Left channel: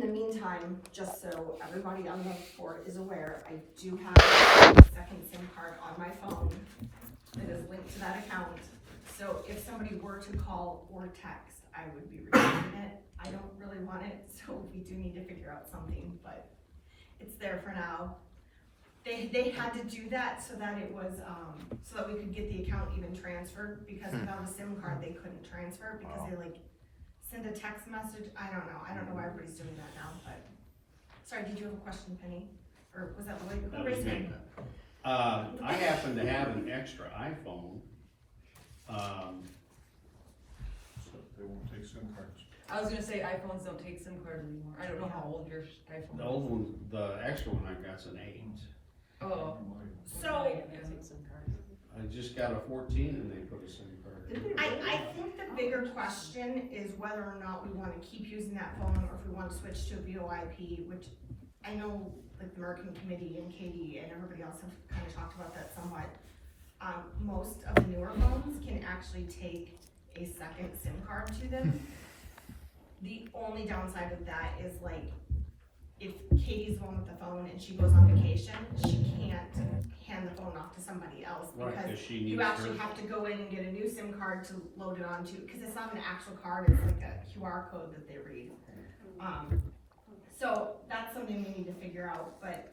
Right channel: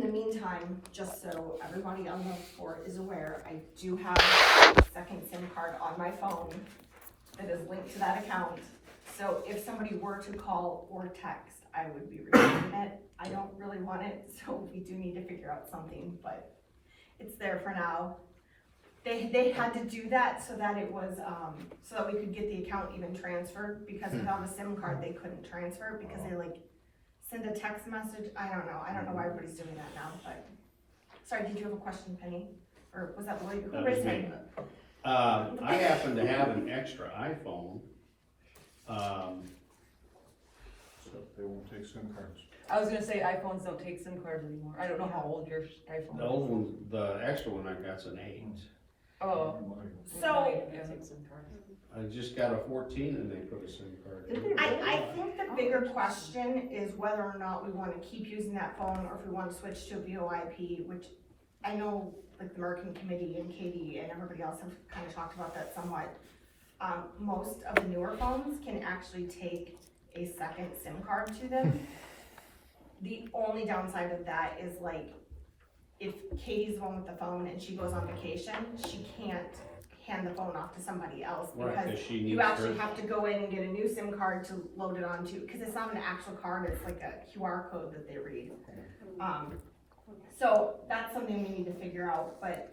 in the meantime, just so everybody on the board is aware, I do have a second SIM card on my phone that is linked to that account. So if somebody were to call or text, I would be recording it. I don't really want it, so we do need to figure out something, but it's there for now. They had to do that so that it was, so that we could get the account even transferred, because without a SIM card, they couldn't transfer, because they like send a text message. I don't know why everybody's doing that now, but. Sorry, did you have a question, Penny? Or was that the way? That was me. I happen to have an extra iPhone. So they won't take SIM cards. I was gonna say iPhones don't take SIM cards anymore. I don't know how old your iPhone is. The old one, the extra one I got's an 8. Oh. So, I just got a 14 and they put a SIM card in. I think the bigger question is whether or not we wanna keep using that phone, or if we wanna switch to a VoIP, which I know like the American Committee and Katie and everybody else have kind of talked about that somewhat. Most of the newer phones can actually take a second SIM card to them. The only downside of that is like, if Katie's the one with the phone and she goes on vacation, she can't hand the phone off to somebody else, Right, because 'cause she needs you actually her- have to go in and get a new SIM card to load it onto, because it's not an actual card, it's like a QR code that they read. So that's something we need to figure out, but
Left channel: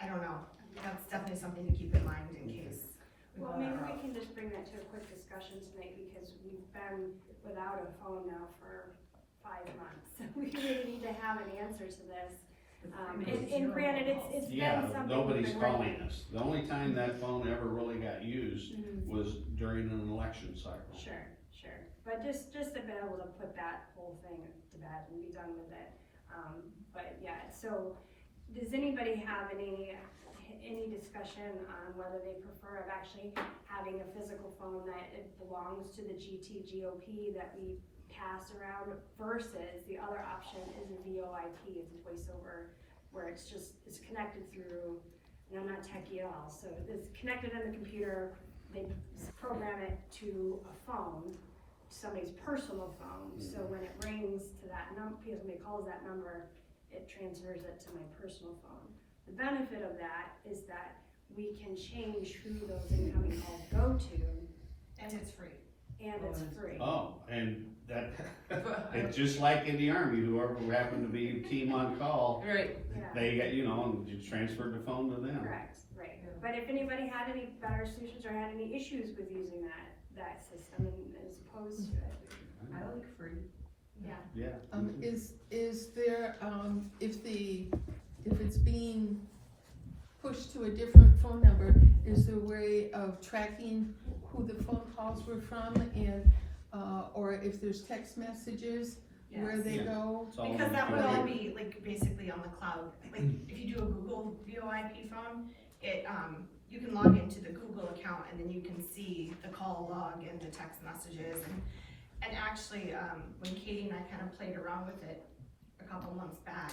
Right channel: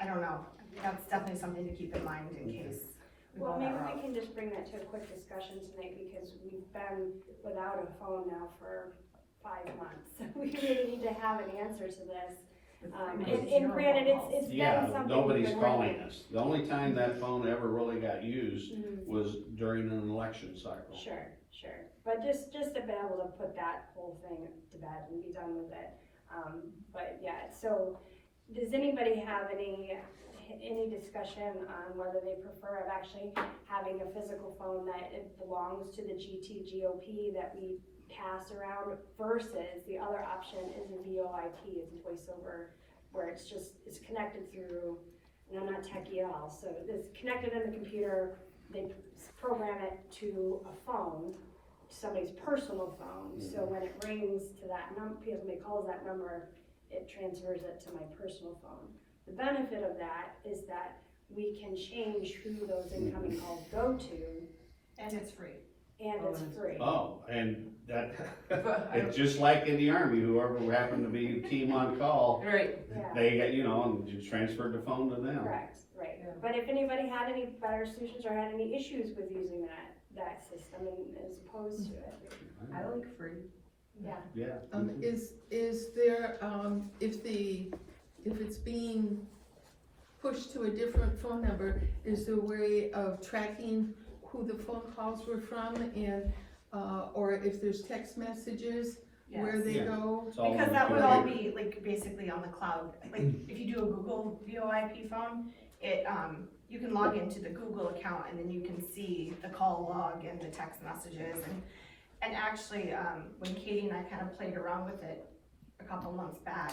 I don't know, that's definitely something to keep in mind in case. Well, maybe we can just bring that to a quick discussion tonight, because we've been without a phone now for 5 months. We really need to have an answer to this. And granted, it's been Yeah, something. nobody's we've been calling working- us. The only time that phone ever really got used was during an election cycle. Sure. But just to be able to put that whole thing to bed and be done with it. But yeah, so does anybody have any discussion on whether they prefer of actually having a physical phone that it belongs to the GT-GOP that we pass around, versus the other option is a VoIP, is voice over, where it's connected through, and I'm not techie at all, so it's connected in the computer, they program it to a phone, somebody's personal phone, so when it rings to that number, when somebody calls that number, it transfers it to my personal phone. The benefit of that is that we can change who those incoming calls go to, And it's free. and it's free. Oh, and that, it's just like in the Army, whoever happened to be team on call, Right. Yeah. they got, and you transferred the phone to them. Correct, right. But if anybody had any better solutions or had any issues with using that system as opposed to it, I like free. yeah. Yeah. Is there, if it's being pushed to a different phone number, is there a way of tracking who the phone calls were from, and, or if there's text messages, where they Yeah. go? It's all Because on the that would all computer. be like basically on the cloud. Like if you do a Google VoIP phone, it, you can log into the Google account and then you can see the call log and the text messages. And actually, when Katie and I kind of played around with it a couple months back,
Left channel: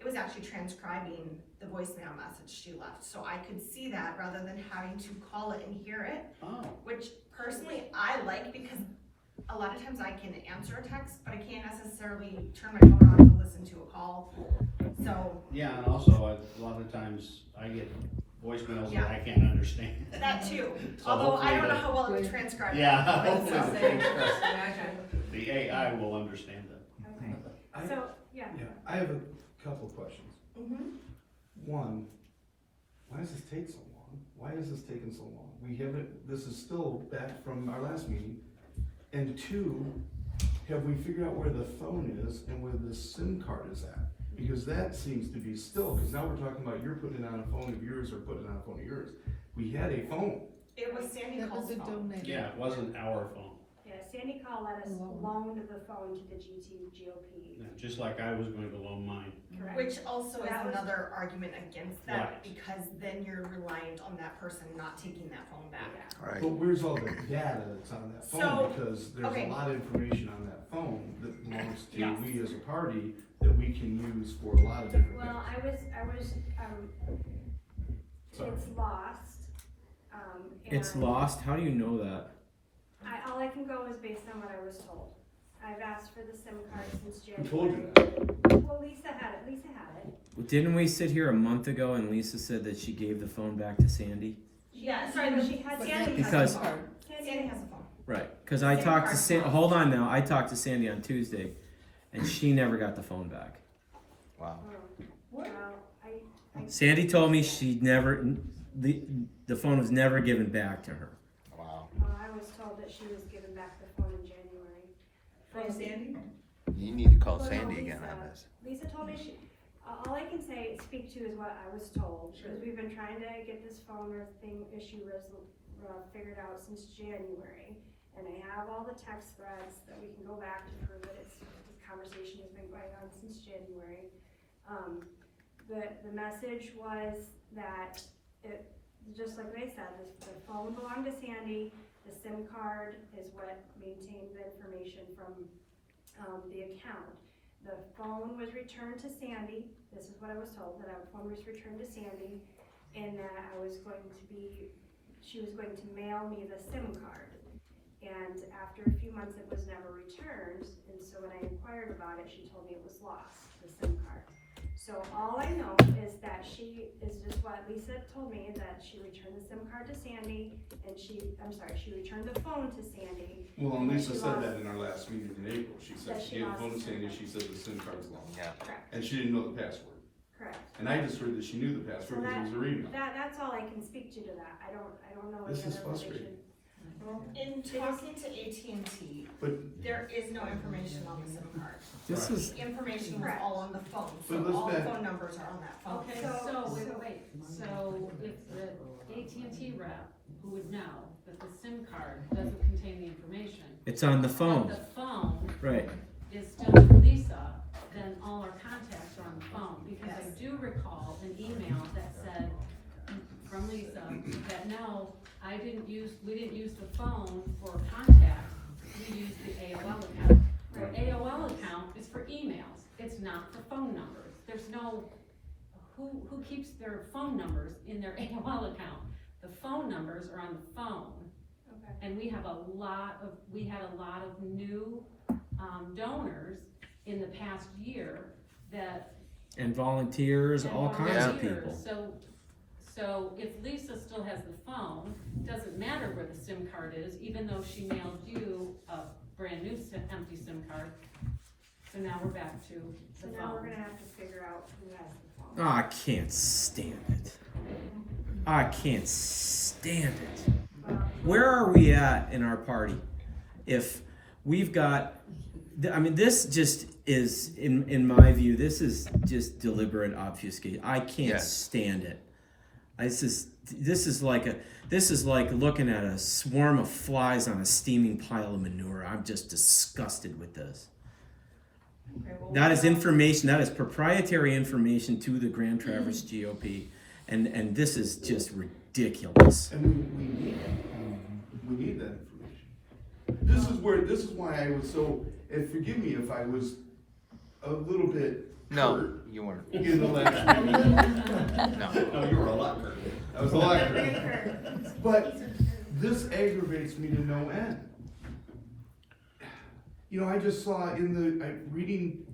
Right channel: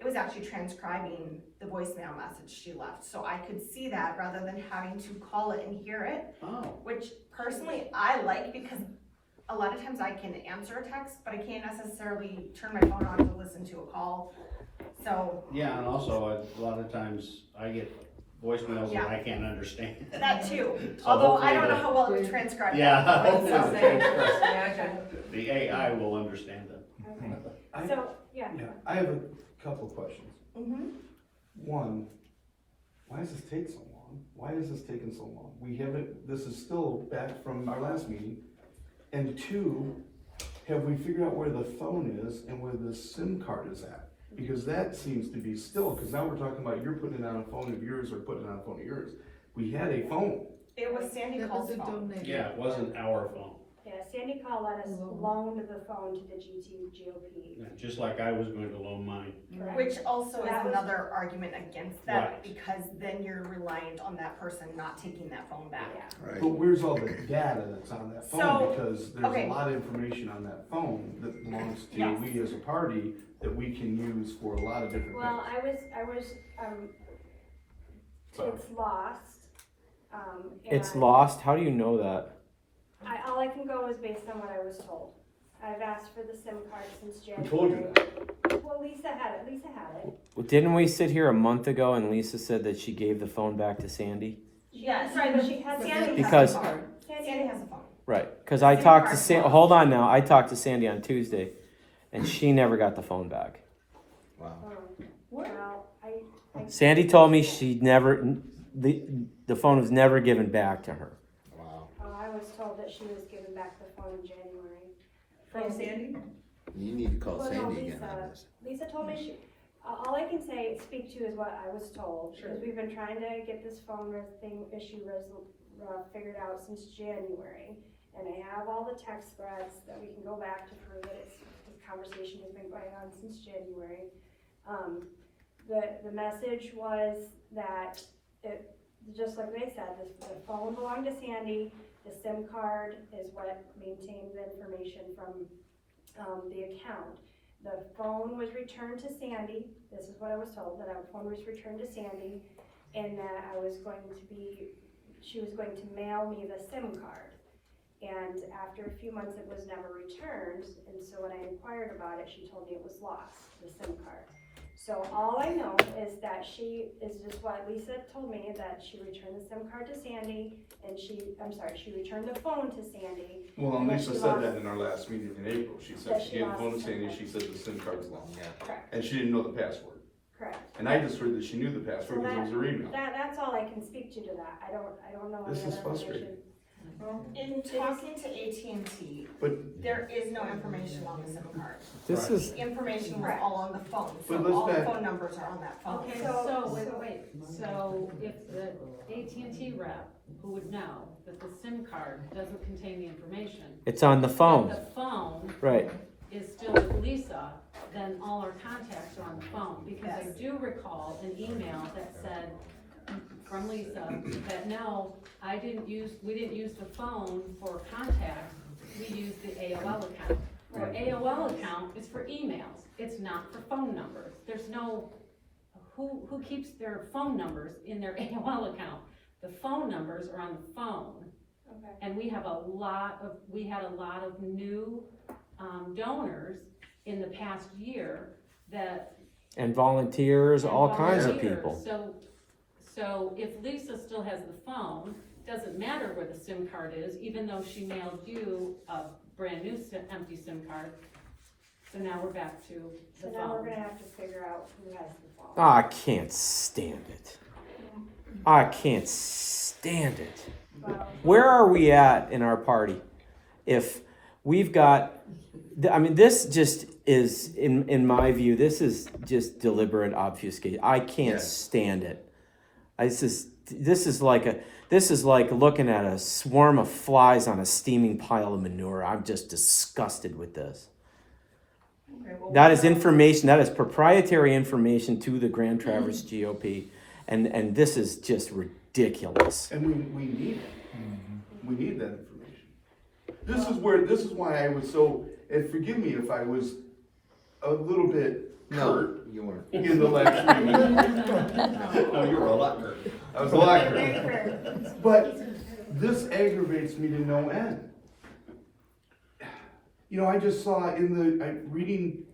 it was actually transcribing the voicemail message she left. So I could see that rather than having to call it and hear it, Oh, which personally I like, because a lot of times I can answer a text, but I can't necessarily turn my phone on to listen to a call. So yeah, and also, a lot of times I get voicemails that I can't understand. that too, So although I hopefully don't know the- how well it's transcribed. Yeah, So- hopefully the transcript- Yeah, the AI will understand them. Okay, so, yeah. Yeah, I have a couple of questions. Mhm. One, why does this take so long? Why is this taking so long? This is still back from our last meeting. And two, have we figured out where the phone is and where the SIM card is at? Because that seems to be still, because now we're talking about you're putting it on a phone of yours or putting it on a phone of yours. We had a phone. It was Sandy That was Call's a phone. donation. Yeah, it wasn't our phone. Yeah, Sandy Call let us loan the phone to the GT-GOP. Yeah, just like I was going to loan mine. Correct. Which also is That was- another argument against that, Right. because then you're reliant on that person not taking that phone back. Yeah. But where's all the data that's on that phone? So, Because there's okay. a lot of information on that phone that belongs to Yes. we as a party that we can use for a lot of different Well, things. it's lost. It's and lost. How do you know that? all I can go is based on what I was told. I've asked for the SIM card since Who January. told you that? Well, Lisa had it. Well, didn't we sit here a month ago and Lisa said that she gave the phone back to Sandy? Yeah, Sorry, but she had Sandy. Because- Sandy has a phone. Right, cause I Same talked to card Sandy, slot. hold on now, I talked to Sandy on Tuesday, and she never got the phone back. Wow. Well, I. Sandy told me she never, the phone was never given back to her. Wow. Oh, I was told that she was given back the phone in January. From Sandy? You need to call Well, no, Sandy again Lisa- on this. Lisa told me all I can speak to is what I was told, because we've been trying to get this phone figured out since January. And I have all the text threads that we can go back to prove that this conversation has been going on since January. The message was that just like they said, the phone belonged to Sandy, the SIM card is what maintains the information from, the account. The phone was returned to Sandy, this is what I was told, that our phone was returned to Sandy, and that she was going to mail me the SIM card. And after a few months, it was never returned, and so when I inquired about it, she told me it was lost, the SIM card. So all I know is that she is just what Lisa told me, that she returned the SIM card to Sandy, and she returned the phone to Sandy. Well, And Lisa she said lost- that in our last meeting in April. She said That she she gave the lost phone to the Sandy, SIM she said the SIM card's lost. Yeah. Correct, And she didn't know the password. correct. And I just heard that she knew the password because it was her email. That's all I can speak to that. I don't know any This is other frustrating. information. In talking to AT&T, But, there is no information on the SIM card. This Right. is, The information was all on the phone, But so let's all the back- phone numbers are on that phone. Okay, So- so, wait, so if the AT&T rep, who would know that the SIM card doesn't contain the information, it's on the but phone, the phone right. is still with Lisa, then all our contacts are on the phone, because I Yes. do recall an email that said from Lisa that no, we didn't use the phone for contact, we used the AOL account. Our AOL account is for emails, it's not for phone numbers. There's no, who keeps their phone numbers in their AOL account? The phone numbers are on the phone. Okay. And we had a lot of new, donors in the past year that. And volunteers, and all kinds of volunteers. people. So if Lisa still has the phone, doesn't matter where the SIM card is, even though she mailed you a brand new empty SIM card. So now we're back to So the now we're phone. gonna have to figure out who has the phone. Oh, I can't stand it. I can't stand it. Well, Where are we at in our party? If we've got, I mean, this just is, in my view, this is just deliberate obfuscation. I can't Yes. stand it. This is like looking at a swarm of flies on a steaming pile of manure. I'm just disgusted with this. That is information, that is proprietary information to the Grand Traverse GOP, and this is just ridiculous. and we need it. We need that information. This is why I was so, and forgive me if I was a little bit No, hurt you weren't. in the last meeting. No. No, you were a lot hurt. I was a lot very hurt. fair. But this aggravates me to no end. You know, I just saw reading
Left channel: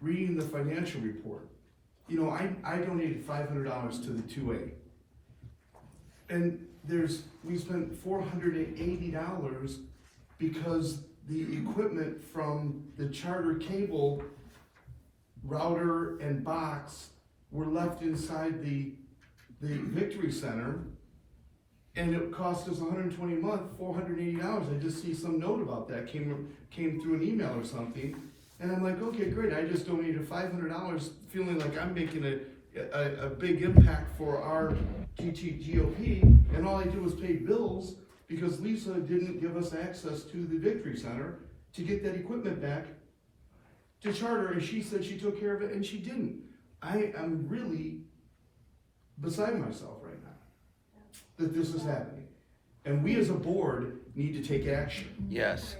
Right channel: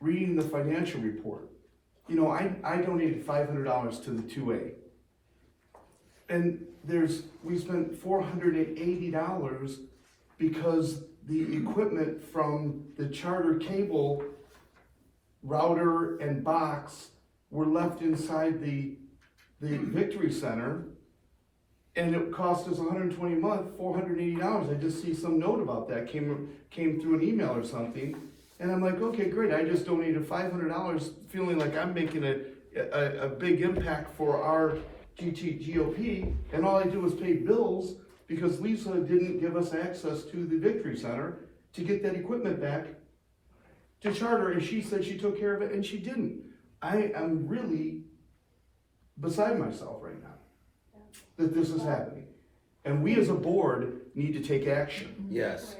the financial report. You know, I donated $500 to the 2A. And we spent $480 because the equipment from the Charter cable router and box were left inside the Victory Center, and it cost us $120 a month, $480. I just see some note about that came through an email or something, and I'm like, okay, great. I just donated $500, feeling like I'm making a big impact for our GT-GOP, and all I did was pay bills because Lisa didn't give us access to the Victory Center to get that equipment back to Charter, and she said she took care of it, and she didn't. I am really beside myself right now that this is happening. And we as a board need to take action. Yes,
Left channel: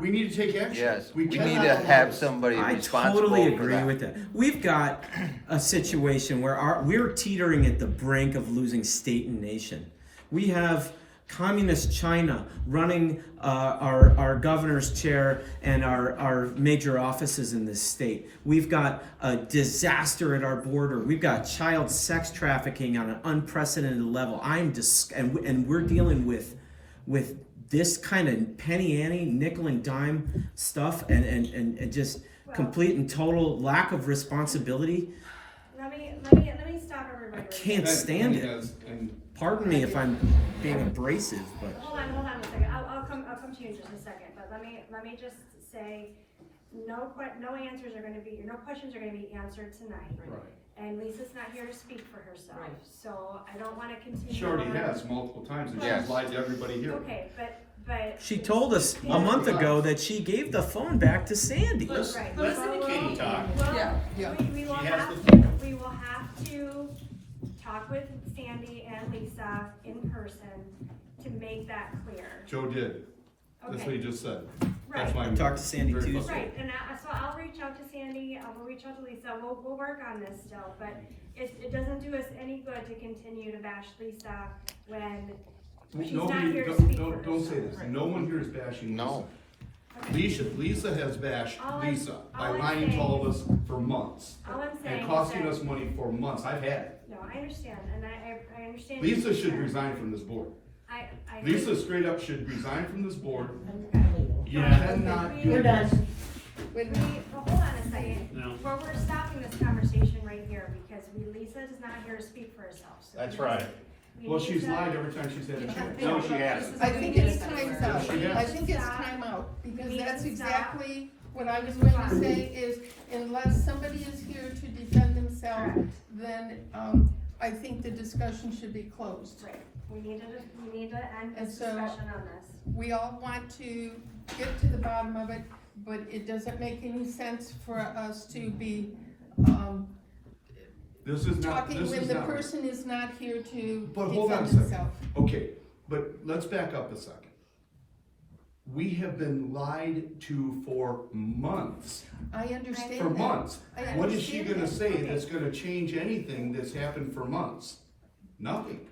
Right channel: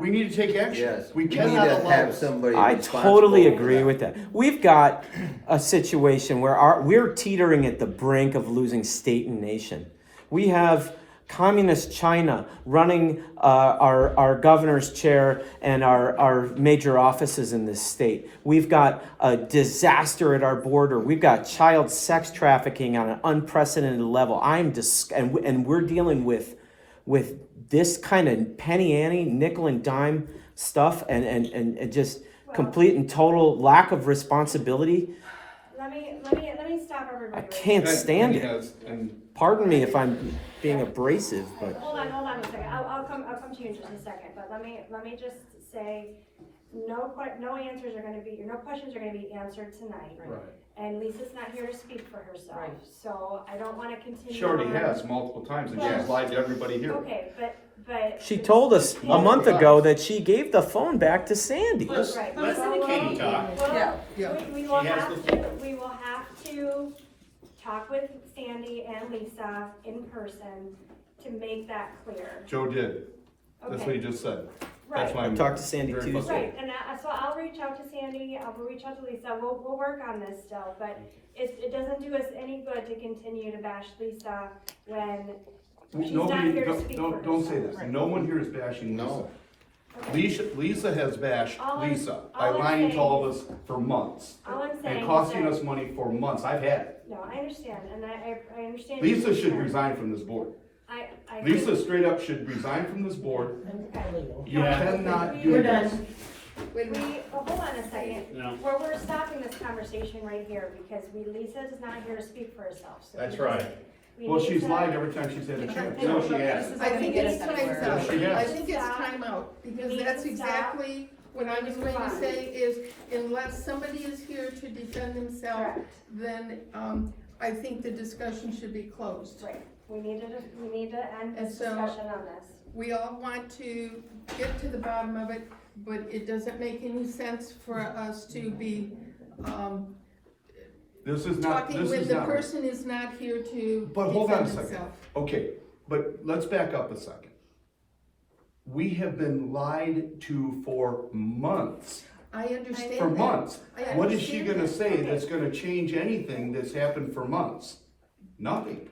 We need to take action. yes. We We need cannot to allow have this. somebody I responsible totally for agree that. with that. We've got a situation where we're teetering at the brink of losing state and nation. We have communist China running our governor's chair and our major offices in this state. We've got a disaster at our border. We've got child sex trafficking on an unprecedented level. And we're dealing with this kind of penny ante, nickel and dime stuff, and just complete and total lack of responsibility. Let me stop everybody. I right can't here. stand it. And Pardon me if I'm being abrasive, but Hold on a second, I'll come to you in just a second, but let me just say, no answers are gonna be, no questions are gonna be answered tonight. Right. And Lisa's not here to speak for herself, Right. so I don't wanna continue. she already on. has multiple times, and Yes. she's lied to everybody here. Okay, but. she told us a month ago that she gave the phone back to Sandy. Right. Listen to Katie talk. Well, Yeah. we will She has have the to, we will have to talk with Sandy and Lisa in person to make that clear. Joe did, that's what he Okay, just said. right. That's why I'm Talked to Sandy very Tuesday. frustrated. Right, and so I'll reach out to Sandy, we'll reach out to Lisa, we'll work on this still, but it doesn't do us any good to continue to bash Lisa when she's not Nobody, here to speak for don't say herself. this, no one here is bashing Lisa. No. Okay. Lisa has bashed All I'm- Lisa by all I'm lying to saying- all of us for months. All I'm saying And is costing that- us money for months, I've had it. No, I understand, and I understand. your Lisa should concern. resign from this board. I Lisa think- straight up should resign from this board. You Yeah. cannot do this. Wait a minute. Hold on a second. No. We're stopping this conversation right here because Lisa is not here to speak for herself. So That's we- right. we Well, need she's to- lied every time she's had a chance. No, she hasn't. I think it's time's out. Yes. I think it's time out, because We need that's to stop. exactly what I was going to say is, unless somebody is here to defend themselves, Correct. then, I think the discussion should be closed. Right, we need to end And this so- discussion on this. We all want to get to the bottom of it, but it doesn't make any sense for us to be, This is not, talking this when is the not. person is not here to But hold on a defend second. himself. Okay, but let's back up a second. We have been lied to for months, I understand for that. months. I What is she understand gonna that. say Okay. that's gonna change anything that's happened for months? Nothing.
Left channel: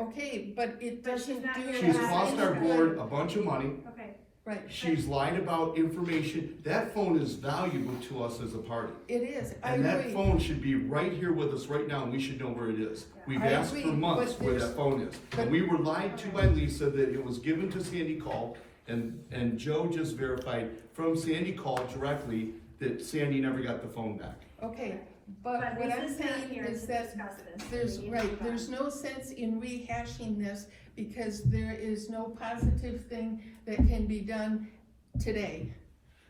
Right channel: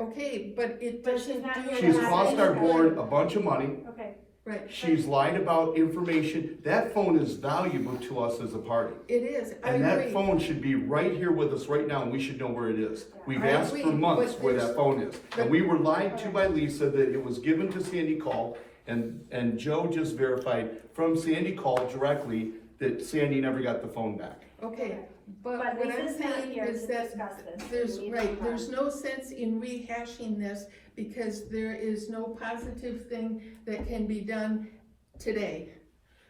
Okay, but it But she's doesn't not do here it. to She's Yeah. cost our board a bunch of money. Okay, Right, She's lied about information. That phone is valuable to us as a party. it is, I And that agree. phone should be right here with us right now, and we should know where it is. We've I asked agree, for months but where there's- that phone is. And we were lied to by Lisa that it was given to Sandy Call, and Joe just verified from Sandy Call directly that Sandy never got the phone back. Okay, but but what I'm Lisa's not saying here is to that discuss this. there's, We need to right, move on. there's no sense in rehashing this because there is no positive thing that can be done today.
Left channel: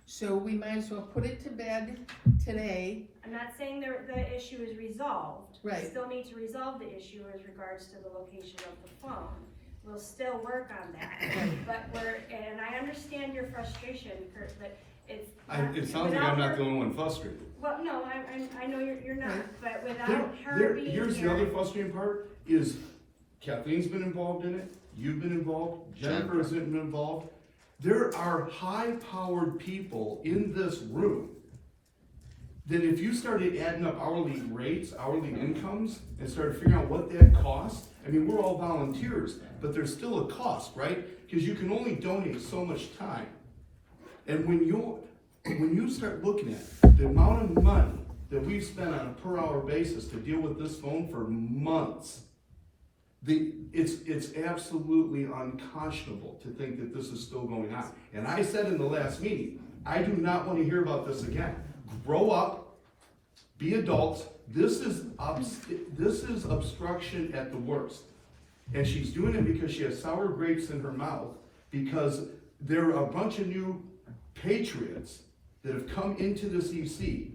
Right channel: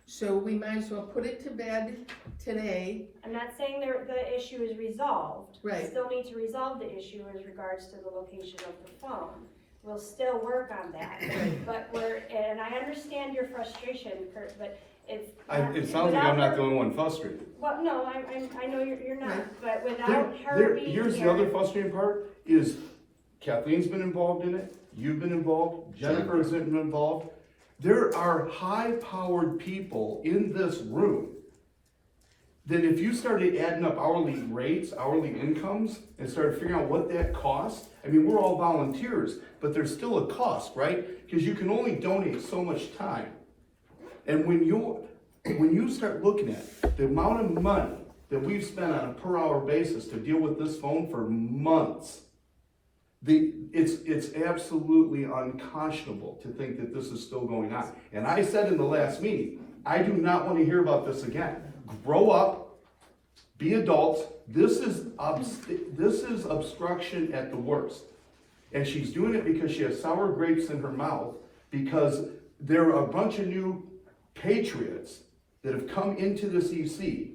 So we might as well put it to bed today. I'm not saying the issue is resolved. Right. We still need to resolve the issue as regards to the location of the phone. We'll still work on that, but and I understand your frustration, Kurt, but it's. It sounds like I'm not the only one frustrated. Well, no, I know you're not, Right. but without her being here. Here's the other frustrating part, is Kathleen's been involved in it, you've been involved, Jennifer's been involved. There are high-powered people in this room that if you started adding up hourly rates, hourly incomes, and started figuring out what that costs, I mean, we're all volunteers, but there's still a cost, right? Because you can only donate so much time. And when you start looking at the amount of money that we've spent on a per-hour basis to deal with this phone for months, it's absolutely unconscionable to think that this is still going on. And I said in the last meeting, I do not want to hear about this again. Grow up, be adults. This is obstruction at the worst. And she's doing it because she has sour grapes in her mouth, because there are a bunch of new patriots that have come into this EC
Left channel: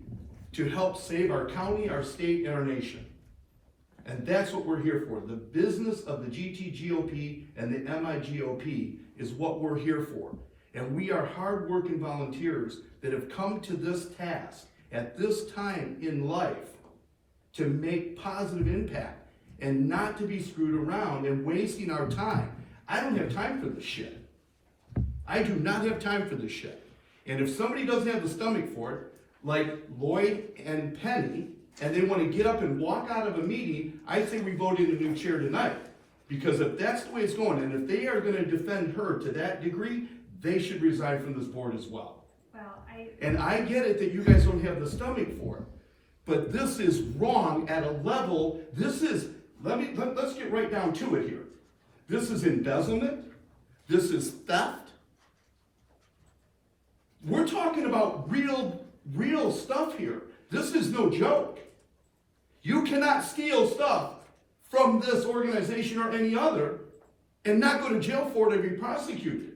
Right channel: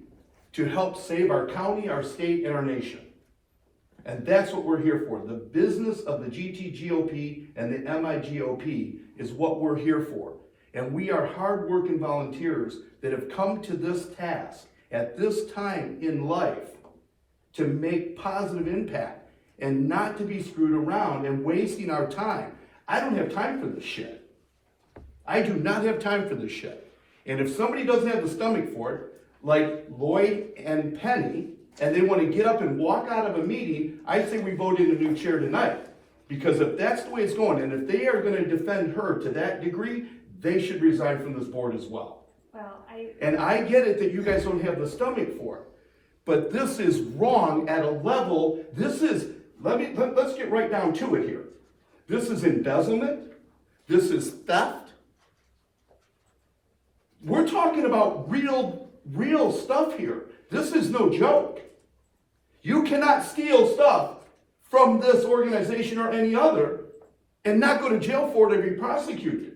to help save our county, our state, and our nation. And that's what we're here for. The business of the GT-GOP and the MIGOP is what we're here for. And we are hardworking volunteers that have come to this task at this time in life to make positive impact and not to be screwed around and wasting our time. I don't have time for this shit. I do not have time for this shit. And if somebody doesn't have the stomach for it, like Lloyd and Penny, and they want to get up and walk out of a meeting, I say we vote in a new chair tonight. Because if that's the way it's going, and if they are gonna defend her to that degree, they should resign from this board as well. Well, And I get it that you guys don't have the stomach for it, but this is wrong at a level, this is, let's get right down to it here. This is embezzlement, this is theft. We're talking about real stuff here. This is no joke. You cannot steal stuff from this organization or any other and not go to jail for it or be prosecuted.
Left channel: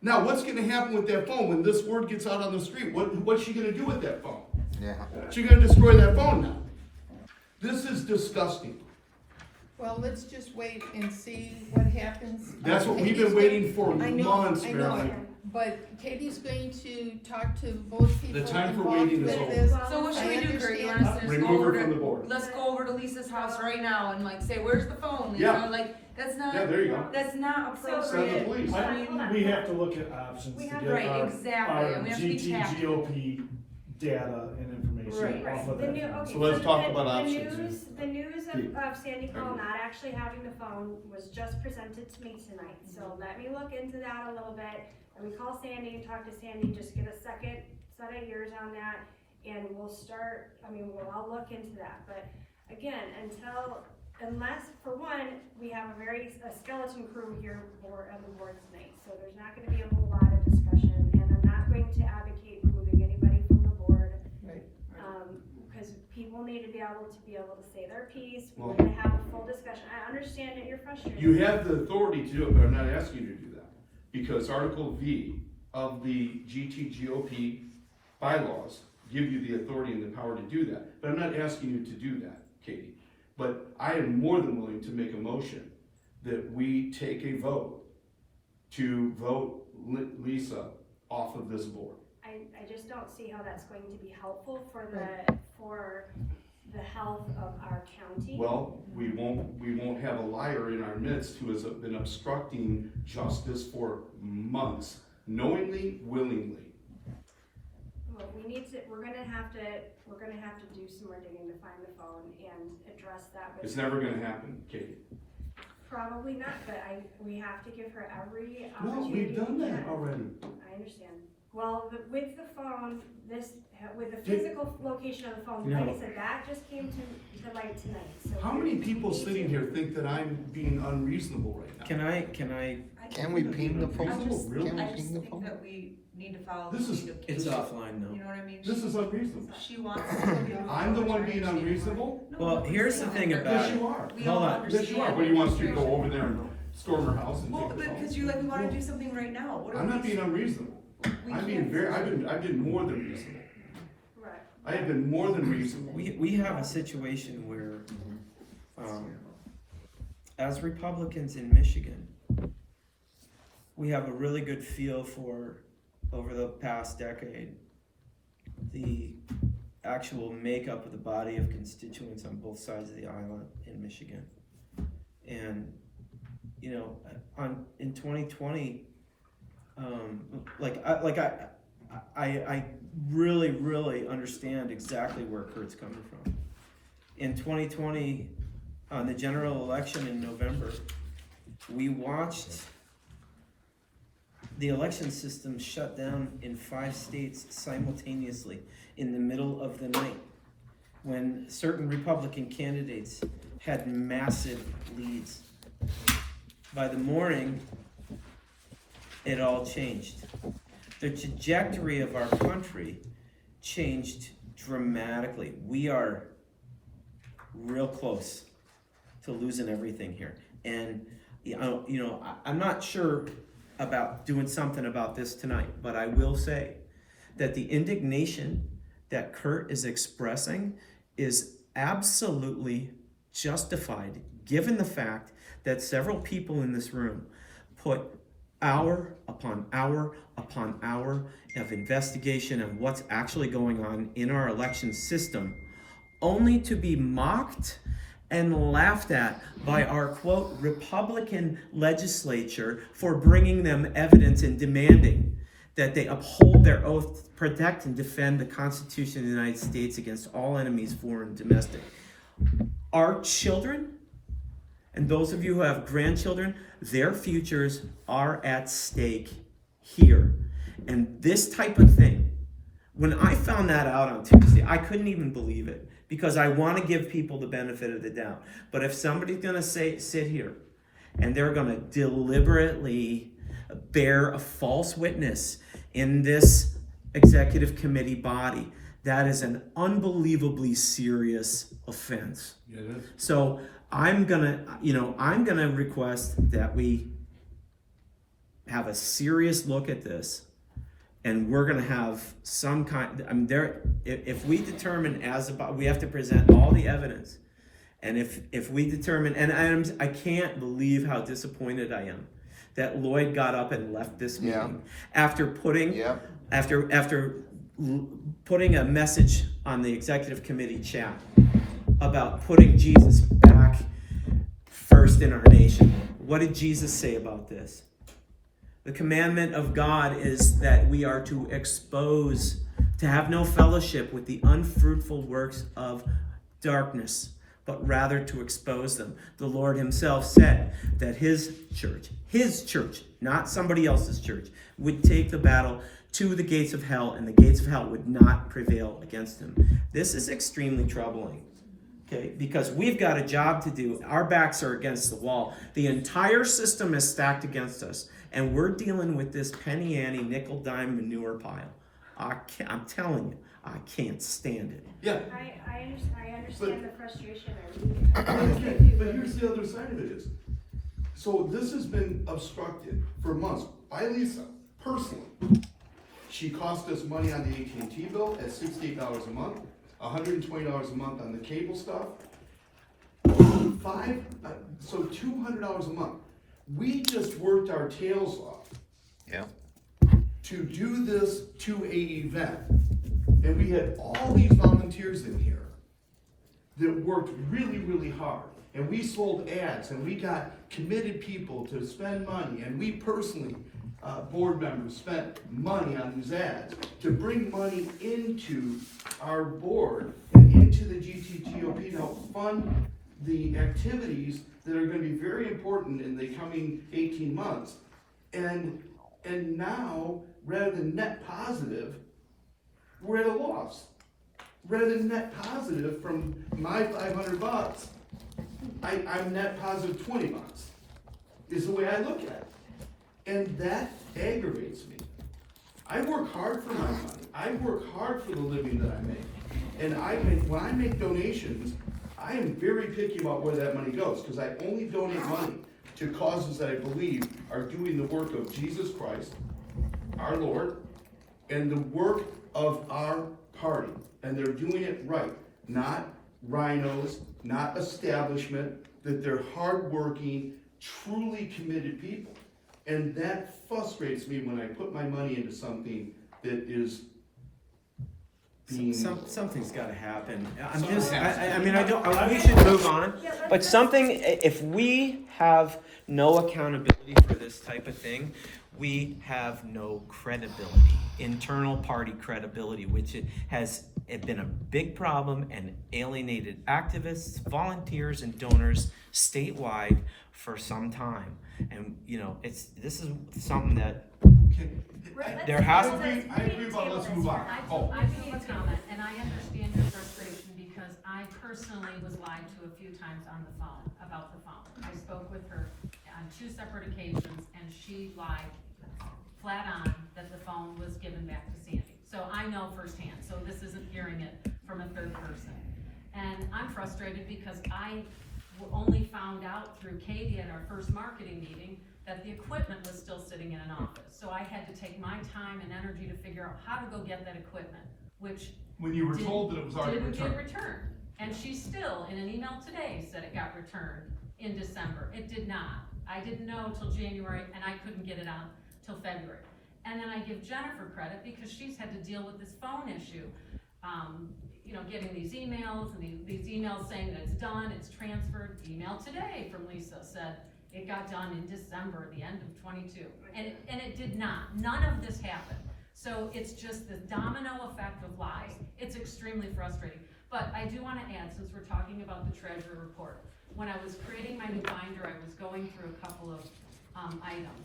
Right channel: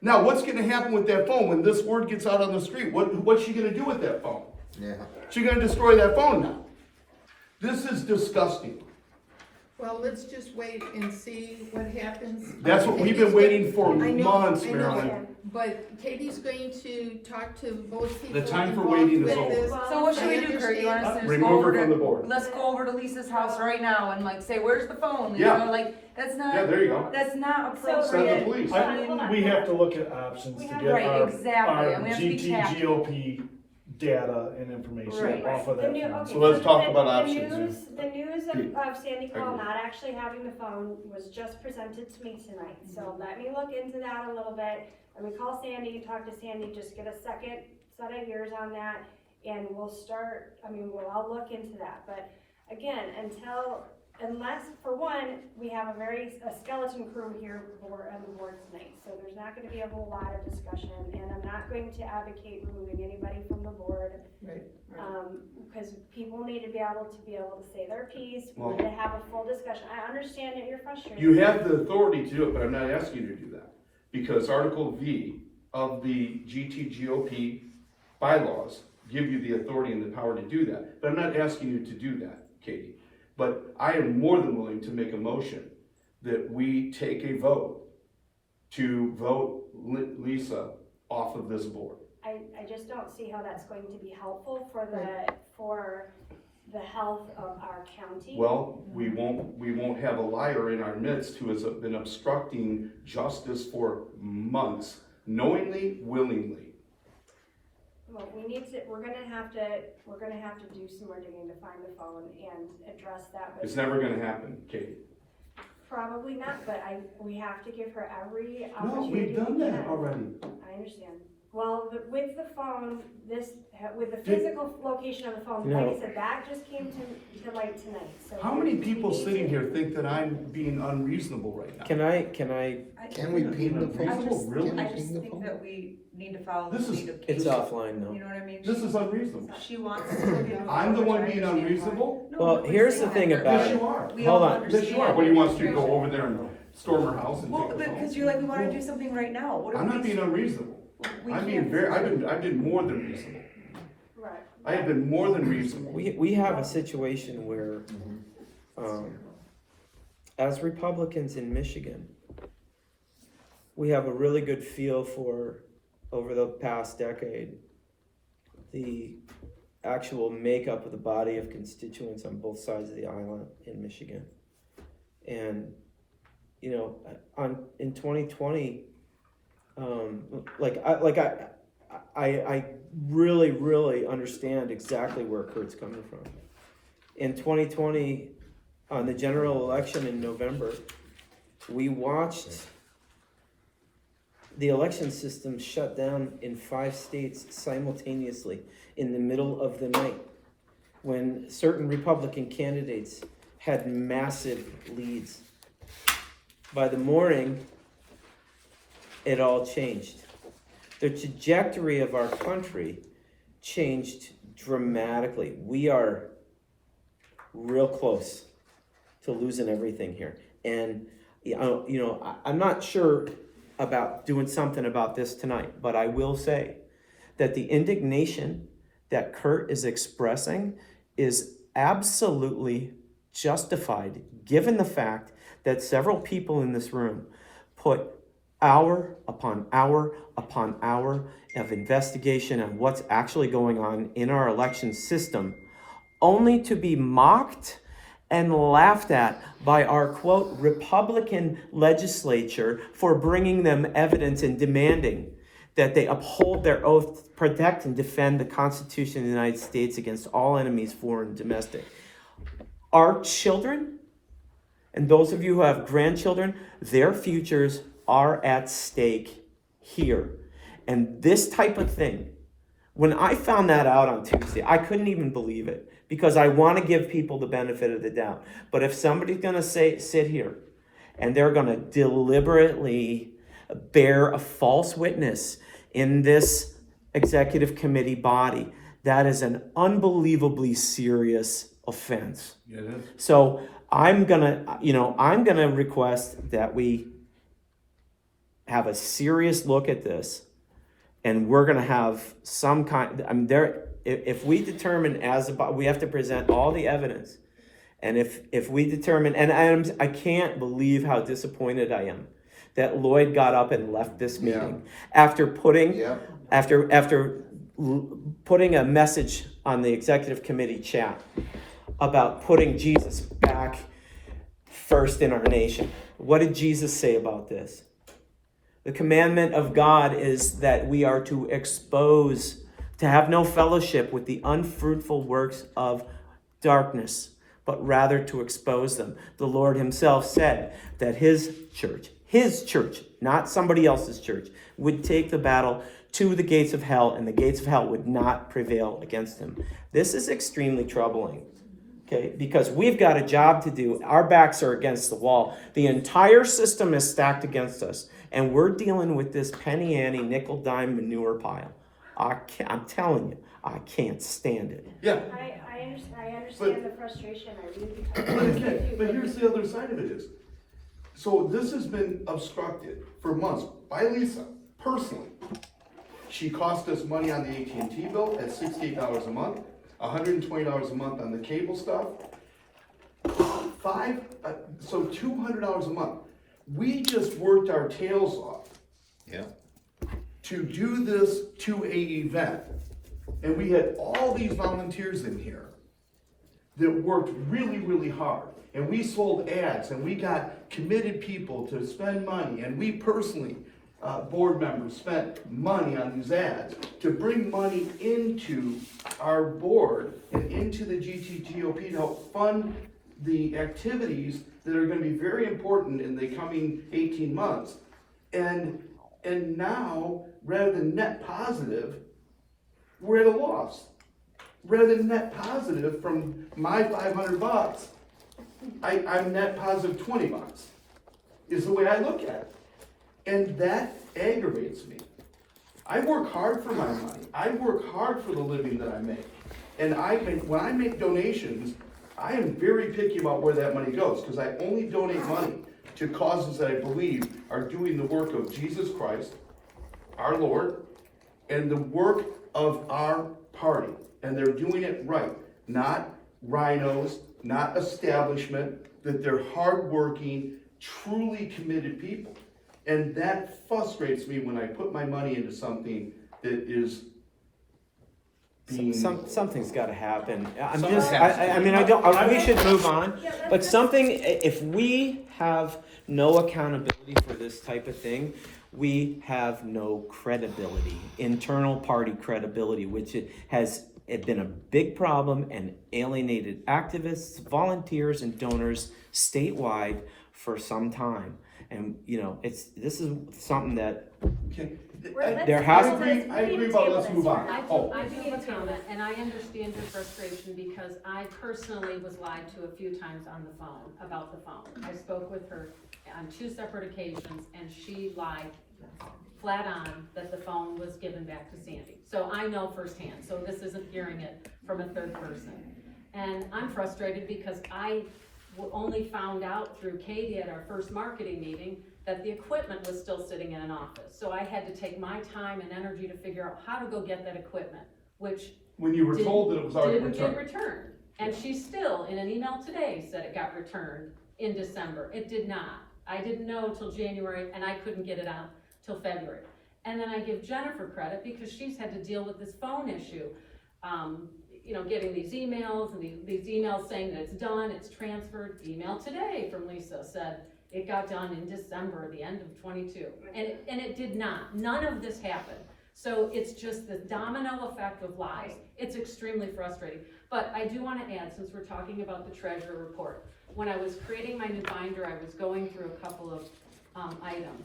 Now, what's gonna happen with that phone when this word gets out on the street? What's she gonna do with that phone? Yeah. She's gonna destroy that phone now. This is disgusting. Well, let's just wait and see what happens. That's what we've been waiting for I know, months, I Marilyn. know, but Katie's going to talk to both people time for involved waiting is with over. this. So what should we do, Kurt? You want us to just go Remove her over from the to, board. let's go over to Lisa's house right now and like say, where's the phone? You Yeah. know, like, that's not, Yeah, there you go. that's not So- Send the appropriate. police. Hold on, hold on. We have to look at options We to have- get Right, our, exactly, and our we have to be tactful. GT-GOP data and information Right. off of The that. new, phone. okay, So let's so talk the- about the options news- The news Pete. of Sandy Call Agree. not actually having the phone was just presented to me tonight, so let me look into that a little bit. Let me call Sandy, talk to Sandy, just get a second set of ears on that, and we'll start, we'll all look into that, but again, unless, for one, we have a skeleton crew here on the board tonight, so there's not gonna be a whole lot of discussion, and I'm not going to advocate removing anybody from the board. Right. Because people need to be able to say their piece, we Well- need to have a full discussion. I understand that you're frustrated. You have the authority to do it, but I'm not asking you to do that. Because Article V of the GT-GOP bylaws give you the authority and the power to do that. But I'm not asking you to do that, Katie. But I am more than willing to make a motion that we take a vote to vote Lisa off of this board. I just don't see how that's going to be helpful for the health of our county. Well, we won't have a liar in our midst who has been obstructing justice for months, knowingly, willingly. Well, we're gonna have to do some more digging to find the phone and address that with. It's never gonna happen, Katie. Probably not, but we have to give her every No, opportunity. we've done we that can. already. I understand. Well, with the phone, with the physical location of the phone, like I said, that just came to light tonight, so. How many people we need sitting to- here think that I'm being unreasonable right now? Can I, Can we ping the Reasonable, phone? really? Can we I just ping the think phone? that we need to follow This the is- lead of it's Katie. offline now. You know what I mean? This is unreasonable. She wants to be. I'm the one being unreasonable? No, Well, nobody's here's saying the thing that. about Yes, it. you are. We Hold all on. Yes, you are. What, do you want us to go over there and storm her house and Well, take the phone? because you're like, we wanna do something right now. What are I'm we not being unreasonable. We I'm being can't. I've been more than reasonable. Right. I have been more than reasonable. We have a situation where, as Republicans in Michigan, we have a really good feel for, over the past decade, the actual makeup of the body of constituents on both sides of the island in Michigan. And, you know, in 2020, I really understand exactly where Kurt's coming from. In 2020, on the general election in November, we watched the election system shut down in 5 states simultaneously in the middle of the night when certain Republican candidates had massive leads. By the morning, it all changed. The trajectory of our country changed dramatically. We are real close to losing everything here. And, I'm not sure about doing something about this tonight, but I will say that the indignation that Kurt is expressing is absolutely justified, given the fact that several people in this room put hour upon hour upon hour of investigation on what's actually going on in our election system, only to be mocked and laughed at by our, quote, Republican legislature for bringing them evidence and demanding that they uphold their oath to protect and defend the Constitution of the United States against all enemies, foreign and domestic. Our children And those of you who have grandchildren, their futures are at stake here. And this type of thing, when I found that out on Tuesday, I couldn't even believe it, because I want to give people the benefit of the doubt. But if somebody's going to sit here and they're going to deliberately bear a false witness in this executive committee body, that is an unbelievably serious offense. Yeah, it is. So I'm gonna request that we have a serious look at this, and we're gonna have some kind. I mean, if we determine we have to present all the evidence, and if we determine, and I can't believe how disappointed I am that Lloyd got up and left this meeting after putting after putting a message on the executive committee chat about putting Jesus back first in our nation. What did Jesus say about this? The commandment of God is that we are to have no fellowship with the unfruitful works of darkness, but rather to expose them. The Lord himself said that his church, not somebody else's church, would take the battle to the gates of hell, and the gates of hell would not prevail against him. This is extremely troubling. Okay, because we've got a job to do. Our backs are against the wall. The entire system is stacked against us, and we're dealing with this penny ante, nickel dime manure pile. I'm telling you, I can't stand it. Yeah. I understand the frustration, I really. But here's the other side of it is, so this has been obstructed for months by Lisa, personally. She cost us money on the AT&T bill at $68 a month, $120 a month on the cable stuff, so $200 a month. We just worked our tails off. Yeah. To do this to a event. And we had all these volunteers in here that worked really, really hard. And we sold ads, and we got committed people to spend money, and we personally, board members, spent money on these ads to bring money into our board and into the GT-GOP to help fund the activities that are going to be very important in the coming 18 months. And now, rather than net positive, we're at a loss. Rather than net positive from my $500, I'm net positive $20, is the way I look at it. And that aggravates me. I work hard for my money. I work hard for the living that I make. And when I make donations, I am very picky about where that money goes, because I only donate money to causes that I believe are doing the work of Jesus Christ, our Lord, and the work of our party. And they're doing it right, not rhinos, not establishment, that they're hardworking, truly committed people. And that frustrates me when I put my money into something that is being... Something's got to happen. We should move on. But if we have no accountability for this type of thing, we have no credibility, internal party credibility, which has been a big problem and alienated activists, volunteers, and donors statewide for some time. And this is something that there has to be. I agree about let's move on. I do want to comment, and I understand your frustration because I personally was lied to a few times on the phone about the phone. I spoke with her on 2 separate occasions, and she lied flat on that the phone was given back to Sandy. So I know firsthand, so this isn't hearing it from a third person. And I'm frustrated because I only found out through Katie at our first marketing meeting that the equipment was still sitting in an office. So I had to take my time and energy to figure out how to go get that equipment, which when you were told that it was already didn't returned. get returned. And she still, in an email today, said it got returned in December. It did not. I didn't know till January, and I couldn't get it out till February. And then I give Jennifer credit because she's had to deal with this phone issue. Getting these emails and these emails saying that it's done, it's transferred. Email today from Lisa said it got done in December, the end of 22. And it did not. None of this happened. So it's just the domino effect of lies. It's extremely frustrating. But I do want to add, since we're talking about the treasurer report, when I was creating my new binder, I was going through a couple of, items.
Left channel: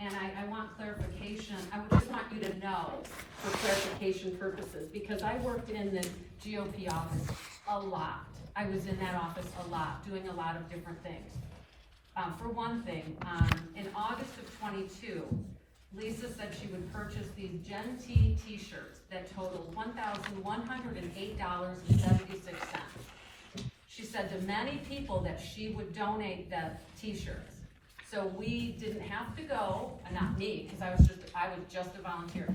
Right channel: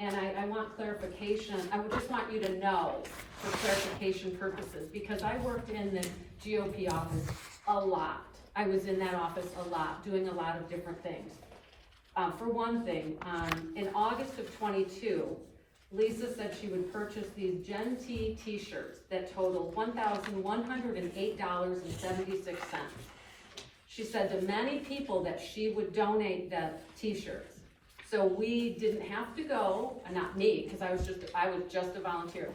And I want clarification, I would just want you to know, for clarification purposes, because I worked in the GOP office a lot. I was in that office a lot, doing a lot of different things. For one thing, in August of '22, Lisa said she would purchase these Gen T t-shirts that totaled $1,108.76. She said to many people that she would donate the t-shirts. So we didn't have to go, not me, because I was just a volunteer.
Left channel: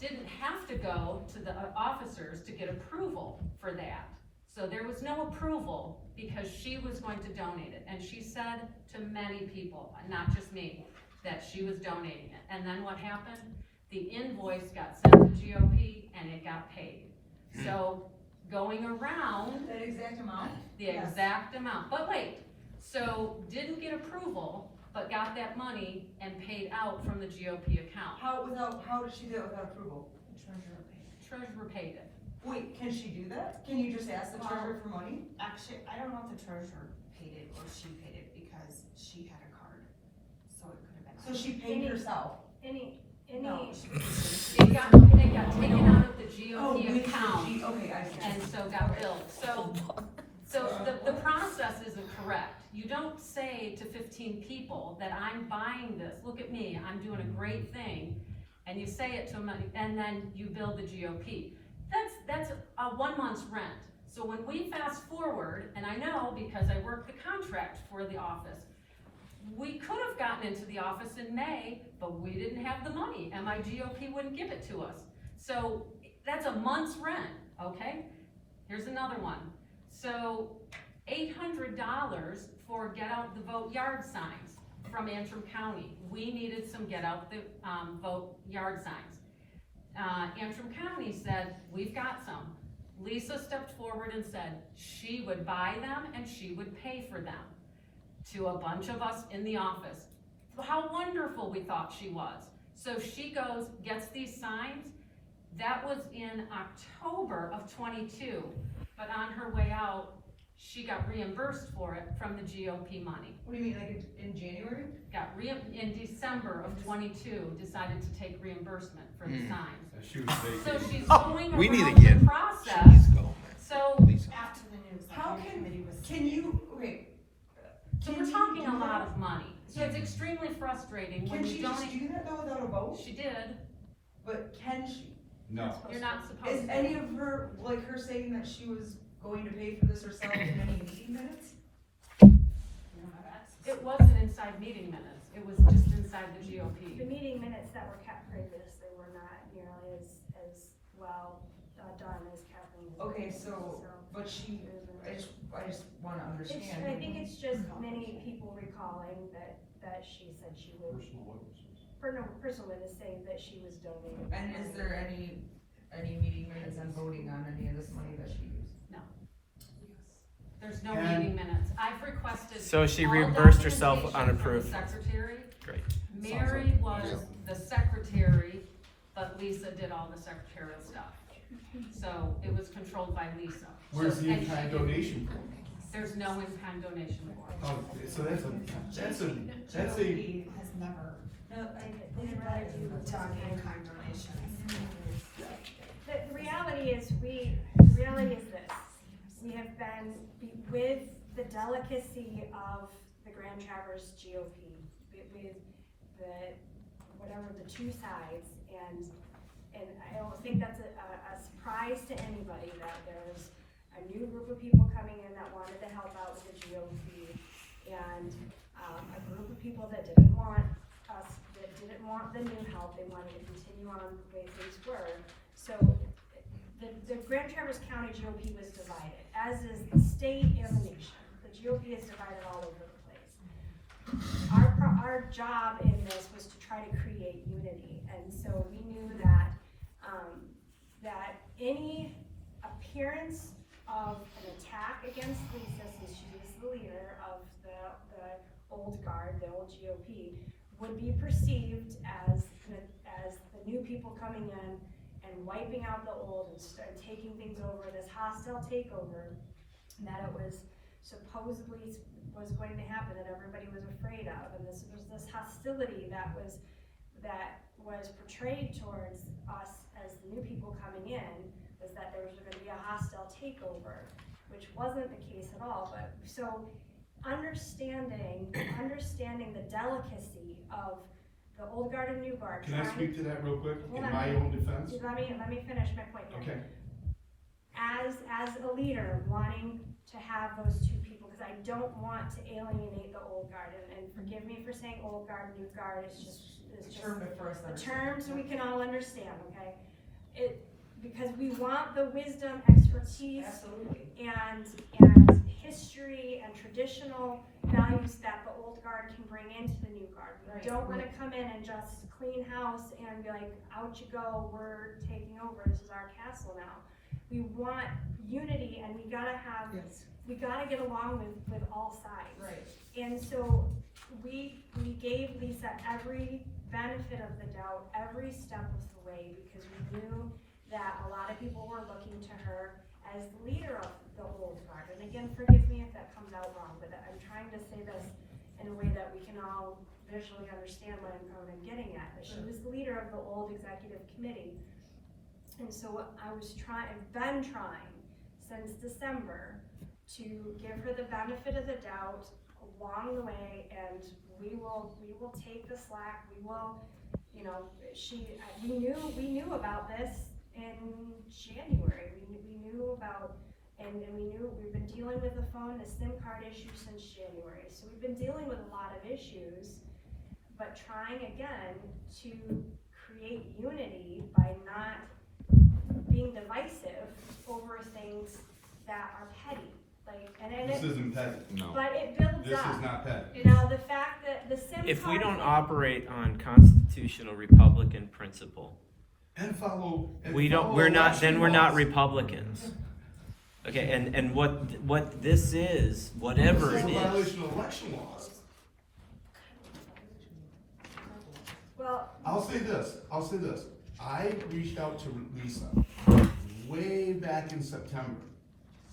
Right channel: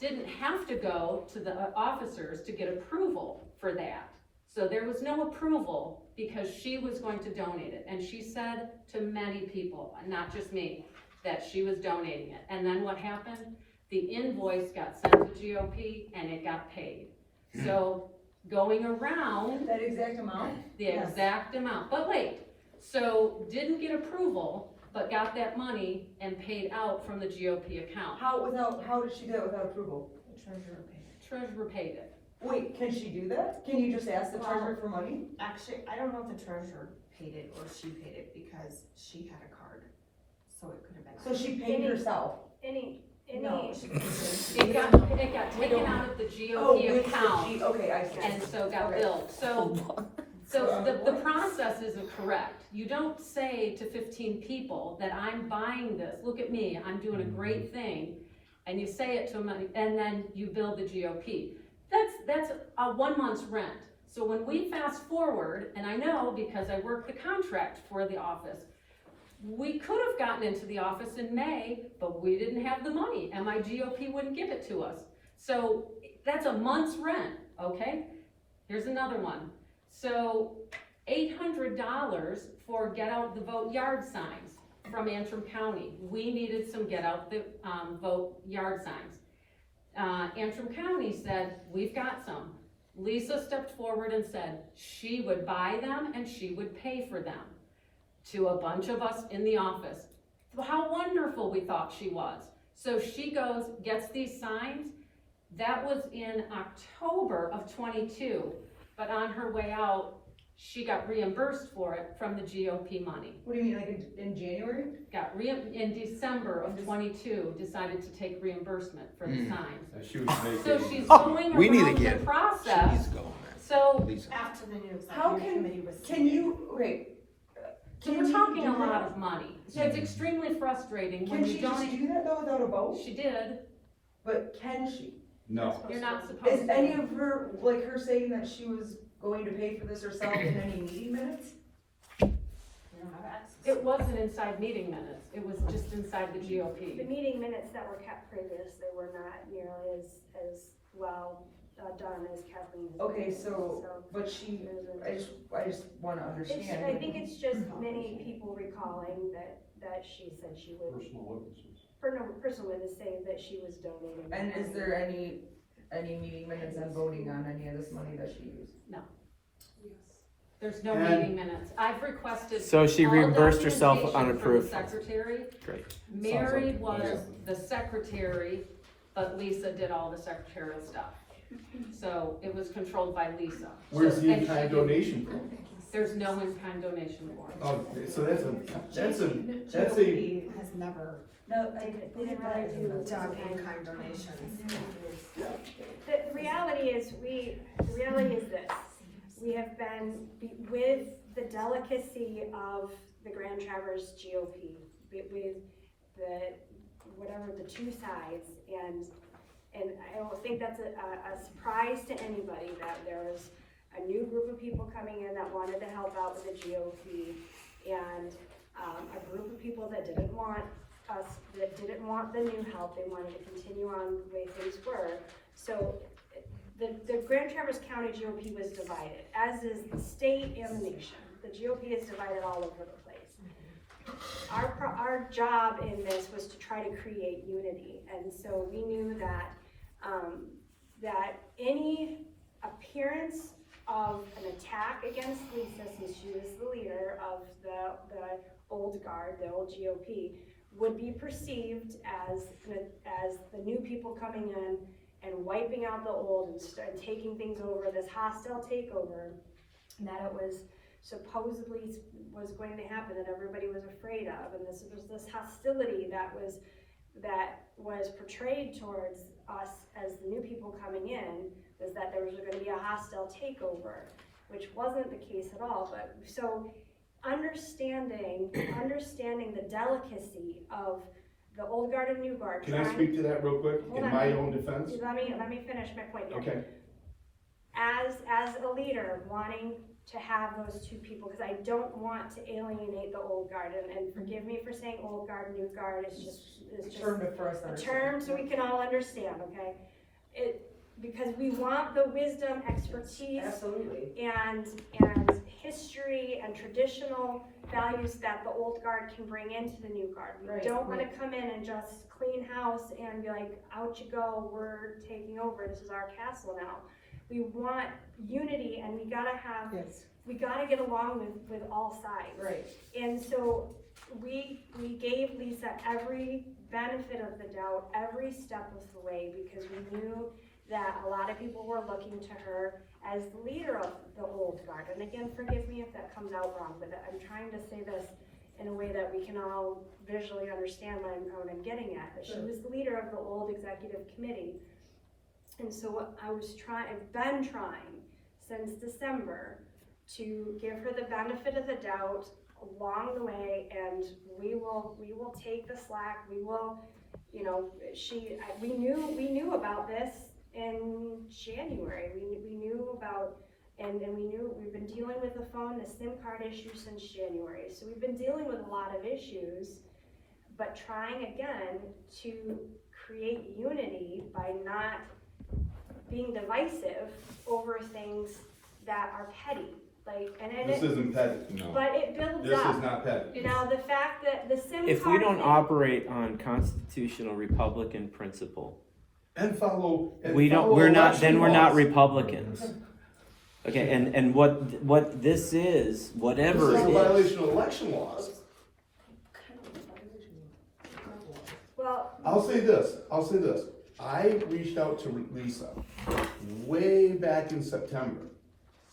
Didn't have to go to the officers to get approval for that. So there was no approval because she was going to donate it. And she said to many people, and not just me, that she was donating it. And then what happened? The invoice got sent to GOP and it got paid. So going around. That exact amount? The exact amount. But wait, so didn't get approval, but got that money and paid out from the GOP account. How did she do that without approval? Treasurer paid it. Wait, can she do that? Can you just ask the treasurer for money? Actually, I don't know if the treasurer paid it or she paid it because she had a card, so it could have been. So she paid herself? No, she paid it. It got taken out of the GOP account. Okay, I see. And so got billed. So the process isn't correct. You don't say to 15 people that I'm buying this, look at me, I'm doing a great thing, and you say it to them, and then you bill the GOP. That's a 1 month's rent. So when we fast forward, and I know because I worked the contract for the office, we could have gotten into the office in May, but we didn't have the money, and my GOP wouldn't give it to us. So that's a month's rent, okay? Here's another one. So $800 for Get Out the Vote yard signs from Antrim County. We needed some Get Out the Vote yard signs. Antrim County said, we've got some. Lisa stepped forward and said she would buy them and she would pay for them to a bunch of us in the office. How wonderful we thought she was. So she goes, gets these signs. That was in October of '22, but on her way out, she got reimbursed for it from the GOP money. What do you mean, like in January? In December of '22, decided to take reimbursement for the signs. So she's Oh, going we need to around get- the process. So After the new How executive committee was. Can you, okay. So we're talking a lot of money. So it's extremely frustrating when Can you she just don't. do that though without a vote? She did. But can she? No. You're not supposed Is to. any of her, like her saying that she was going to pay for this herself in any meeting minutes? You don't have access. It wasn't inside meeting minutes. It was just inside the The GOP. meeting minutes that were kept previous, they were not nearly as well done as Kathleen. Okay, so, but she, I just wanna understand. I think it's just many people recalling that she said she would, personal witness saying that she was donating. And is there any meeting minutes and voting on any of this money that she used? There's no And- meeting minutes. I've requested. So she all reimbursed herself documentation from unapproved the funds. Secretary. Great. Mary was the secretary, but Lisa did all the secretarial stuff. So it was controlled by Lisa. Where's So- the and she in-kind did- donation from? There's no in-kind donation for it. Okay, so that's a, GOP has never No, done in-kind donations. The reality is this, we have been, with the delicacy of the Grand Traverse GOP, with the, whatever, the two sides, and I don't think that's a surprise to anybody that there was a new group of people coming in that wanted to help out with the GOP, and a group of people that didn't want us, that didn't want the new help, they wanted to continue on the way things were. So the Grand Traverse County GOP was divided, as is the state and the nation. The GOP is divided all over the place. Our job in this was to try to create unity, and so we knew that that any appearance of an attack against Lisa, since she was the leader of the old guard, the old GOP, would be perceived as the new people coming in and wiping out the old and taking things over, this hostile takeover, that it was supposedly was going to happen, that everybody was afraid of, and this was this hostility that was portrayed towards us as the new people coming in, was that there was gonna be a hostile takeover, which wasn't the case at all. But so understanding the delicacy of the old guard and new guard. Can I speak to that real quick, in my own defense? Let me finish my point here. Okay. As a leader, wanting to have those two people, because I don't want to alienate the old guard, and forgive me for saying old guard, new guard, it's just Term for us to a understand. term so we can all understand, okay? Because we want the wisdom, expertise, Absolutely. and history and traditional values that the old guard can bring into the new guard. We Right, don't wanna come in and just clean house and be like, out you go, we're taking over, this is our castle now. We want unity, and we gotta have, Yes. we gotta get along with all sides. Right. And so we gave Lisa every benefit of the doubt, every step of the way, because we knew that a lot of people were looking to her as the leader of the old guard. And again, forgive me if that comes out wrong, but I'm trying to say this in a way that we can all visually understand what I'm getting at. That she was the leader of the old executive committee. And so what I've been trying since December to give her the benefit of the doubt along the way, and we will take the slack. We will, you know, we knew about this in January. We knew about, and we knew we've been dealing with the SIM card issue since January. So we've been dealing with a lot of issues, but trying again to create unity by not being divisive over things that are petty. This isn't petty. No. But it builds This up. is not petty. You know, the fact that the SIM If we card- don't operate on constitutional Republican principle, And follow. we're not laws. Republicans. Okay, and what this is, whatever It's it a is, violation of election laws. Well, I'll say this. I reached out to Lisa way back in September,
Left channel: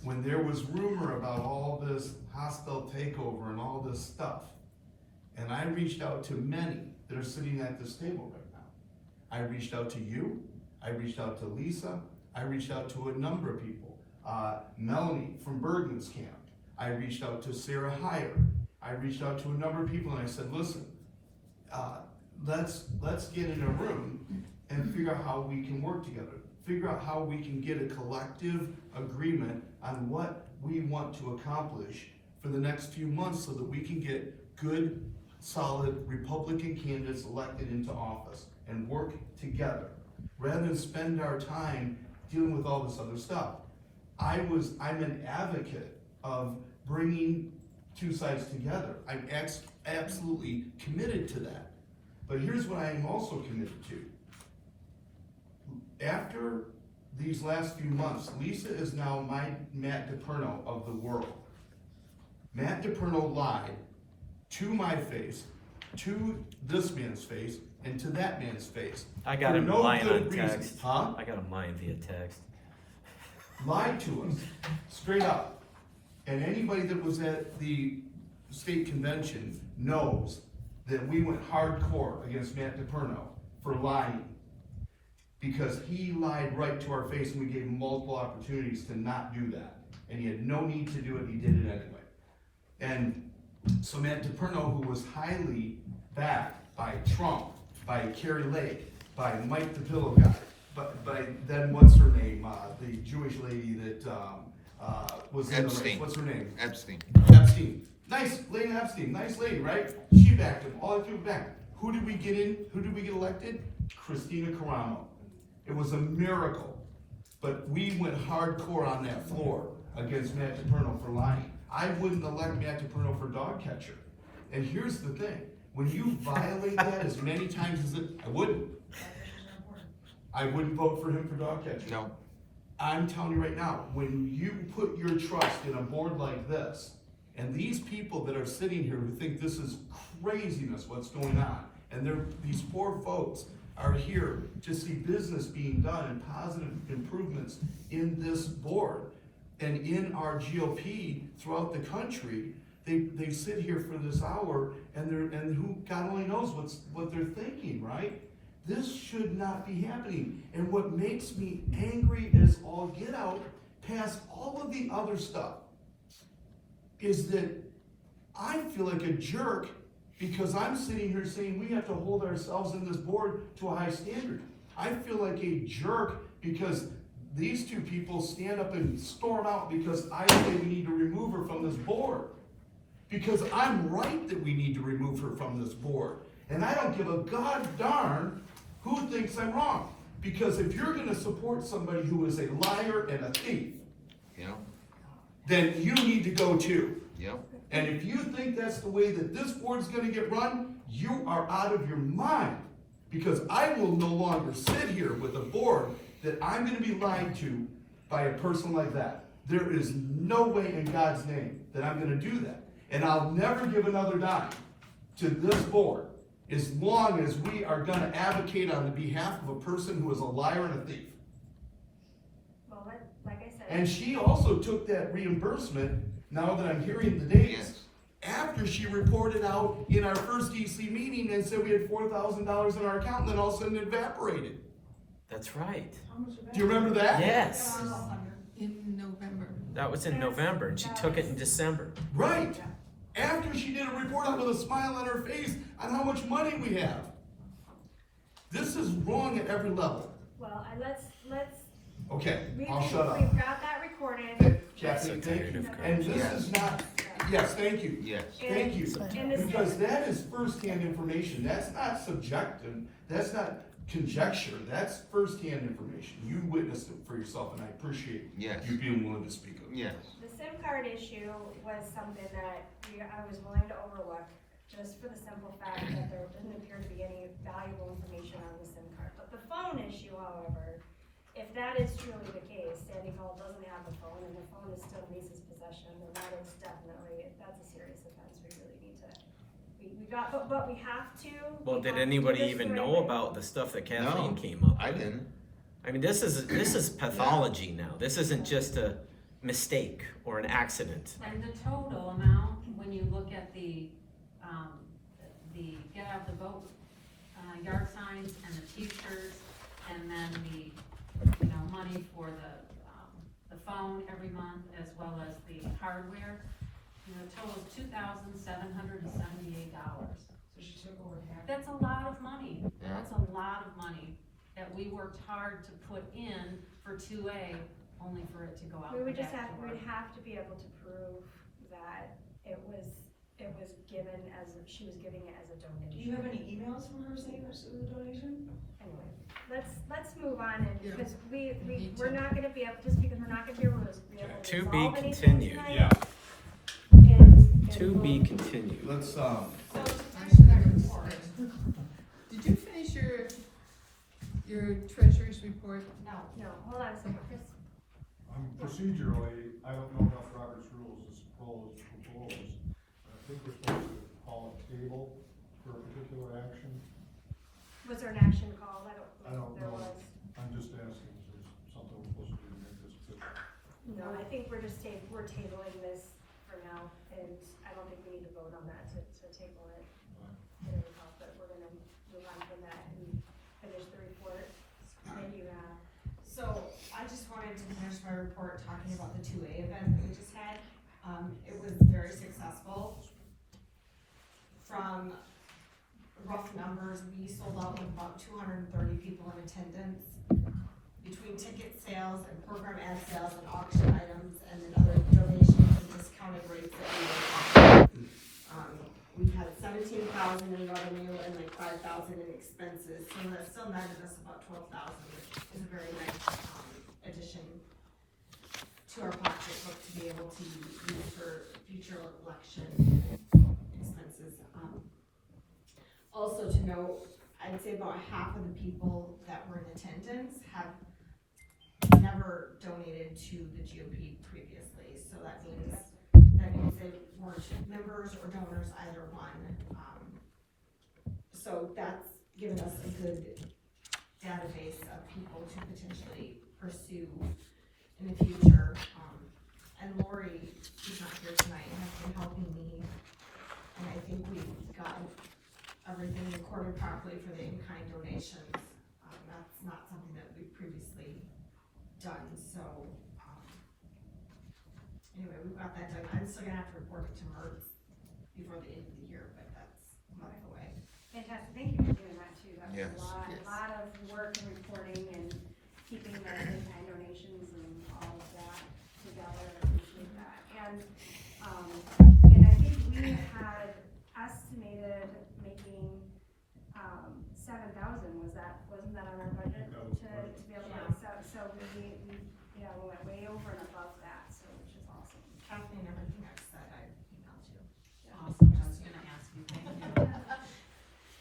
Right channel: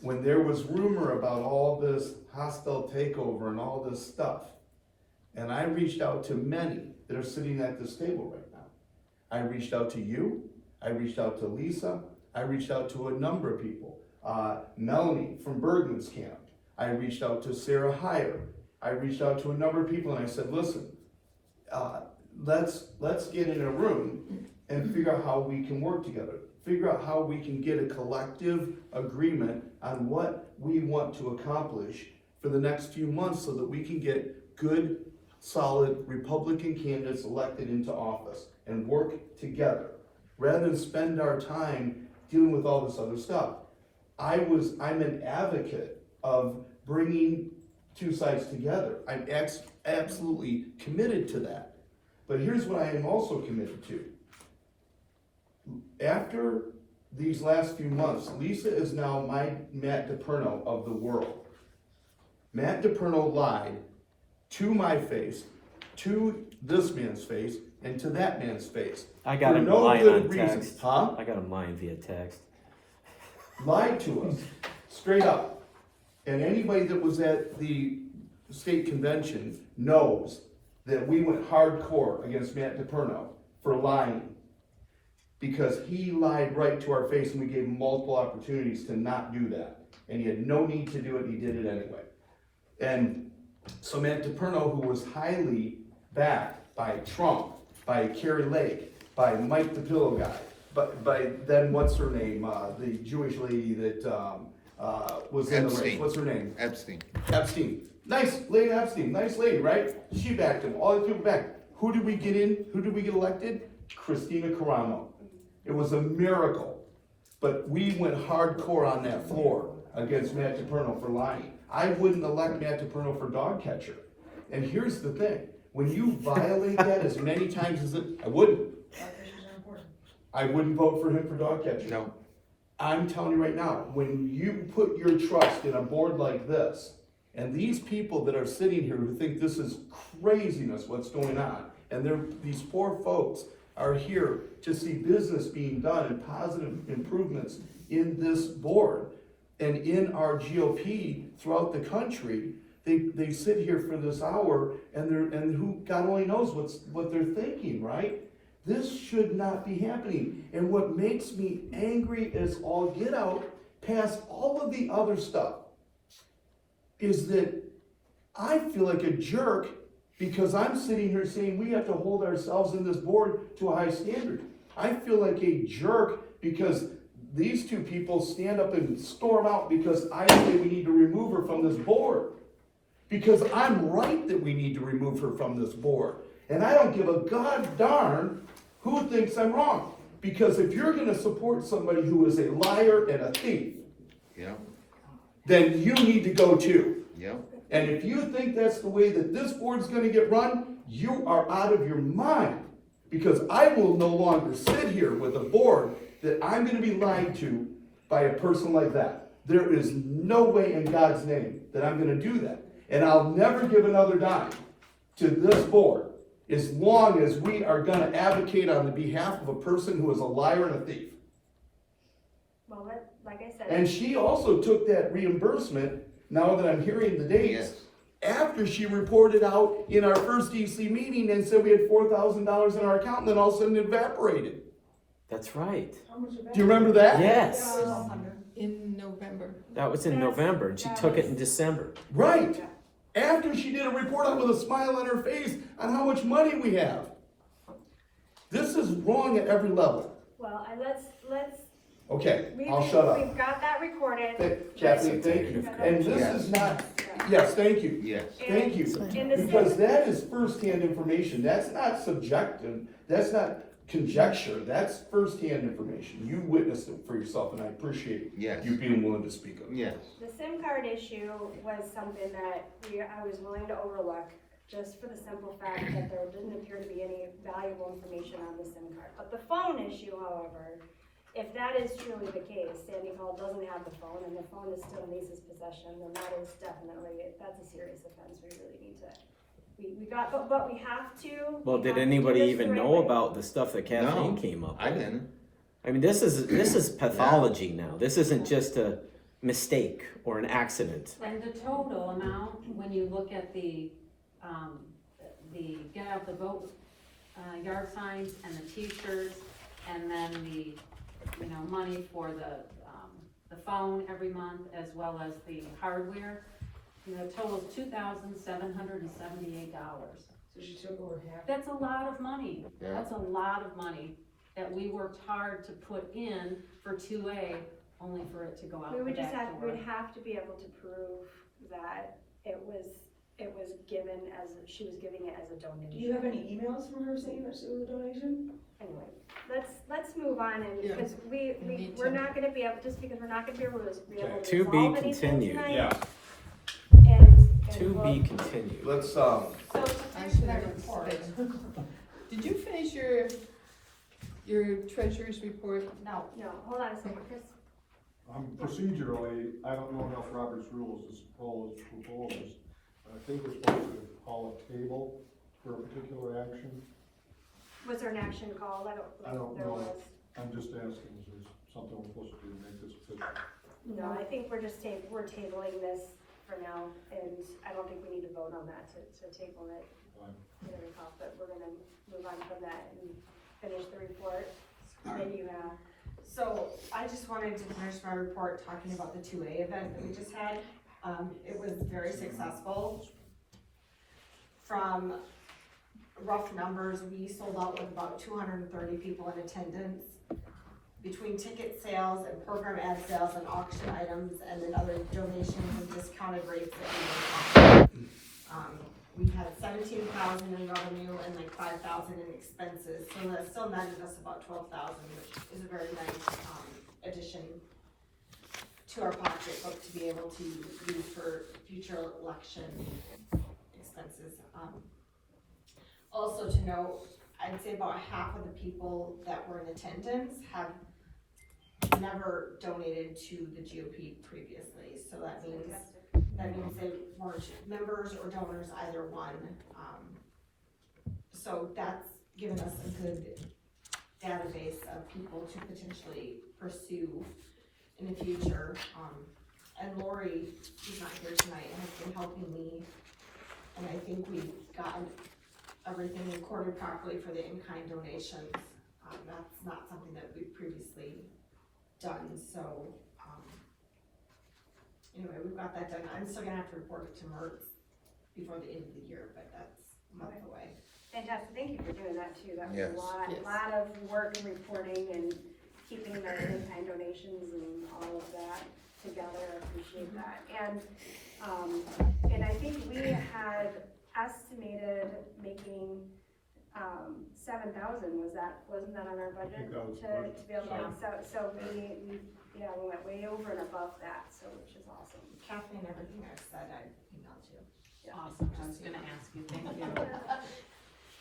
when there was rumor about all this hostile takeover and all this stuff. And I reached out to many that are sitting at this table right now. I reached out to you, I reached out to Lisa, I reached out to a number of people. Melanie from Bergman's camp. I reached out to Sarah Heyer. I reached out to a number of people, and I said, listen, let's get in a room and figure out how we can work together. Figure out how we can get a collective agreement on what we want to accomplish for the next few months, so that we can get good, solid Republican candidates elected into office and work together, rather than spend our time dealing with all this other stuff. I'm an advocate of bringing two sides together. I'm absolutely committed to that. But here's what I am also committed to. After these last few months, Lisa is now my Matt DePerno of the world. Matt DePerno lied to my face, to this man's face, and to that man's face. I got For him no lying good on reason. text. Huh? I got him lying via text. Lied to us, straight up. And anybody that was at the state convention knows that we went hardcore against Matt DePerno for lying. Because he lied right to our face, and we gave him multiple opportunities to not do that. And he had no need to do it, he did it anyway. And so Matt DePerno, who was highly backed by Trump, by Carrie Lake, by Mike the Pillow Guy, but by then what's her name, the Jewish lady that was in the race, Epstein. what's her name? Epstein. Epstein. Nice, Lady Epstein, nice lady, right? She backed him, all the people backed. Who did we get in? Who did we get elected? Christina Carano. It was a miracle. But we went hardcore on that floor against Matt DePerno for lying. I wouldn't elect Matt DePerno for dog catcher. And here's the thing, when you violate that as many times as I wouldn't vote for him for dog catcher. No. I'm telling you right now, when you put your trust in a board like this, and these people that are sitting here who think this is craziness what's going on, and these poor folks are here to see business being done and positive improvements in this board, and in our GOP throughout the country, they sit here for this hour and who, God only knows what they're thinking, right? This should not be happening. And what makes me angry as all get out, past all of the other stuff, is that I feel like a jerk because I'm sitting here saying we have to hold ourselves in this board to a high standard. I feel like a jerk because these two people stand up and storm out because I say we need to remove her from this board. Because I'm right that we need to remove her from this board. And I don't give a god darn who thinks I'm wrong. Because if you're gonna support somebody who is a liar and a thief, Yeah, then you need to go too. yeah. And if you think that's the way that this board's gonna get run, you are out of your mind. Because I will no longer sit here with a board that I'm gonna be lied to by a person like that. There is no way in God's name that I'm gonna do that. And I'll never give another dime to this board as long as we are gonna advocate on the behalf of a person who is a liar and a thief. Well, like I said. And she also took that reimbursement, now that I'm hearing the dates, Yes. after she reported out in our first DC meeting and said we had $4,000 in our account, and then all of a sudden it evaporated. That's right. Do you remember that? Yes, In November. that was in November, and she took it in December. Right. After she did a report out with a smile on her face on how much money we have. This is wrong at every level. Well, let's, Okay, we've I'll shut up. got that recorded. Kathy, thank you. And this is not, yes, thank you. Yes. Thank you. In the Because same, that is firsthand information. That's not subjective. That's not conjecture. That's firsthand information. You witnessed it for yourself, and I appreciate Yes. you being willing to speak of it. Yes. the SIM card issue was something that I was willing to overlook, just for the simple fact that there didn't appear to be any valuable information on the SIM card. But the phone issue, however, if that is truly the case, Sandy Hall doesn't have the phone, and the phone is still in Lisa's possession, then that is definitely, that's a serious offense, we really need to, we got, but we have to. Well, we did have to do anybody this even the right know way. about the stuff that Kathleen No, came up I with? didn't. I mean, this is pathology now. This isn't just a mistake or an accident. And the total amount, when you look at the get out the vote, yard signs and the t-shirts, and then the, money for the phone every month, as well as the hardware, total $2,778. So she took over half. That's a lot of money. Yeah. That's a lot of money that we worked hard to put in for 2A, only for it to go out. We would the just back have, door. we'd have to be able to prove that it was given as, she was giving it as a donation. Do you have any emails from her saying that it was a donation? Anyway, let's move on, and, Yeah. because We need we're to. not gonna be able, just because we're not gonna be able to To be resolve anything continued. tonight, Yeah. and To be we'll- continued. Let's, So, I to should that have report, Did you finish your treasurer's report? no, No, hold on a second, just, Procedurally, I don't know enough Robert's rules to propose. I think we're supposed to call a table for a particular action. was there an action called? I don't there know. was. I'm just asking, is there something we're supposed to do to make this official? No, I think we're just we're tabling this for now, and I don't think we need to vote on that to table it. Fine. Get it off, but we're gonna move on from that and finish the report. Then you have. so I just wanted to finish my report talking about the 2A event that we just had. It was very successful. From rough numbers, we sold out with about 230 people in attendance. Between ticket sales and program ad sales and auction items and then other donations and discounted rates that we offered. We had 17,000 in revenue and like 5,000 in expenses, so that still netted us about 12,000, which is a very nice, addition to our pocketbook to be able to use for future election expenses. Also to note, I'd say about half of the people that were in attendance have never donated to the GOP previously, so that means they weren't members or donors, either one. So that's given us a good database of people to potentially pursue in the future. And Lori, who's not here tonight, has been helping me, and I think we've gotten everything recorded properly for the in-kind donations. That's not something that we've previously done, so, anyway, we've got that done. I'm still gonna have to report it to MERS before the end of the year, but that's a month away. Fantastic, thank you for doing that too, that was Yes. a lot, Yes. lot of work and reporting and keeping the in-kind donations and all of that together, I appreciate that. And I think we had estimated making, 7,000, wasn't that on our budget? That was correct. To be able to, so we went way over and above that, so, which is awesome. Kathleen, everything I've said, I emailed you. Awesome, I was gonna ask you, thank you.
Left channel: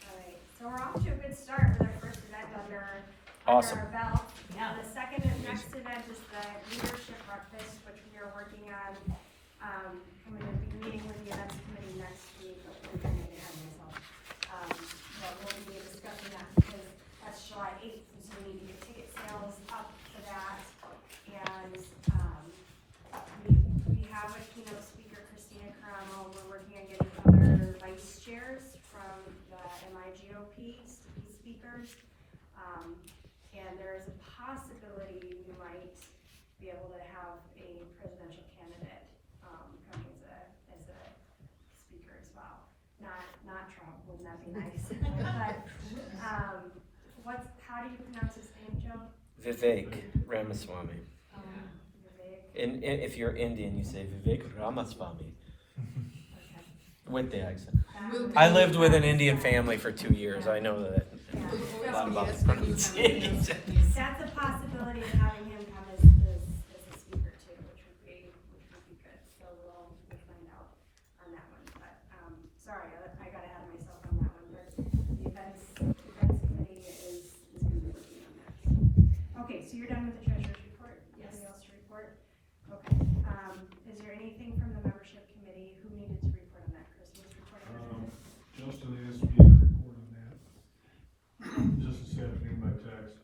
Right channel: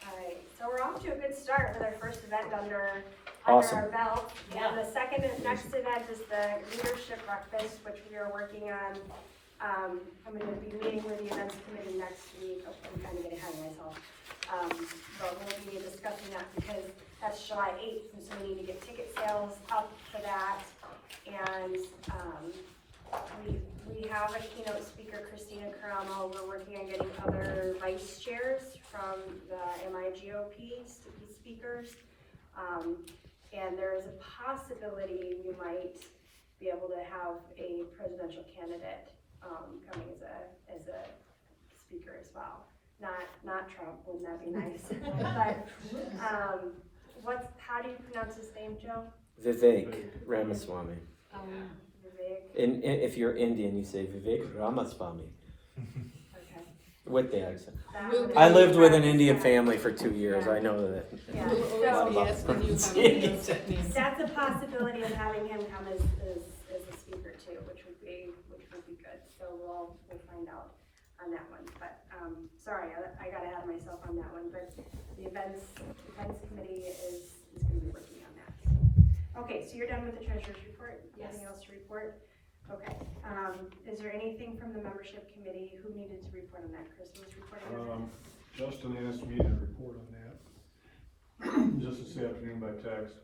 Alright, so we're off to a good start with our first event under Awesome. our belt. Yeah. And the next event is the leadership breakfast, which we are working on. I'm gonna be meeting with the events committee next week. I'm kind of getting ahead of myself. But we'll be discussing that because that's July 8th, and so we need to get ticket sales up for that. And, we have a keynote speaker, Christina Caramo. We're working on getting other vice chairs from the GT-GOP to be speakers. And there is a possibility we might be able to have a presidential candidate, coming as a speaker as well. Not Trump, wouldn't that be nice? But, how do you pronounce his name, Joe? Vivek Ramaswamy. Vivek, And if you're Indian, you say Vivek Ramaswamy okay. with the accent. That would I be lived with an Ramaswamy. Indian family for 2 years. I know that. Yeah, We'll A lot so always be about asking you how to pronunciation. pronounce it. that's a possibility of having him come as a speaker too, which would be good. So we'll find out on that one. But, sorry, I got ahead of myself on that one, but the events committee is gonna be working on that. Okay, so you're done with the treasurer's report? Yes. Anything else to report? Okay, is there anything from the membership committee who needed to report on that? Chris was reporting on that? Justin asked me to report on that, just this afternoon by text.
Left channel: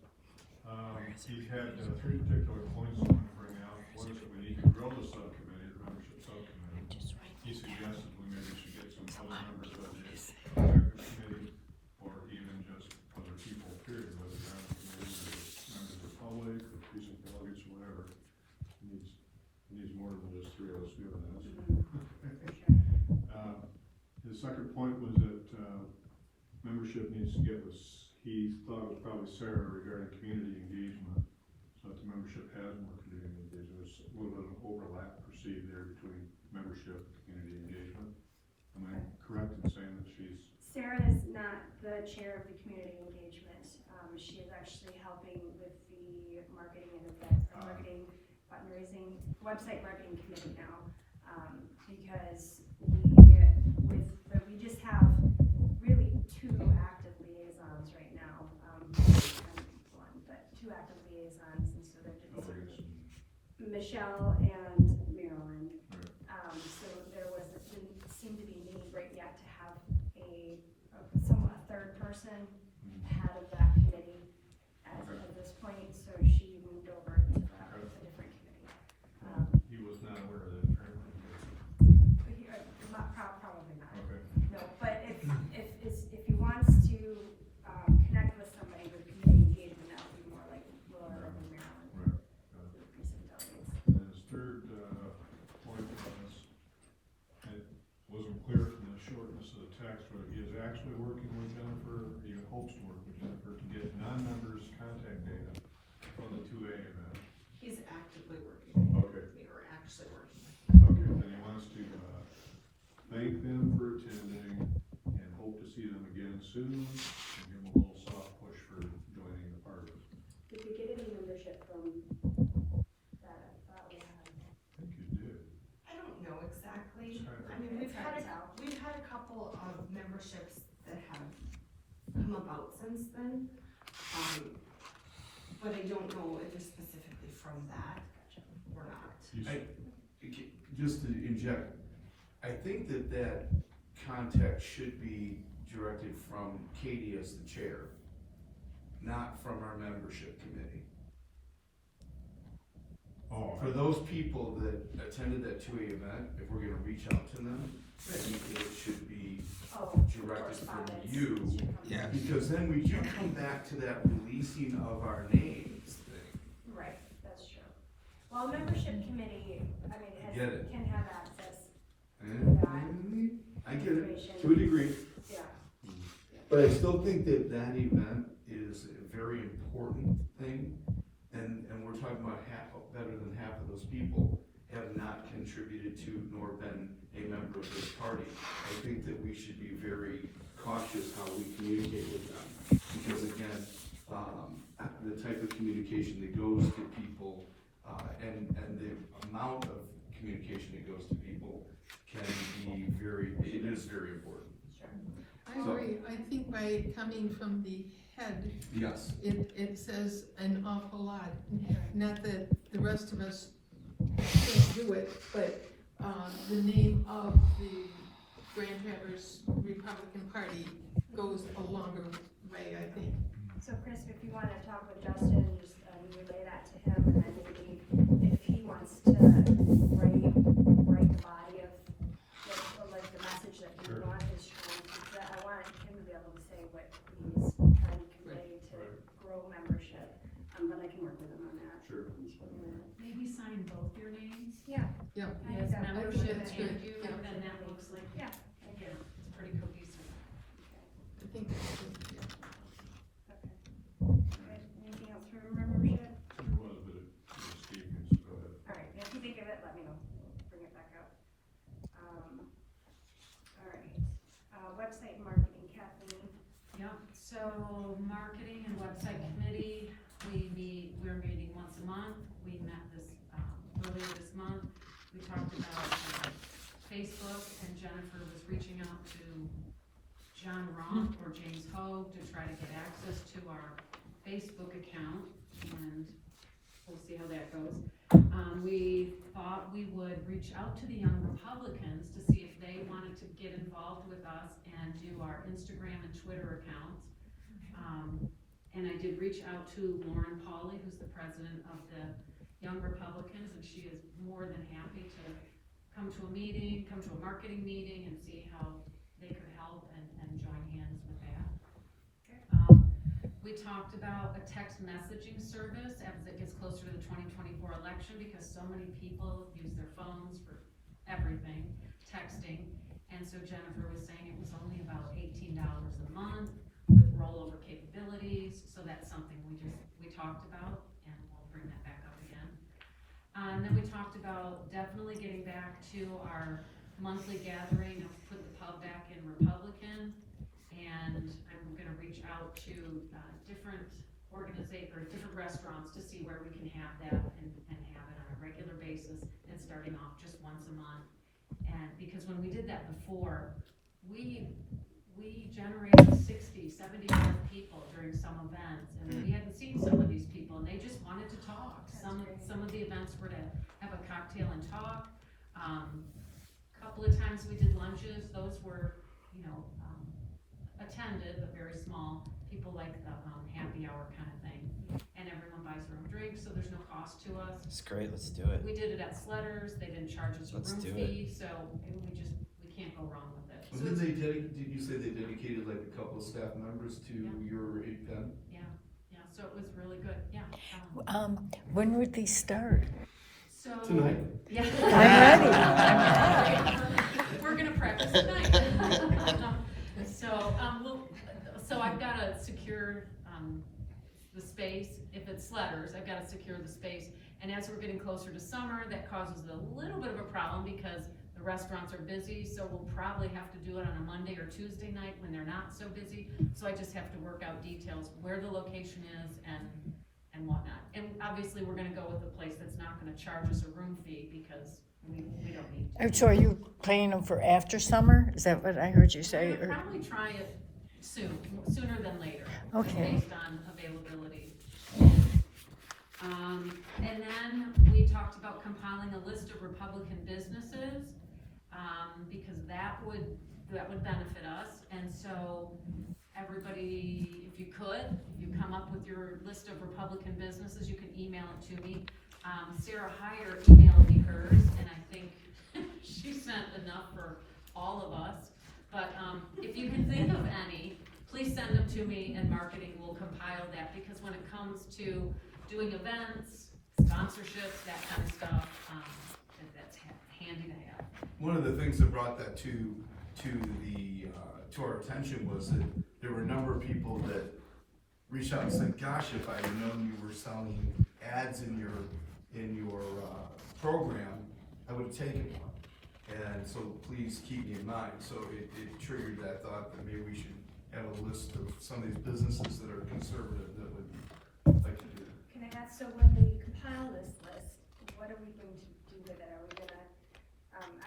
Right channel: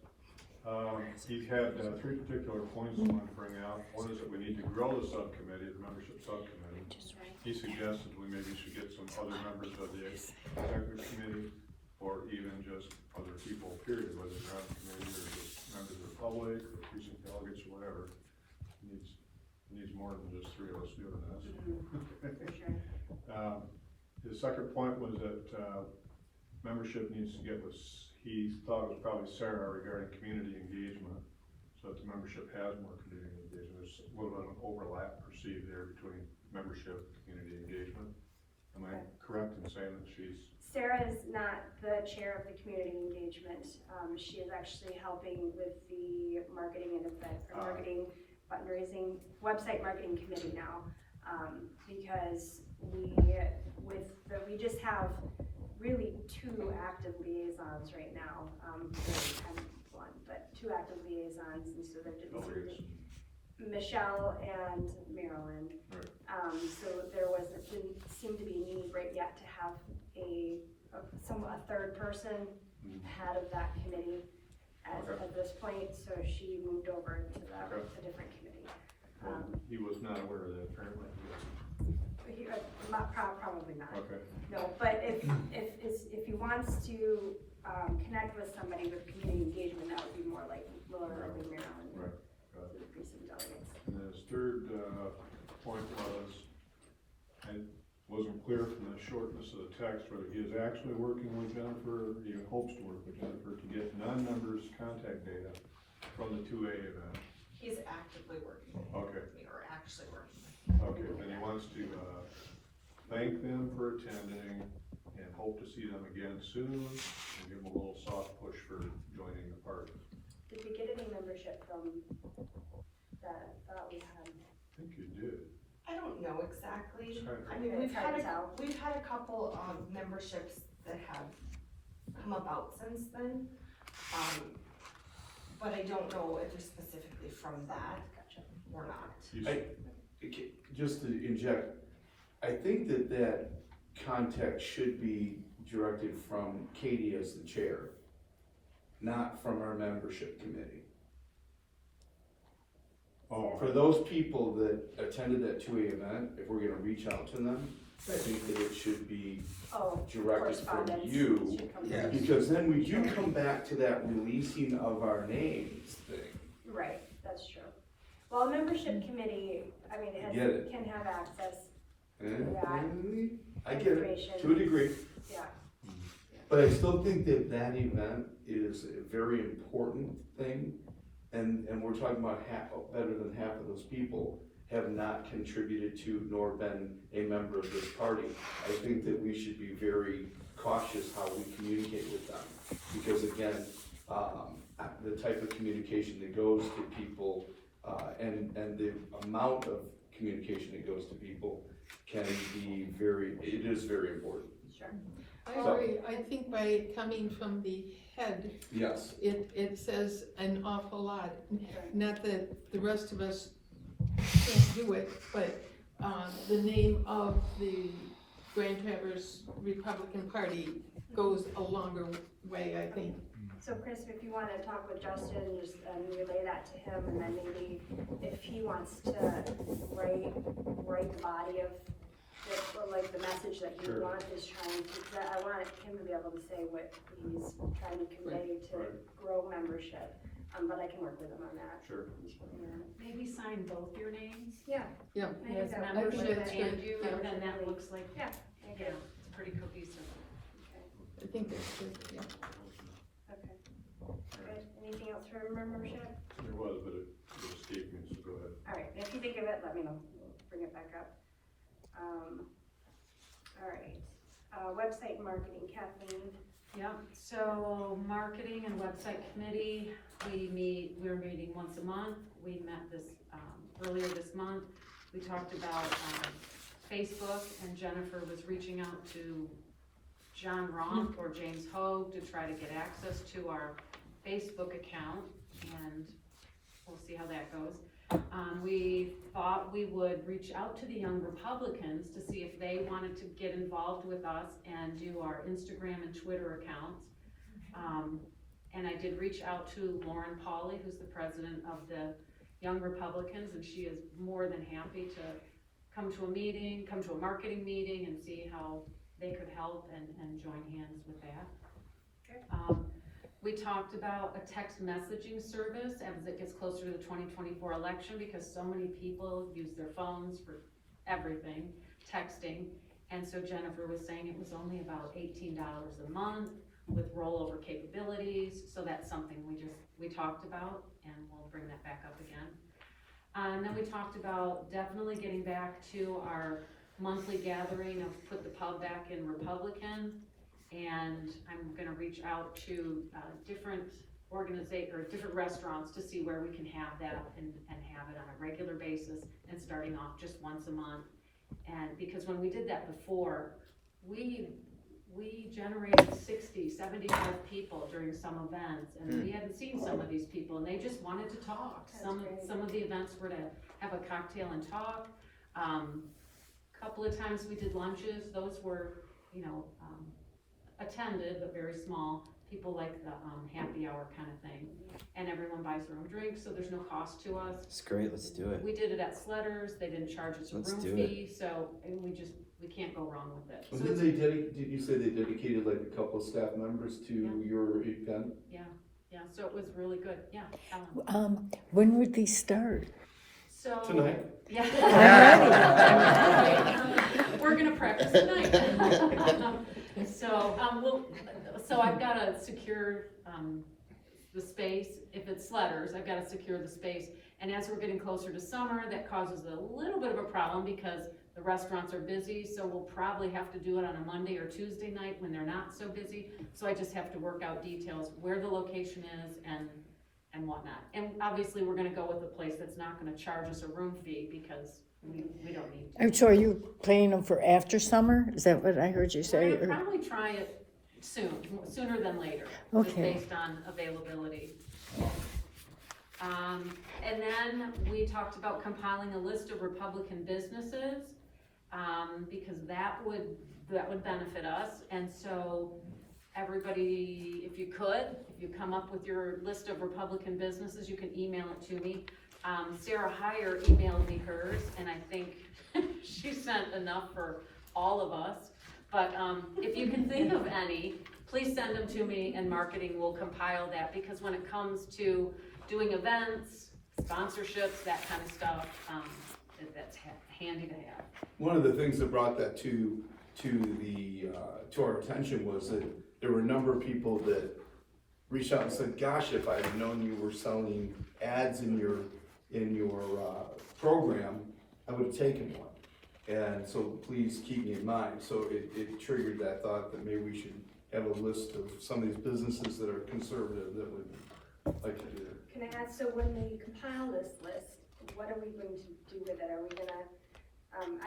He had three particular points I want to bring out. One is that we need to grow the subcommittee, the membership subcommittee. He suggested we maybe should get some other members of the executive committee, or even just other people, period, whether they're on the committee or just members of the public, or precinct delegates, or whatever. Needs more than just three of us doing this. For sure. His second point was that, membership needs to get with, he thought it was probably Sarah regarding community engagement, so that the membership has more community engagement. There's a little bit of overlap perceived there between membership and community engagement. Am I correct in saying that she's? Sarah is not the chair of the community engagement. She is actually helping with the marketing and marketing fundraising, website marketing committee now. Because we just have really two active liaisons right now. One, but two active liaisons, and so they're Michelle and Marilyn. Right. So there seemed to be a need right yet to have a third person head of that committee at this point, so she moved over to that, a different committee. He was not aware of that apparently. Probably not. Okay. No, but if he wants to, connect with somebody with community engagement, that would be more like Maryland. Right. The precinct delegates. And his third, point was, it wasn't clear from the shortness of the text whether he is actually working with Jennifer, or he hopes to work with Jennifer to get non-members' contact data from the 2A event. He's actively working. Okay. We are actually working. Okay, then he wants to, thank them for attending and hope to see them again soon, and give them a little soft push for joining the party. Did we get any membership from that? I thought we had. I think you did. I don't know exactly. It's hard to- I mean, It's hard to tell. we've had a couple of memberships that have come about since then. But I don't know if it's specifically from that or not. Just to inject, I think that contact should be directed from Katie as the chair, not from our membership committee. Oh, For those people that attended that 2A event, if we're gonna reach out to them, I think that it should be Oh, directed from correspondence. you. should come Yes. from- Because then we do come back to that releasing of our names thing. Right, that's true. Well, a membership committee, I mean, I get it. can have access, I get it, to a degree. yeah. But I still think that that event is a very important thing, and we're talking about better than half of those people have not contributed to nor been a member of this party. I think that we should be very cautious how we communicate with them, because again, the type of communication that goes to people, and the amount of communication that goes to people can be it is very important. Sure. I So- agree, I think by coming from the head, Yes. it says an awful lot. Sure. Not that the rest of us can't do it, but, the name of the Grand Traverse Republican Party goes a longer way, I think. So Chris, if you wanna talk with Justin, just relay that to him, and then maybe if he wants to write the body of, like, the message that he is trying to, because I want him to be able to say what he's trying to convey to grow membership, but I can work with him on that. Sure. Maybe sign both your names, Yeah. as Yeah. membership That's and good. you, and then that looks like, Yeah. yeah, it's pretty cohesive. I think that's good, yeah. Okay. Good. Anything else for membership? There was, but it escaped me, so go ahead. All right, if you think of it, let me know, we'll bring it back up. All right, website marketing, Kathleen. Yep, so marketing and website committee, we're meeting once a month. We met earlier this month. We talked about, Facebook, and Jennifer was reaching out to John Ronk or James Hogue to try to get access to our Facebook account, and we'll see how that goes. We thought we would reach out to the Young Republicans to see if they wanted to get involved with us and do our Instagram and Twitter accounts. And I did reach out to Lauren Pauley, who's the president of the Young Republicans, and she is more than happy to come to a marketing meeting and see how they could help and join hands with that. We talked about a text messaging service as it gets closer to the 2024 election, because so many people use their phones for everything, texting. And so Jennifer was saying it was only about $18 a month with rollover capabilities. So that's something we talked about, and we'll bring that back up again. And then we talked about definitely getting back to our monthly gathering of put the pub back in Republican. And I'm gonna reach out to different restaurants to see where we can have that and have it on a regular basis and starting off just once a month. And because when we did that before, we generated 60, 75 people during some events, and we hadn't seen some of these people, and they just wanted to talk. Some of the events were to have a cocktail and talk. Couple of times we did lunches, those were, attended, but very small. People like the happy hour kind of thing, and everyone buys their own drinks, so there's no cost to us. It's great, let's do it. We did it at Sledders, they didn't charge us a Let's room do fee, so we can't go wrong with it. Well, did you say they dedicated like a couple of staff members to your event? Yeah, so it was really good, yeah. When would these start? So. Tonight. Yeah. We're gonna practice tonight. So I've gotta secure, the space. If it's Sledders, I've gotta secure the space. And as we're getting closer to summer, that causes a little bit of a problem because the restaurants are busy, so we'll probably have to do it on a Monday or Tuesday night when they're not so busy. So I just have to work out details, where the location is and whatnot. And obviously, we're gonna go with a place that's not gonna charge us a room fee because we don't need to. So are you planning them for after summer? Is that what I heard you say? We're Or- gonna probably try it sooner than later. Okay. Based on availability. And then we talked about compiling a list of Republican businesses, because that would benefit us. And so everybody, if you come up with your list of Republican businesses, you can email it to me. Sarah Heyer emailed me hers, and I think she sent enough for all of us. But, if you can think of any, please send them to me, and marketing will compile that, because when it comes to doing events, sponsorships, that kind of stuff, that's handy to have. One of the things that brought that to our attention was that there were a number of people that reached out and said, gosh, if I'd have known you were selling ads in your program, I would have taken one. And so please keep me in mind. So it triggered that thought that maybe we should have a list of some of these businesses that are conservative that would like to do that. Can I ask, so when we compile this list, what are we going to do with it? Are we gonna,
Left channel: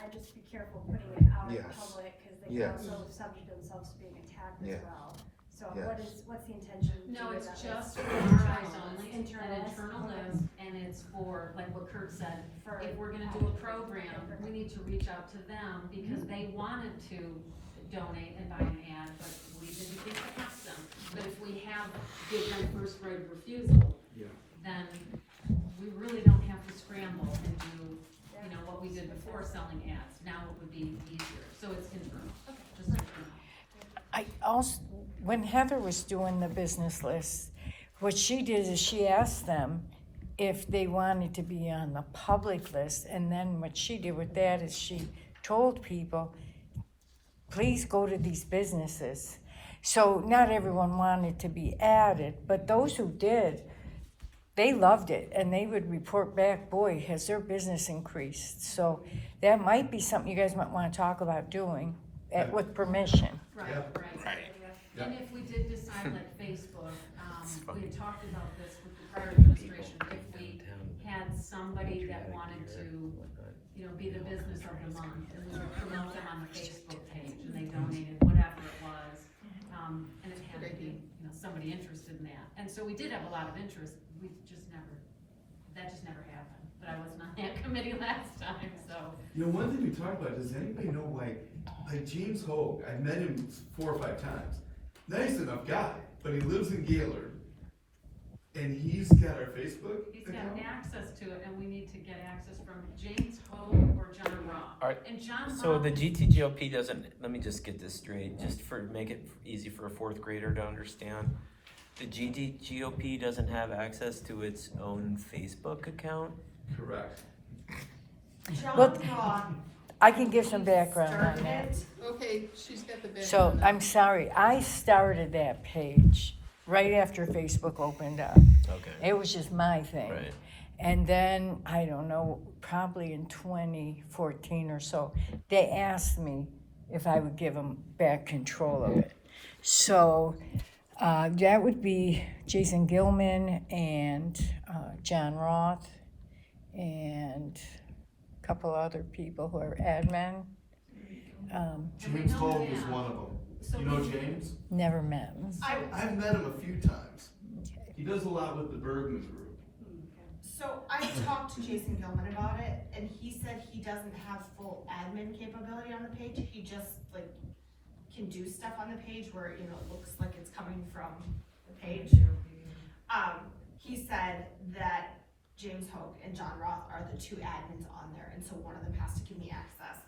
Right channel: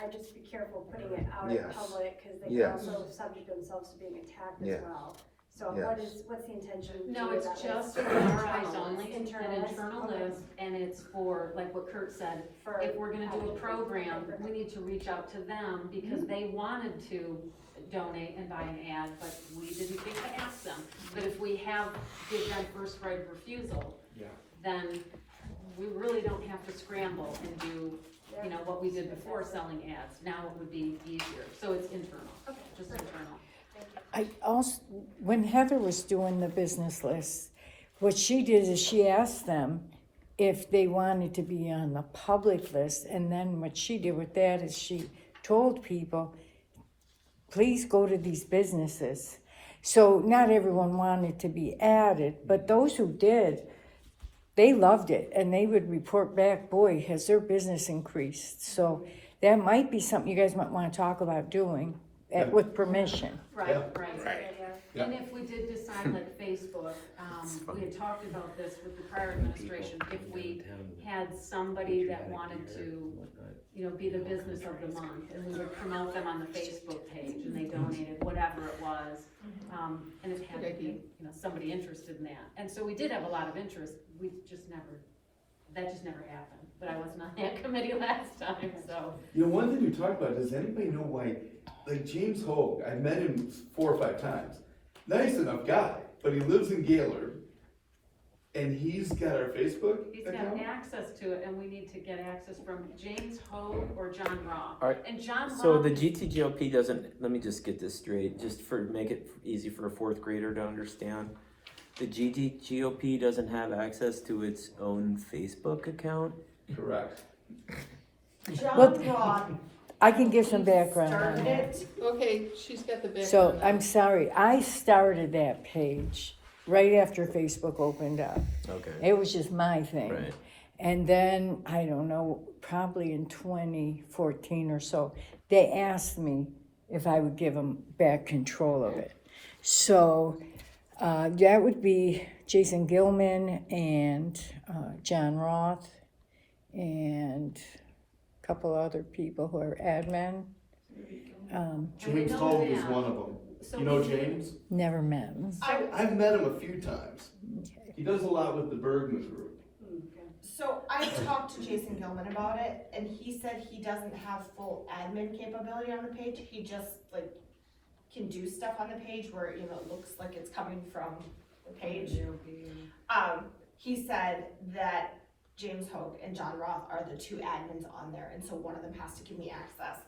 I just be careful putting it out in Yes. public, cause they Yes. can also subject themselves to being attacked Yes. as well. So Yes. what's the intention? No, to do it's with that just list? for our eyes only, an Internal list? internal Okay. list, and it's for, like what Kurt said, For- if we're gonna do a program, we need to reach out to them, because they wanted to donate and buy an ad, but we didn't think to ask them. But if we give them first right of refusal, then we really don't have to scramble and do, you know, what we did before selling ads. Now it would be easier, so it's internal, just internal. I also, when Heather was doing the business list, what she did is she asked them if they wanted to be on the public list, and then what she did with that is she told people, please go to these businesses. So not everyone wanted to be added, but those who did, they loved it, and they would report back, boy, has their business increased. So that might be something you guys might want to talk about doing with permission. Right, Yeah. right. Yeah. And if we did decide like Facebook, we had talked about this with the prior administration, if we had somebody that wanted to, you know, be the business of the month, and we would promote them on the Facebook page, and they donated whatever it was, and it had to be, you know, somebody interested in that. And so we did have a lot of interest, that just never happened, but I was not on that committee last time, so. You know, one thing we talked about, does anybody know why, like James Hogue, I met him 4 or 5 times. Nice enough guy, but he lives in Gaylord, and he's got our Facebook He's got account. access to it, and we need to get access from James Hogue or John Roth. Alright, And John So Roth, the GT-GOP doesn't, let me just get this straight, just for, make it easy for a 4th grader to understand. The GT-GOP doesn't have access to its own Facebook account? Correct. John Look, Roth I can give some background on started that. it. Okay, she's got the background. So I'm sorry, I started that page right after Facebook opened up. Okay. It was just my thing. Right. And then, I don't know, probably in 2014 or so, they asked me if I would give them back control of it. So that would be Jason Gilman and John Roth and a couple other people who are admin. James Hogue is one of them. You know James? Never met him. I've met him a few times. He does a lot with the Bergman group. So I talked to Jason Gilman about it, and he said he doesn't have full admin capability on the page. He just like can do stuff on the page where, you know, it looks like it's coming from the page. He said that James Hogue and John Roth are the 2 admins on there, and so one of them has to give me access.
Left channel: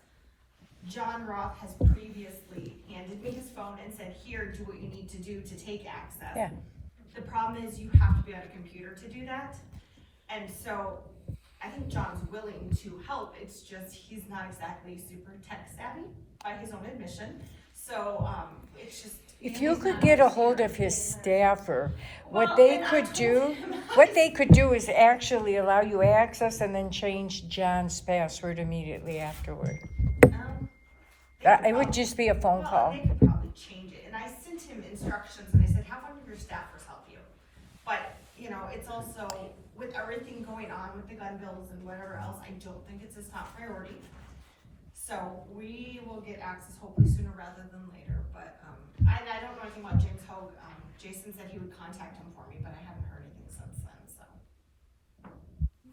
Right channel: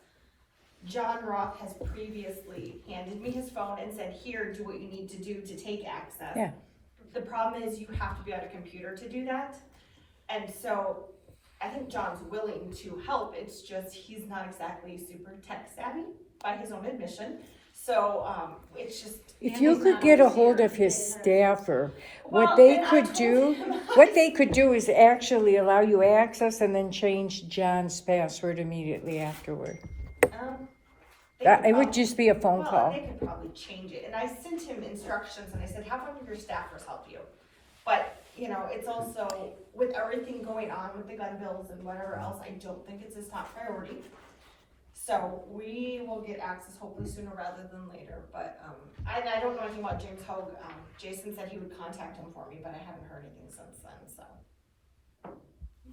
John Roth has previously handed me his phone and said, here, do what you need to do to take access. Yeah. The problem is you have to be on a computer to do that. And so I think John's willing to help, it's just he's not exactly super tech savvy by his own admission. So, it's just. If you could get a hold of his staffer, what they could do is actually allow you access and then change John's password immediately afterward. It would just be a phone call. They could probably change it, and I sent him instructions, and I said, have one of your staffers help you. But, you know, it's also, with everything going on with the gun bills and whatever else, I don't think it's his top priority. So we will get access hopefully sooner rather than later, but, I don't know anything about James Hogue. Jason said he would contact him for me, but I haven't heard anything since then, so.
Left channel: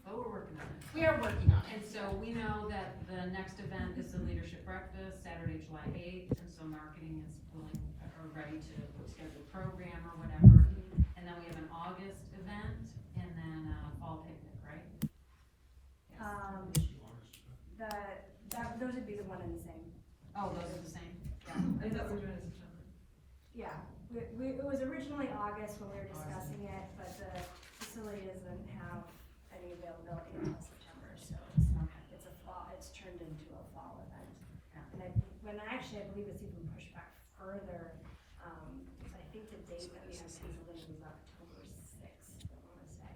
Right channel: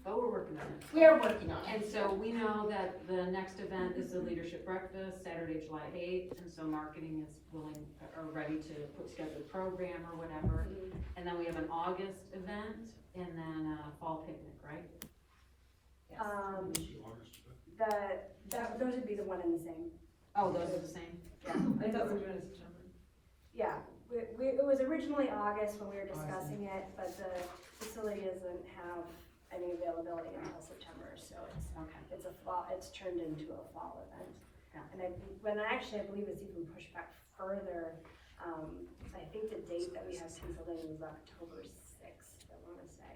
so we're working on it. We are working on it. And so we know that the next event is the leadership breakfast, Saturday, July 8th, and so marketing is willing, or ready to put together a program or whatever. And then we have an August event, and then a fall picnic, right? Oh, those are the same? I thought we were doing it in September. Yeah, it was originally August when we were discussing it, but the facility doesn't have any availability until September, so it's a fall, it's turned into a fall event. And I believe it's even pushed back further, I think the date that we have scheduled in is October sixth, I wanna say.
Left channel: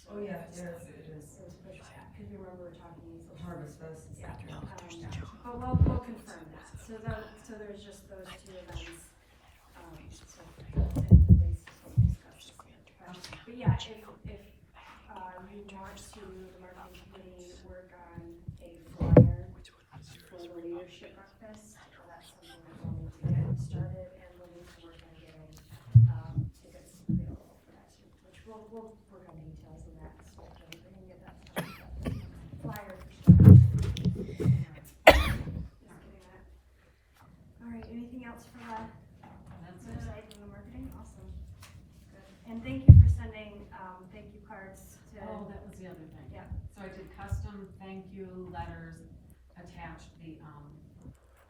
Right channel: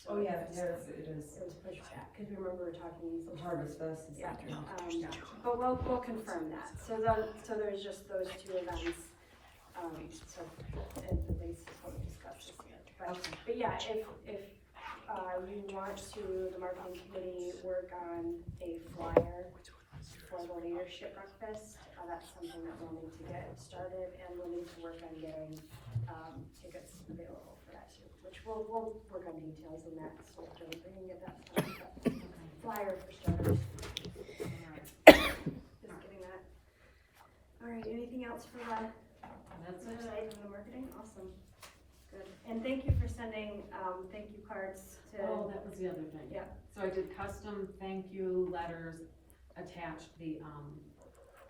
So Oh, yeah, it's- yes, it is. It was pushed back, cause remember we were talking. Harvest Fest and Yeah, stuff. but we'll confirm that, so there's just those two events, so, and at least we'll discuss this yet, but yeah, if, you want to, the marketing committee work on a flyer for the leadership breakfast, that's something that we'll need to get started, and we'll need to work on getting, tickets available for that too, which we'll work on details in that, so we can get that started, but flyer for starters. Just getting that. Alright, anything else for that? That's That's it. it, from the marketing, awesome, good, and thank you for sending, thank you cards to. Oh, that was the other thing. Yeah. So I did custom thank you letters, attached the,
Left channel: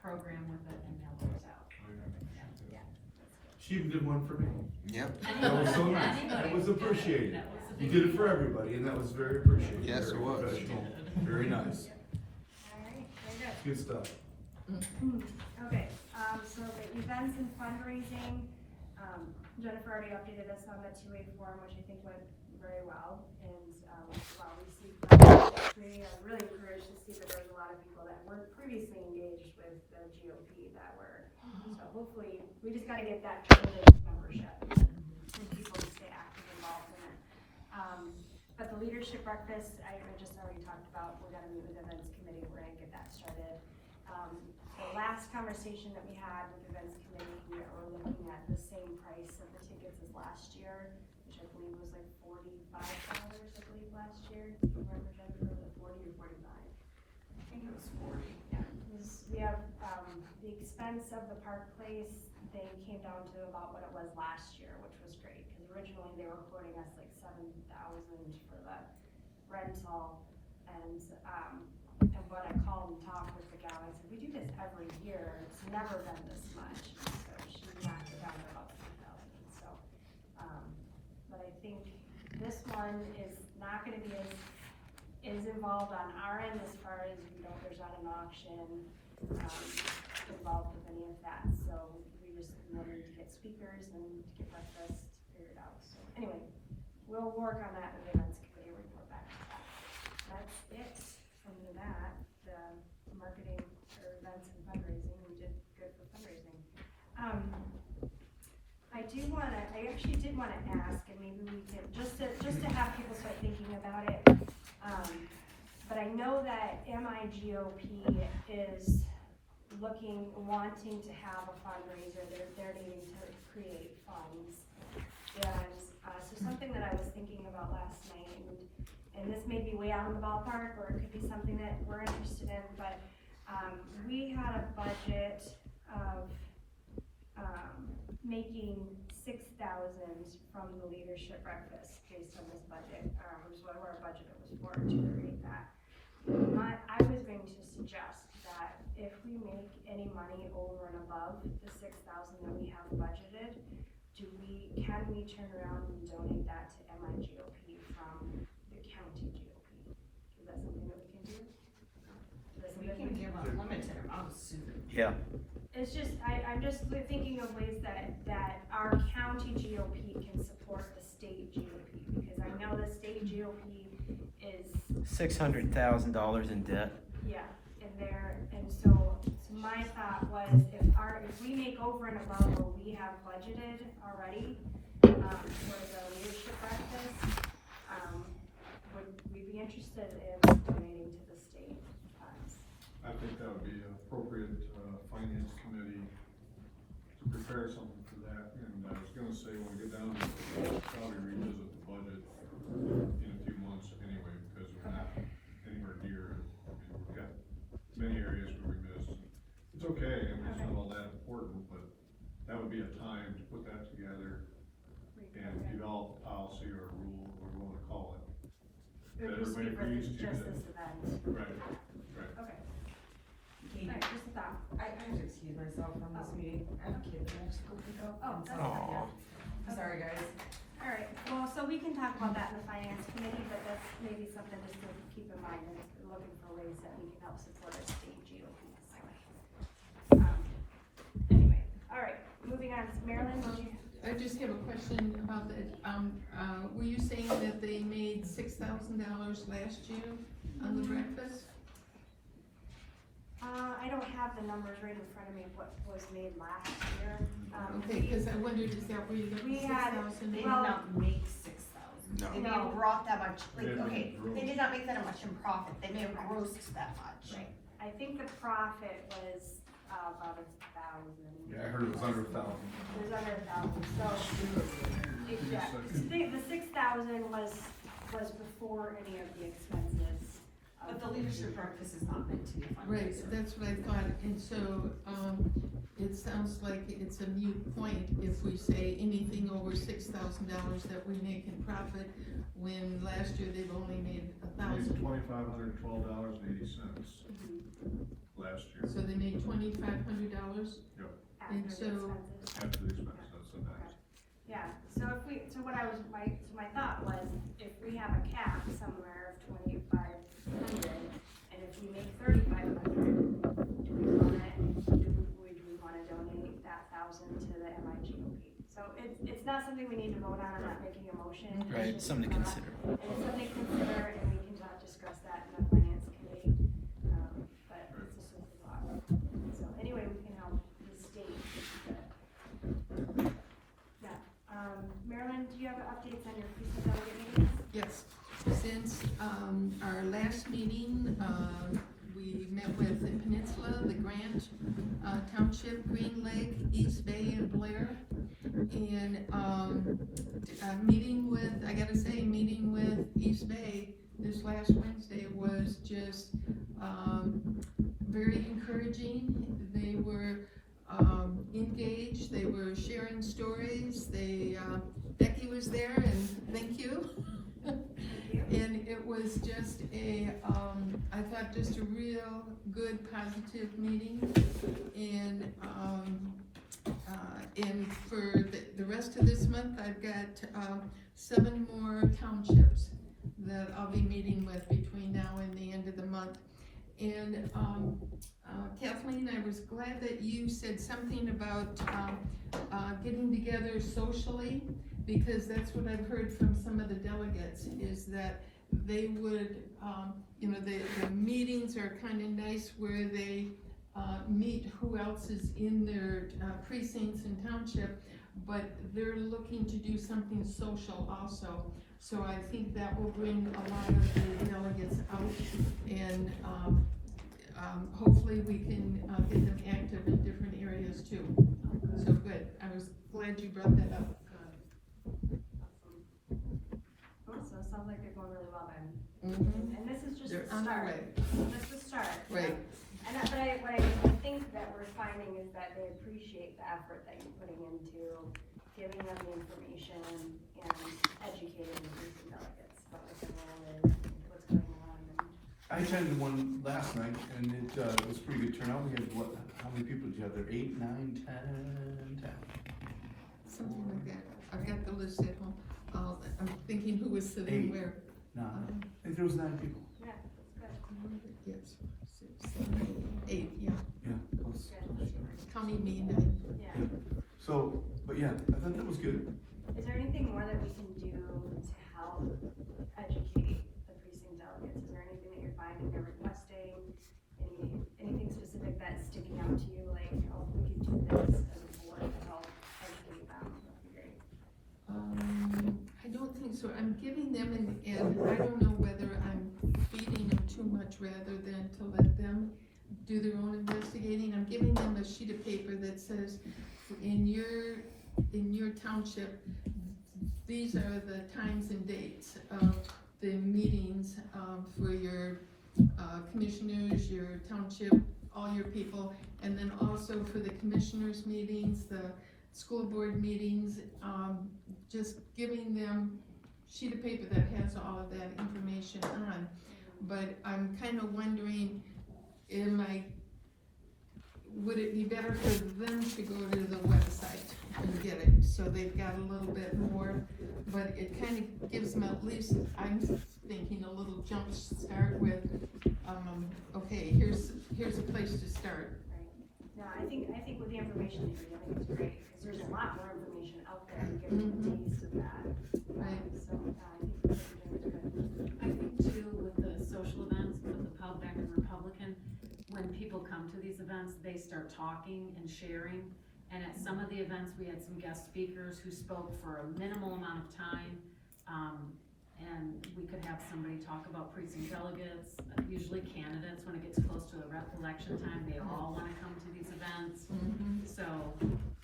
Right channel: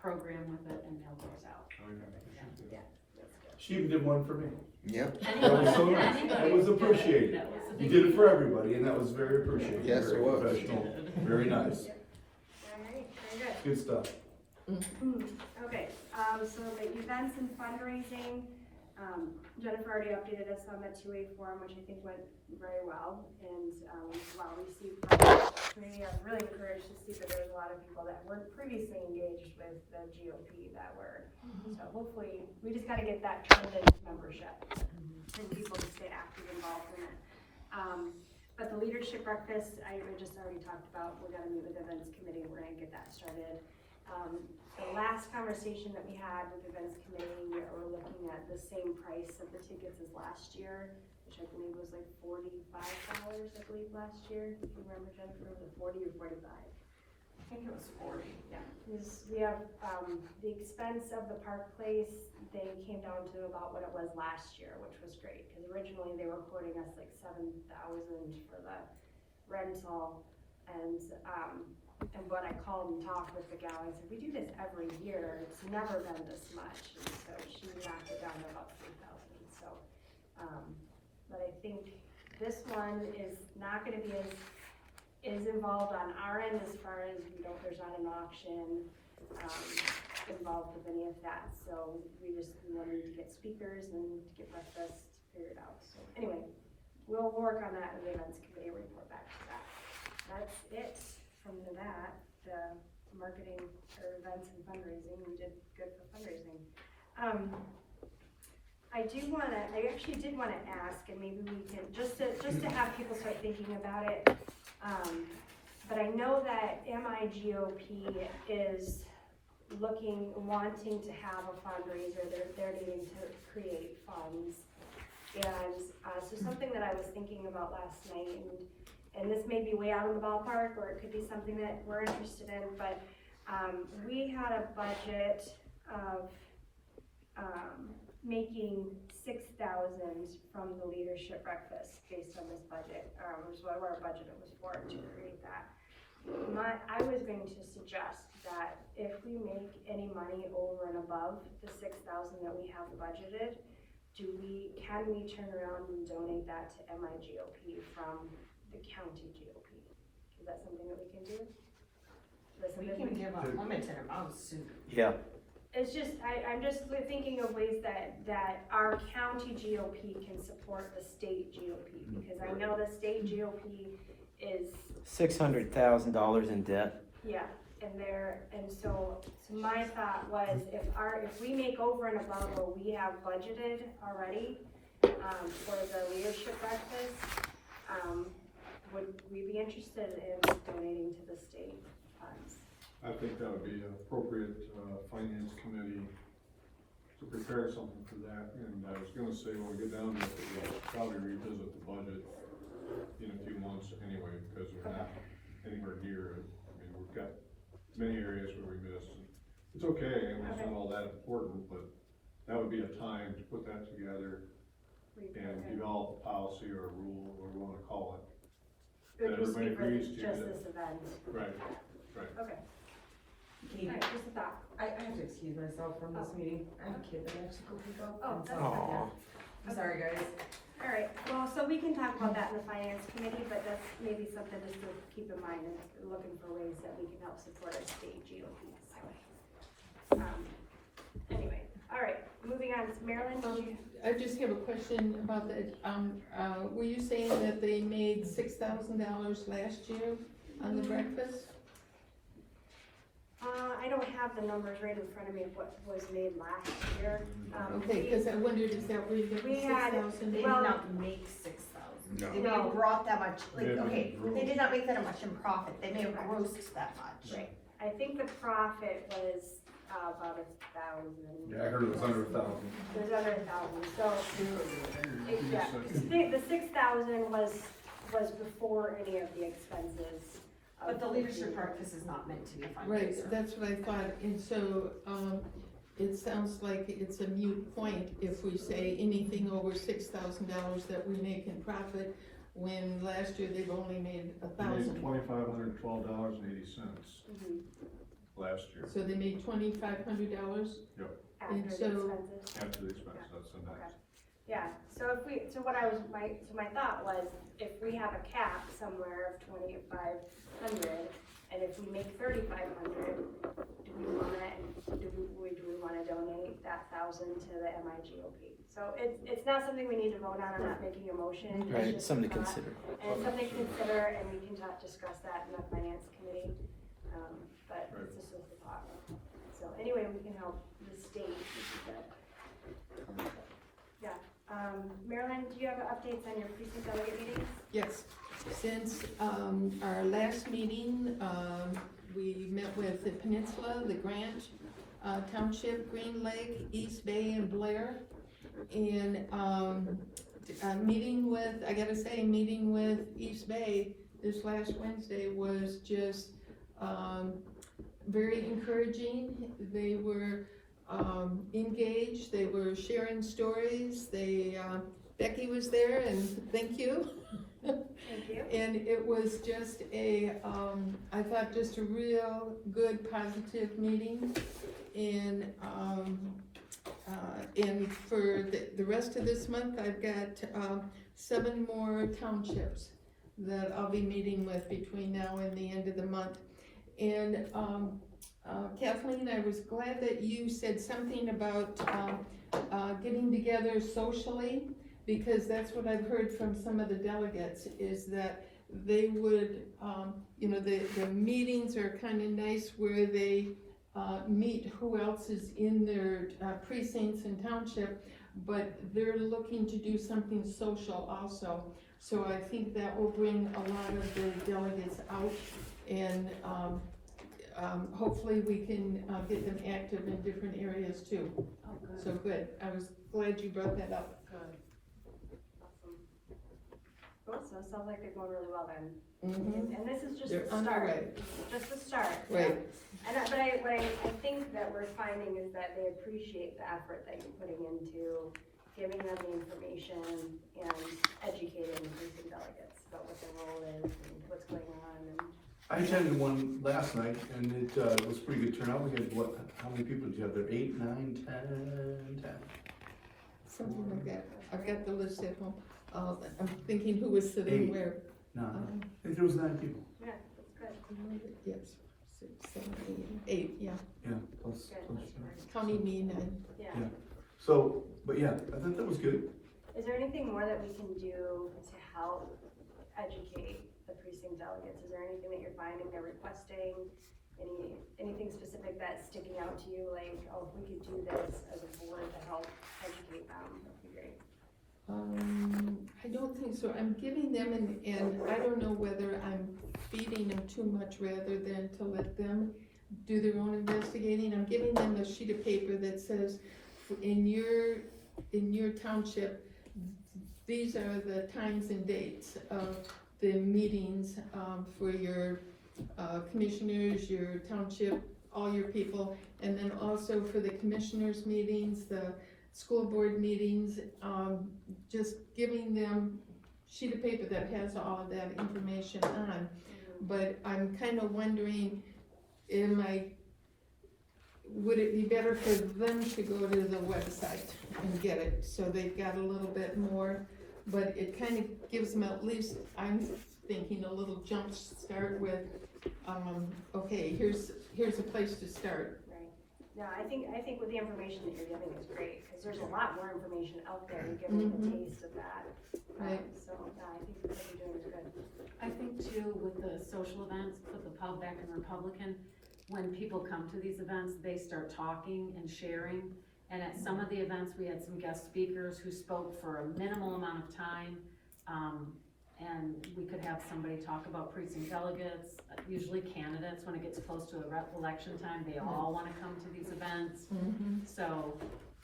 program with it and mailed those out. She even did one for me. Yep, That was so nice. That was appreciated. That was You did it for everybody, and that was very appreciated. Yes, it Very was. professional, very nice. Alright, very good. Good stuff. Okay, so the events and fundraising, Jennifer already updated us on the 2A form, which I think went very well, and, wow, we see, we are really encouraged to see that there's a lot of people that weren't previously engaged with the GOP that were, so hopefully, we just gotta get that turned into membership, and people to stay active and involved in it. But the leadership breakfast, I just already talked about, we're gonna meet with the events committee, we're gonna get that started. The last conversation that we had with the events committee, we were looking at the same price of the tickets as last year, which I believe was like $45, I believe, last year. Remember, Jennifer, was it 40 or 45? I think it was 40. We have, the expense of the park place, they came down to about what it was last year, which was great, because originally they were quoting us like $7,000 for the rental, and when I called and talked with the gal, I said, we do this every year, it's never been this much, and so she knocked it down to about $3,000, so, but I think this one is not gonna be as involved on our end as far as, there's not an auction, involved with any of that, so we wanted to get speakers and get breakfast figured out, so anyway, we'll work on that in the events committee, report back to that. That's it from that, the marketing or events and fundraising, we did good for fundraising. I actually did wanna ask, and maybe we can, just to have people start thinking about it, but I know that MIGOP is wanting to have a fundraiser, they're needing to create funds. And, so something that I was thinking about last night, and this may be way out of the ballpark, or it could be something that we're interested in, but, we had a budget of, making $6,000 from the leadership breakfast based on this budget, which is what our budget was for to create that. I was going to suggest that if we make any money over and above the $6,000 that we have budgeted, can we turn around and donate that to MIGOP from the county GOP? Is that something that we can do? We can give unlimited amounts soon. Yeah. It's just, I'm just thinking of ways that our county GOP can support the state GOP, because I know the state GOP is, $600,000 in debt. yeah, and so my thought was, if we make over and above what we have budgeted already, for the leadership breakfast, would we be interested in donating to the state funds? I think that would be an appropriate, finance committee to prepare something for that, and I was gonna say, when we get down to it, we'll probably revisit the budget in a few months anyway, because we're not anywhere near it. I mean, we've got many areas where we missed. It's okay, and it's not all that important, but that would be a time to put that together and develop a policy or a rule, or whatever you wanna call it. It would just be Everybody for agrees to just that. this event. Right, right. Okay. Alright, just a thought. I have to excuse myself from this meeting. I have a kid that I have to go pick up. Oh, and so- that's Aw. I'm sorry, guys. Alright, well, so we can talk about that in the finance committee, but that's maybe something just to keep in mind, and looking for ways that we can help support our state GOP. Anyway, alright, moving on, Marilyn, did you? I just have a question about that, were you saying that they made $6,000 last year on the breakfast? I don't have the numbers right in front of me of what was made last year. Okay, cause I wondered, is that where you got the We had- 6,000? They did Well- not make 6,000. No. They didn't brought that much, like, Yeah, okay, gross. they did not make that much in profit, they may have grossed that much. Right. I think the profit was about 1,000. Yeah, I heard it was under 1,000. It was under 1,000, so, yeah, the 6,000 was before any of the expenses. But the leadership breakfast is not meant to be a Right, fundraiser. that's what I thought, and so, it sounds like it's a moot point if we say anything over $6,000 that we make in profit, when last year they've only made $1,000. $2,512.80 Mhm. last year, So they made $2,500? After And the so- expenses. after the expense, that's the next. Yeah, so if we, so what I was, my thought was, if we have a cap somewhere of 2,500, and if we make 3,500, do we wanna donate that 1,000 to the MIGOP? So it's not something we need to vote on, I'm not making a motion. It's Right, just something to a thought. consider. And something to consider, and we can discuss that in the finance committee, but it's just a thought. So anyway, we can help the state. Yeah, Marilyn, do you have updates on your precinct delegate meetings? Yes, since, our last meeting, we met with the Peninsula, the Grant, Township, Green Lake, East Bay, and Blair. And, meeting with, I gotta say, meeting with East Bay this last Wednesday was just, very encouraging. They were, engaged, they were sharing stories, Becky was there, and thank you. Thank you. And it was just I thought just a real good, positive meeting. And for the rest of this month, I've got 7 more townships that I'll be meeting with between now and the end of the month. And Kathleen, I was glad that you said something about getting together socially, because that's what I've heard from some of the delegates, is that they would, the meetings are kind of nice where they meet who else is in their precincts and township, but they're looking to do something social also. So I think that will bring a lot of the delegates out, and hopefully we can get them active in different areas too. So good, I was glad you brought that up. Cool, so it sounds like they're going really well then. Mhm. And this is just They're the on their start. way. Just the start. Right. And what I think that we're finding is that they appreciate the effort that you're putting into giving them the information and educating the person delegates about what their role is and what's going on. And I attended one last night, and it was a pretty good turnout. We had, what, how many people did you have there? 8, 9, 10? Something like that. I've got the list at home. I'm thinking who was sitting 8. where. No, I think there was 9 people. yeah, that's good. Yes, 6, 7, 8, yeah. Yeah, close. County me 9. Yeah. Yeah. So, but yeah, I thought that was good. Is there anything more that we can do to help educate the precinct delegates? Is there anything that you're finding they're requesting? Anything specific that's sticking out to you, like, oh, if we could do this as a board to help educate them, that'd be great. I don't think so. I'm giving them, and I don't know whether I'm feeding them too much rather than to let them do their own investigating. I'm giving them a sheet of paper that says, in your township, these are the times and dates of the meetings, for your, commissioners, your township, all your people, and then also for the commissioners' meetings, the school board meetings, just giving them sheet of paper that has all of that information on. But I'm kind of wondering, am I would it be better for them to go to the website and get it, so they've got a little bit more, but it kind of gives them at least, I'm thinking, a little jump start with, okay, here's a place to start. Right. No, I think with the information that you're getting is great, because there's a lot more information out there and giving a taste of that. Right. So, I think what you're doing is good. I think too, with the social events, put the pub back in Republican, when people come to these events, they start talking and sharing. And at some of the events, we had some guest speakers who spoke for a minimal amount of time. And we could have somebody talk about precinct delegates, usually candidates, when it gets close to the election time, they all wanna come to these events. So,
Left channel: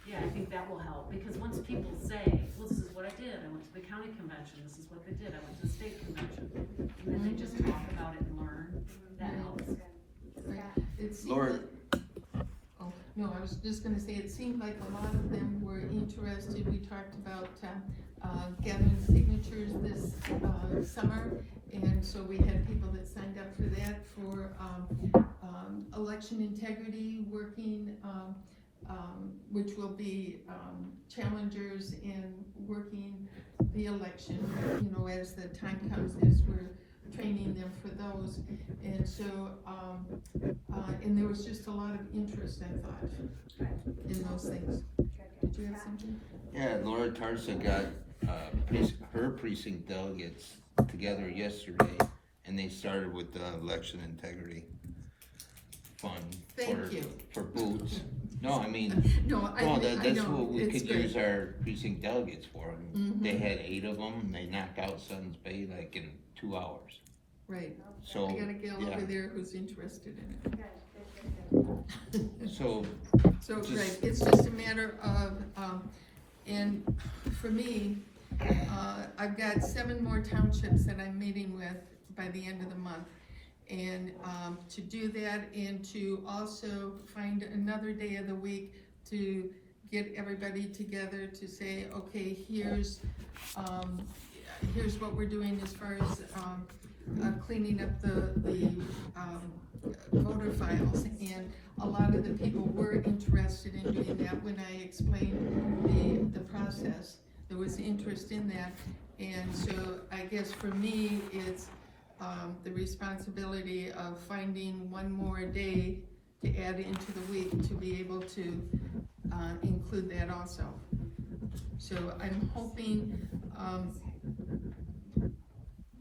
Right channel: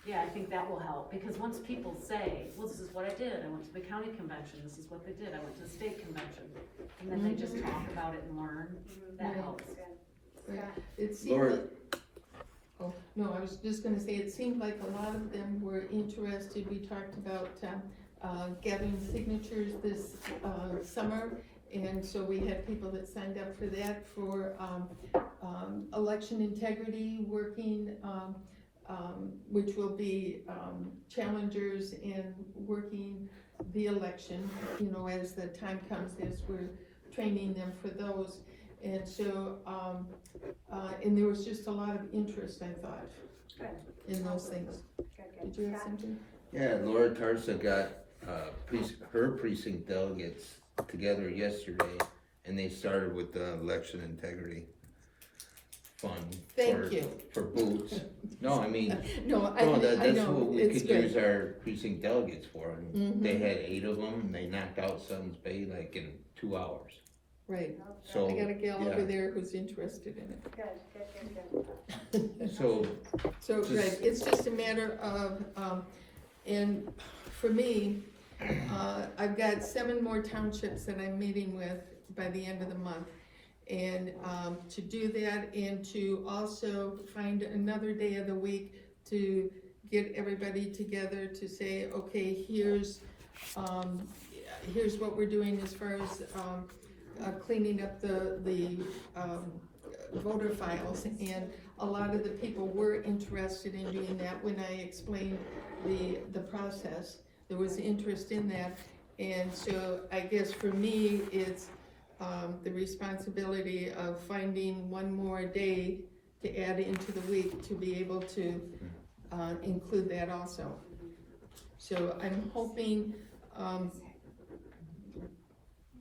yeah, I think that will help, because once people say, well, this is what I did, I went to the county convention, this is what they did, I went to the state convention, and then they just talk about it and learn, that helps. Right. It seemed Laura- like, oh, no, I was just gonna say, it seemed like a lot of them were interested, we talked about, gathering signatures this, summer, and so we had people that signed up for that, for, election integrity, working, which will be, challengers in working the election, you know, as the time comes, as we're training them for those. And so, and there was just a lot of interest, I thought, in those things. Did you have something? Yeah, Laura Tarsa got, her precinct delegates together yesterday, and they started with the election integrity fund. Thank you. For booths. No, I mean, No, I that's know, what we it's could good. use our precinct delegates for. They had 8 of them, and they knocked out Suns Bay like in 2 hours. Right, So, I got a gal yeah. over there who's interested in it. Good. So, So, Just- right, it's just a matter of, and for me, I've got 7 more townships that I'm meeting with by the end of the month. And, to do that and to also find another day of the week to get everybody together to say, okay, here's what we're doing as far as, cleaning up the voter files, and a lot of the people were interested in doing that when I explained the process. There was interest in that, and so I guess for me, it's the responsibility of finding one more day to add into the week to be able to include that also. So I'm hoping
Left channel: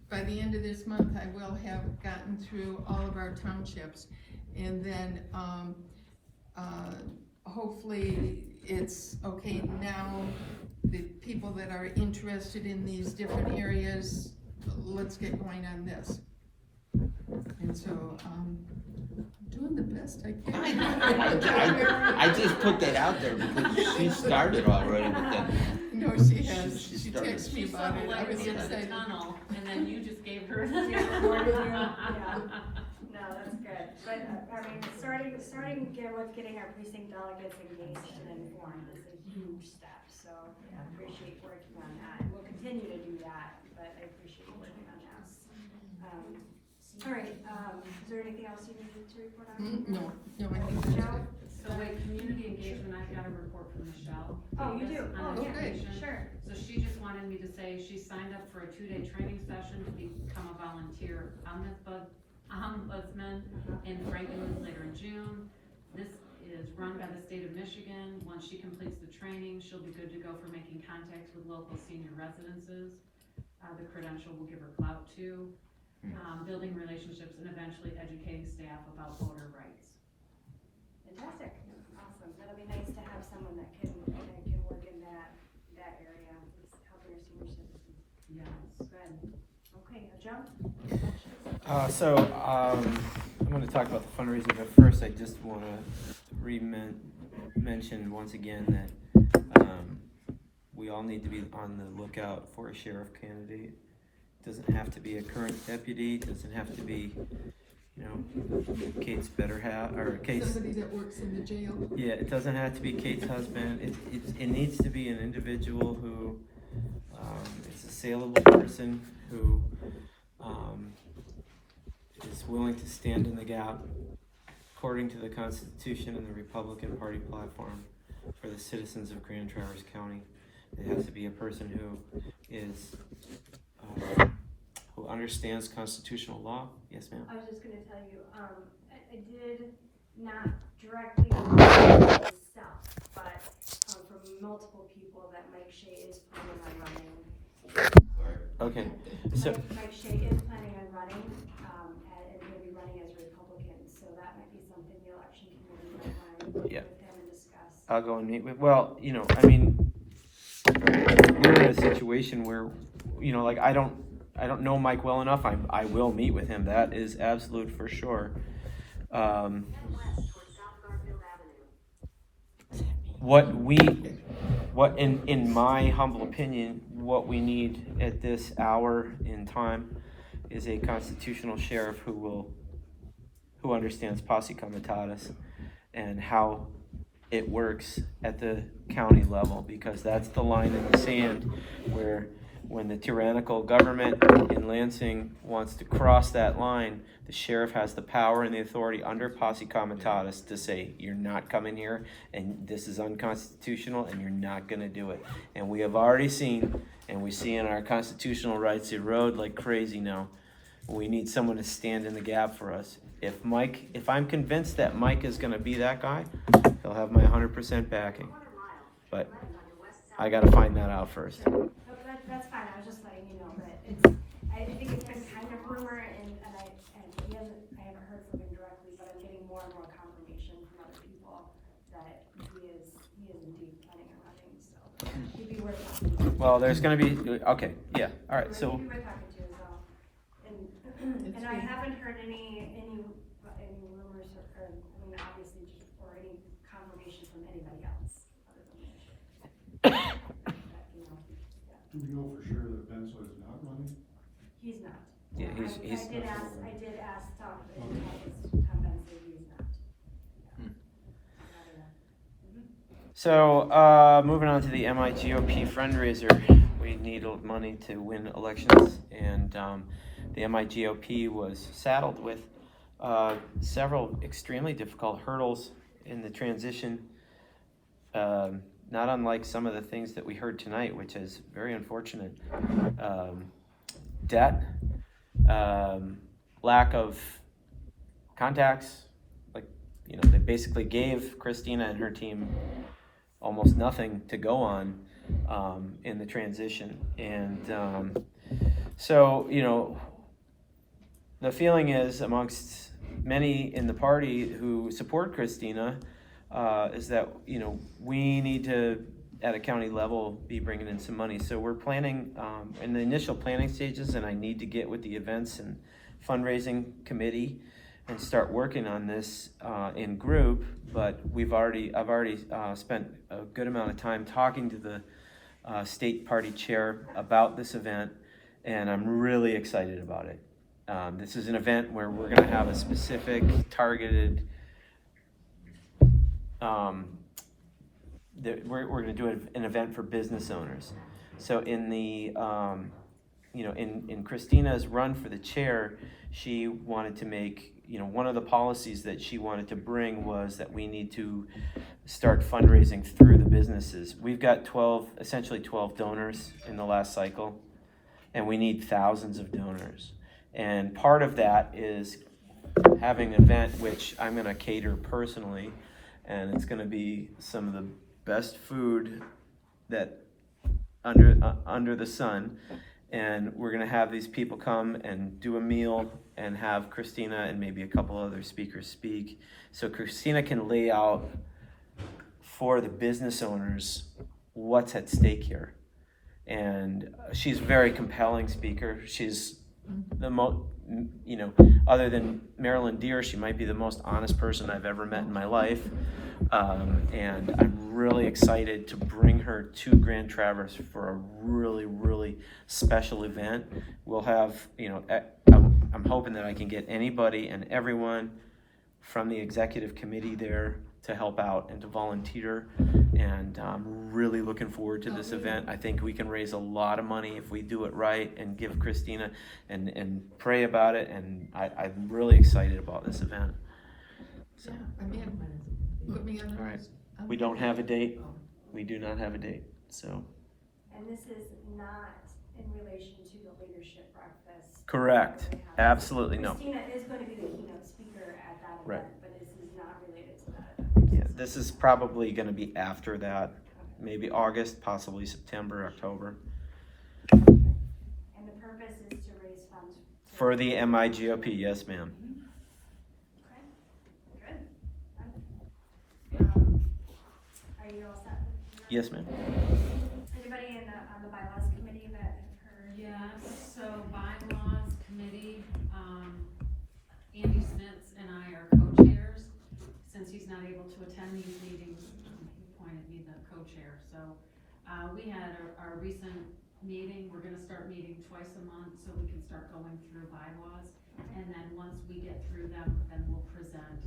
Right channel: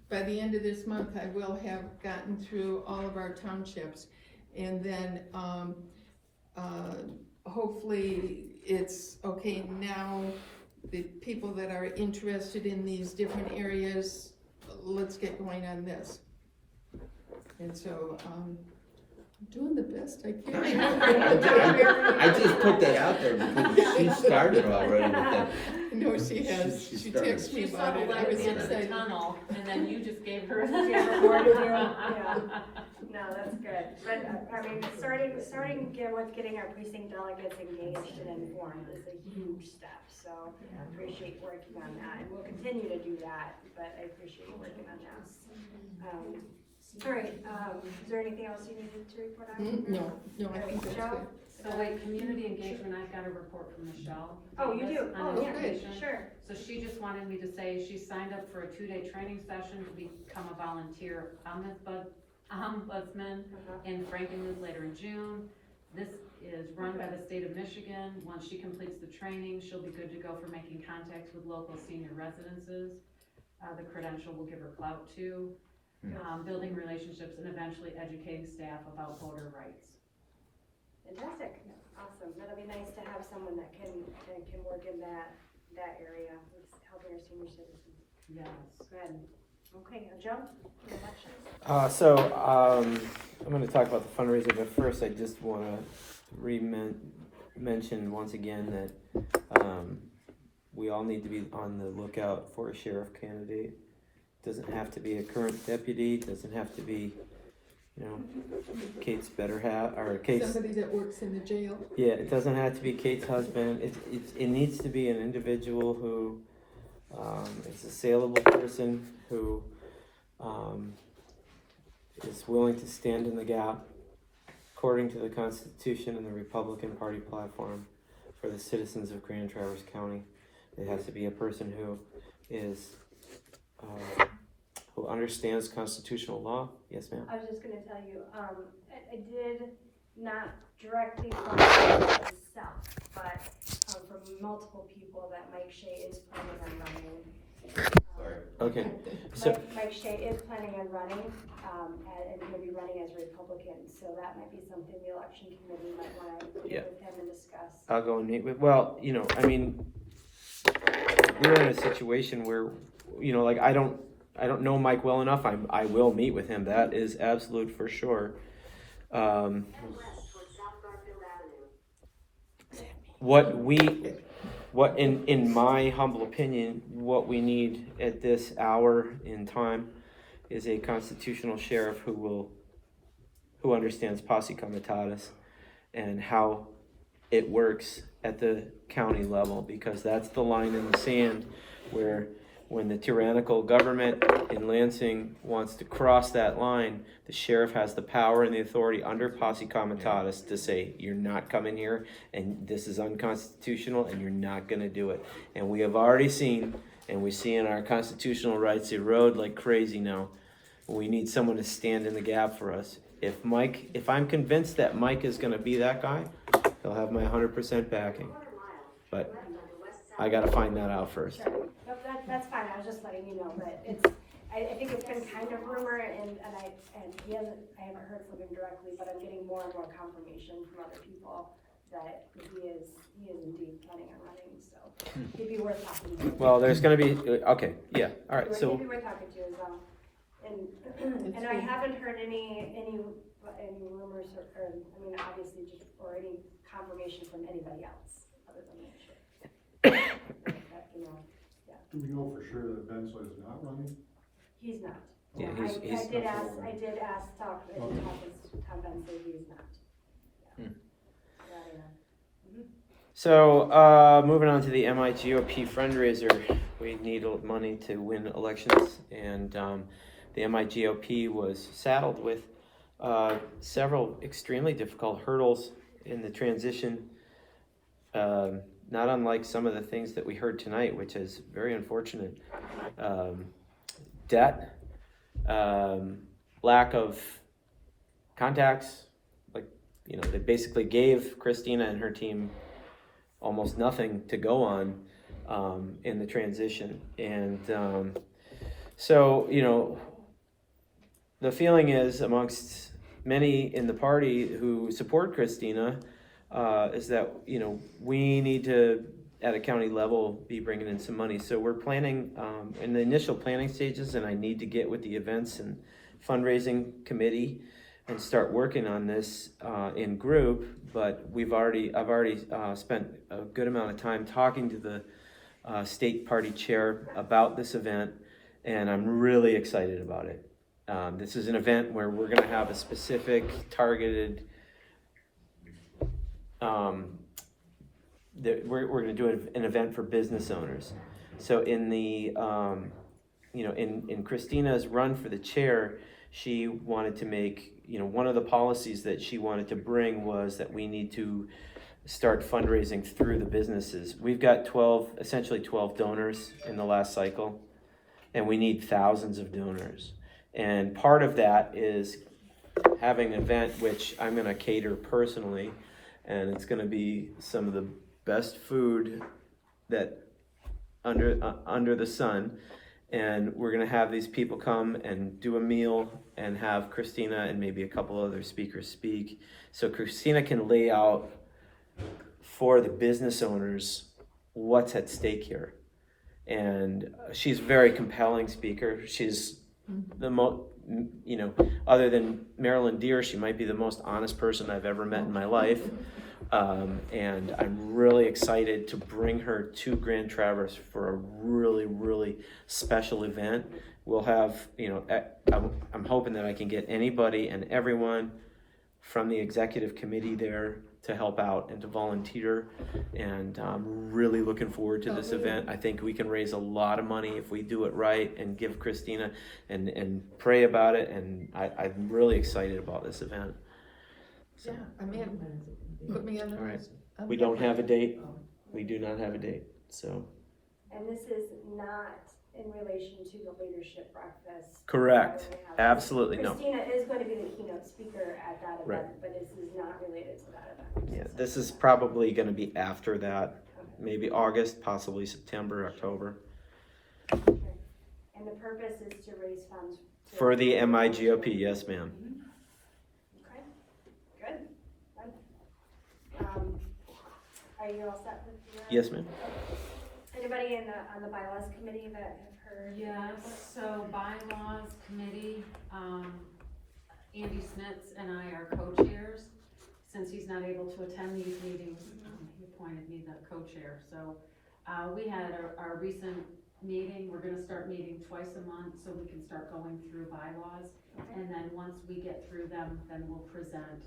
by the end of this month, I will have gotten through all of our townships, and then hopefully it's okay now. The people that are interested in these different areas, let's get going on this. And so, doing the best I can. I just put that out there because she started already with that. No, she has, She she started. texted me She about it, I was started the excited. tunnel, and then you just gave her. No, that's good, but, I mean, starting again with getting our precinct delegates engaged and informed is a huge step, so I appreciate working on that, and we'll continue to do that, but I appreciate you working on that. All right, is there anything else you needed to report on? No, I think that's good. So wait, community engagement, I've got a report from Michelle. Oh, you do? On Oh, yeah, education. sure. So she just wanted me to say she signed up for a 2-day training session to become a volunteer ombudsman in Frankenmuth later in June. This is run by the state of Michigan. Once she completes the training, she'll be good to go for making contacts with local senior residences. The credential will give her clout too. Building relationships and eventually educating staff about voter rights. Fantastic, awesome, that'll be nice to have someone that can work in that area, with helping our senior citizens. Yes. Good, okay, Joe? I'm gonna talk about the fundraiser, but first I just wanna mention once again that, we all need to be on the lookout for a sheriff candidate. Doesn't have to be a current deputy, doesn't have to be, Kate's better half, or Kate's. Somebody that works in the jail. Yeah, it doesn't have to be Kate's husband, it needs to be an individual who, is a saleable person, who, is willing to stand in the gap. Of according to the Constitution and the Republican Party platform for the citizens of Grand Traverse County. It has to be a person who is, who understands constitutional law. Yes, ma'am? I was just gonna tell you, I did not directly myself, but, from multiple people that Mike Shea is planning on running. Okay, so, Mike Shea is planning on running, and he'll be running as a Republican, so that might be something the election committee might wanna Yeah. get with him and discuss. I'll go and meet with, well, you know, I mean, we're in a situation where, you know, like, I don't know Mike well enough. I will meet with him. That is absolute for sure. What in my humble opinion, what we need at this hour in time is a constitutional sheriff who understands posse comitatus and how it works at the county level, because that's the line in the sand where when the tyrannical government in Lansing wants to cross that line, the sheriff has the power and the authority under posse comitatus to say, you're not coming here, and this is unconstitutional, and you're not gonna do it. And we have already seen, and we see in our constitutional rights erode like crazy now. We need someone to stand in the gap for us. If I'm convinced that Mike is gonna be that guy, he'll have my 100% backing. But I gotta find that out first. Sure. That's fine, I was just letting you know, but I think it's been kind of rumor, and I haven't heard from him directly, but I'm getting more and more confirmation from other people that he is indeed planning on running, so it'd be worth talking to. Well, there's gonna be, okay, yeah, all right, It'd so, be worth talking to as well. And I haven't heard any rumors or I mean, obviously, or any confirmation from anybody else other than me. But, you know, yeah. Do we know for sure that Benzo is not running? He's not. Yeah, I did ask Tom, Tom Benson, he's not. Yeah. Yeah, I don't know. so, moving on to the MIGOP fundraiser. We need money to win elections, and, the MIGOP was saddled with, several extremely difficult hurdles in the transition. Not unlike some of the things that we heard tonight, which is very unfortunate. Debt, lack of contacts, like, you know, they basically gave Christina and her team almost nothing to go on in the transition. And so, you know, the feeling is amongst many in the party who support Christina is that, you know, we need to, at a county level, be bringing in some money. So we're planning in the initial planning stages, and I need to get with the events and fundraising committee and start working on this in group. But I've already spent a good amount of time talking to the state party chair about this event, and I'm really excited about it. This is an event where we're going to have a specific targeted, we're going to do an event for business owners. So in the, you know, in Christina's run for the chair, she wanted to make, you know, one of the policies that she wanted to bring was that we need to start fundraising through the businesses. We've got essentially 12 donors in the last cycle, and we need thousands of donors. And part of that is having an event which I'm going to cater personally, and it's going to be some of the best food that under the sun. And we're going to have these people come and do a meal and have Christina and maybe a couple other speakers speak. So Christina can lay out for the business owners what's at stake here. And she's a very compelling speaker. She's the most, you know, other than Marilyn Deere, she might be the most honest person I've ever met in my life. And I'm really excited to bring her to Grand Traverse for a really, really special event. We'll have, you know, I'm hoping that I can get anybody and everyone from the executive committee there to help out and to volunteer. And I'm really looking forward to this event. I think we can raise a lot of money if we do it right and give Christina and pray about it. And I'm really excited about this event. Yeah, I mean, put me on the. All right. We don't have a date. We do not have a date, so. And this is not in relation to the leadership breakfast. Correct. We're gonna have- Absolutely no. Christina is going to be the keynote speaker at that event, Right. but this is not related to that event. Yeah, this is probably gonna be after that, maybe August, possibly September, October, And the purpose is to raise funds. for the MIGOP, yes, ma'am. Okay, good. Are you all set with your? Yes, ma'am. Anybody on the bylaws committee that have heard? Yes, so bylaws committee, Andy Smits and I are co-chairs. Since he's not able to attend these meetings, he appointed me the co-chair. So, we had our recent meeting, we're gonna start meeting twice a month so we can start going through bylaws. And then once we get through them, then we'll present,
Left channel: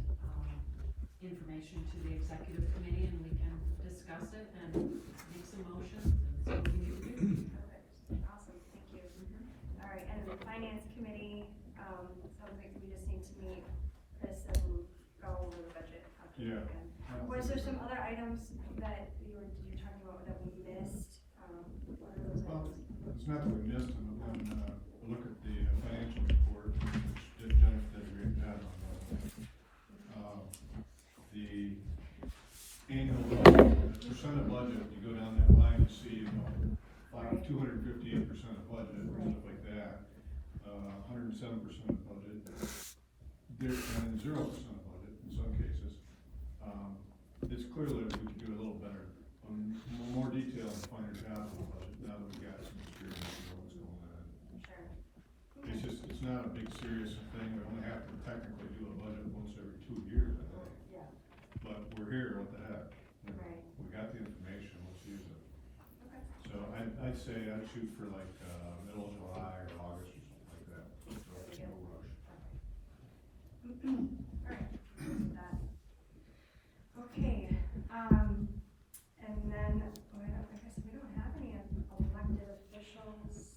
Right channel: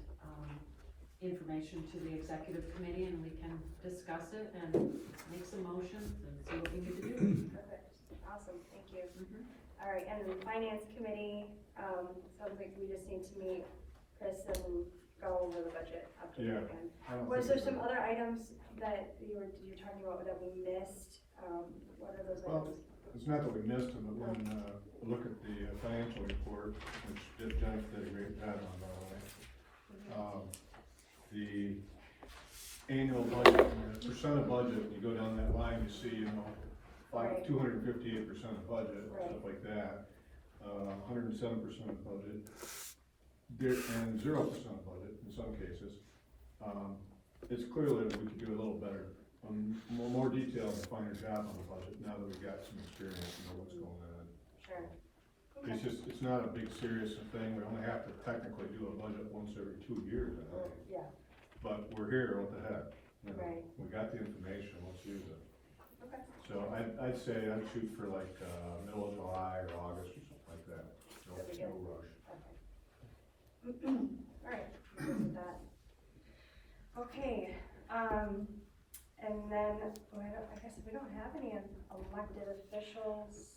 information to the executive committee and we can discuss it and make some motions and see what we need to do. Perfect, awesome, thank you. All right, and the finance committee, sounds like we just need to meet Chris and go over the budget after Yeah. that. Was there some other items that you're talking about that we missed? What are those Well, items? it's not that we missed them, but when, look at the financial report, which Jennifer did a great job on that. The annual budget, percent of budget, you go down that line, you see, Right. 258% of budget, stuff like that. 107% of budget, and 0% of budget in some cases. It's clear that we could do a little better, more detail and finer job on the budget now that we've got some experience and know what's going on. Sure. It's not a big serious thing, we only have to technically do a budget once every 2 years, I think. Yeah, But we're here, what the heck? You know, Right. We got the information, let's use it. okay. So I'd say I'd shoot for like, middle of July or August or something like that. No rush. All right, good with that. Okay, and then, I guess we don't have any elected officials.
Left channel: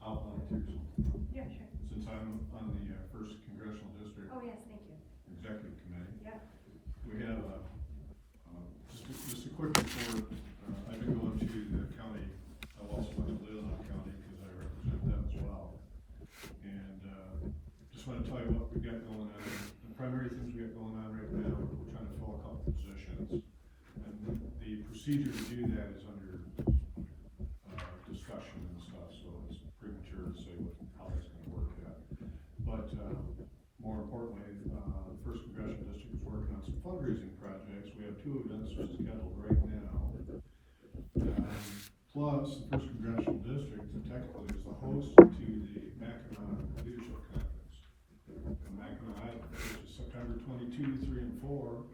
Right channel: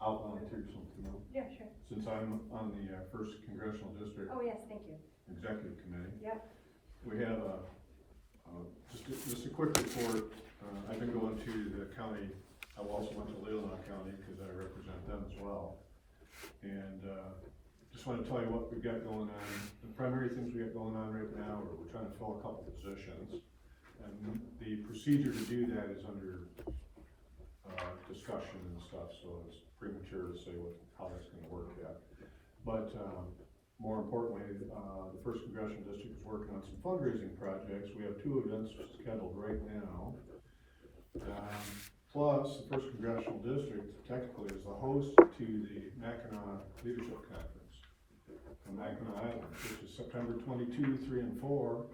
I'll volunteer something else. Yeah, sure. Since I'm on the first congressional district Oh, yes, thank you. executive committee, Yep. we have, just a quick report. I've been going to the county, I also went to Leelanau County because I represent them as well. And, just want to tell you what we've got going on. The primary things we got going on right now, we're trying to fill a couple positions. And the procedure to do that is under, discussion and stuff, so it's premature to say how that's gonna work yet. But, more importantly, the first congressional district is working on some fundraising projects. We have 2 events scheduled right now. Plus, the first congressional district technically is the host to the Mackinac Leadership Conference in Mackinac Island, which is September 22, 3, and 4.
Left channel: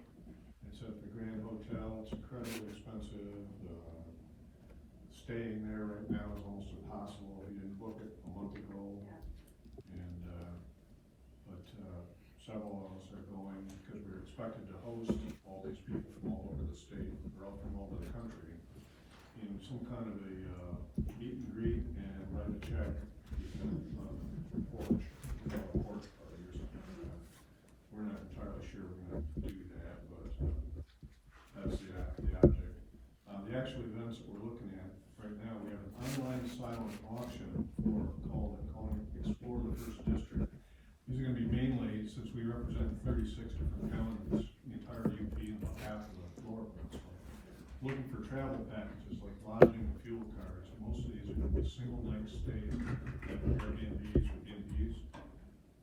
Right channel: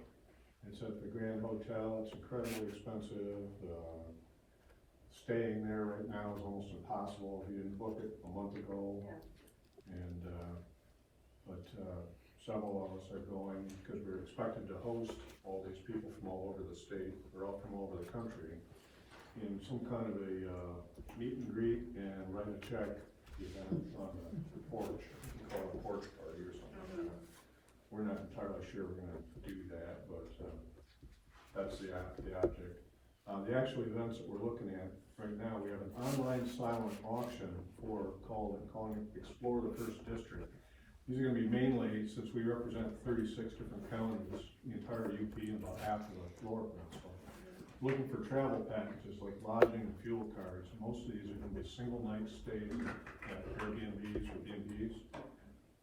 It's at the Grand Hotel. It's incredibly expensive. Staying there right now is almost impossible if you didn't book it a month ago. And, but several of us are going because we're expected to host all these people from all over the state, or all from all over the country, in some kind of a meet and greet and write a check event on the porch, we call it a porch party or something. We're not entirely sure we're gonna do that, but that's the object. The actual events that we're looking at right now, we have an online silent auction calling Explore the First District. These are gonna be mainly, since we represent 36 different counties, the entire UP and about half of the Florida. So looking for travel packages like lodging and fuel cards. Most of these are gonna be single night stays at Airbnbs or B&Bs.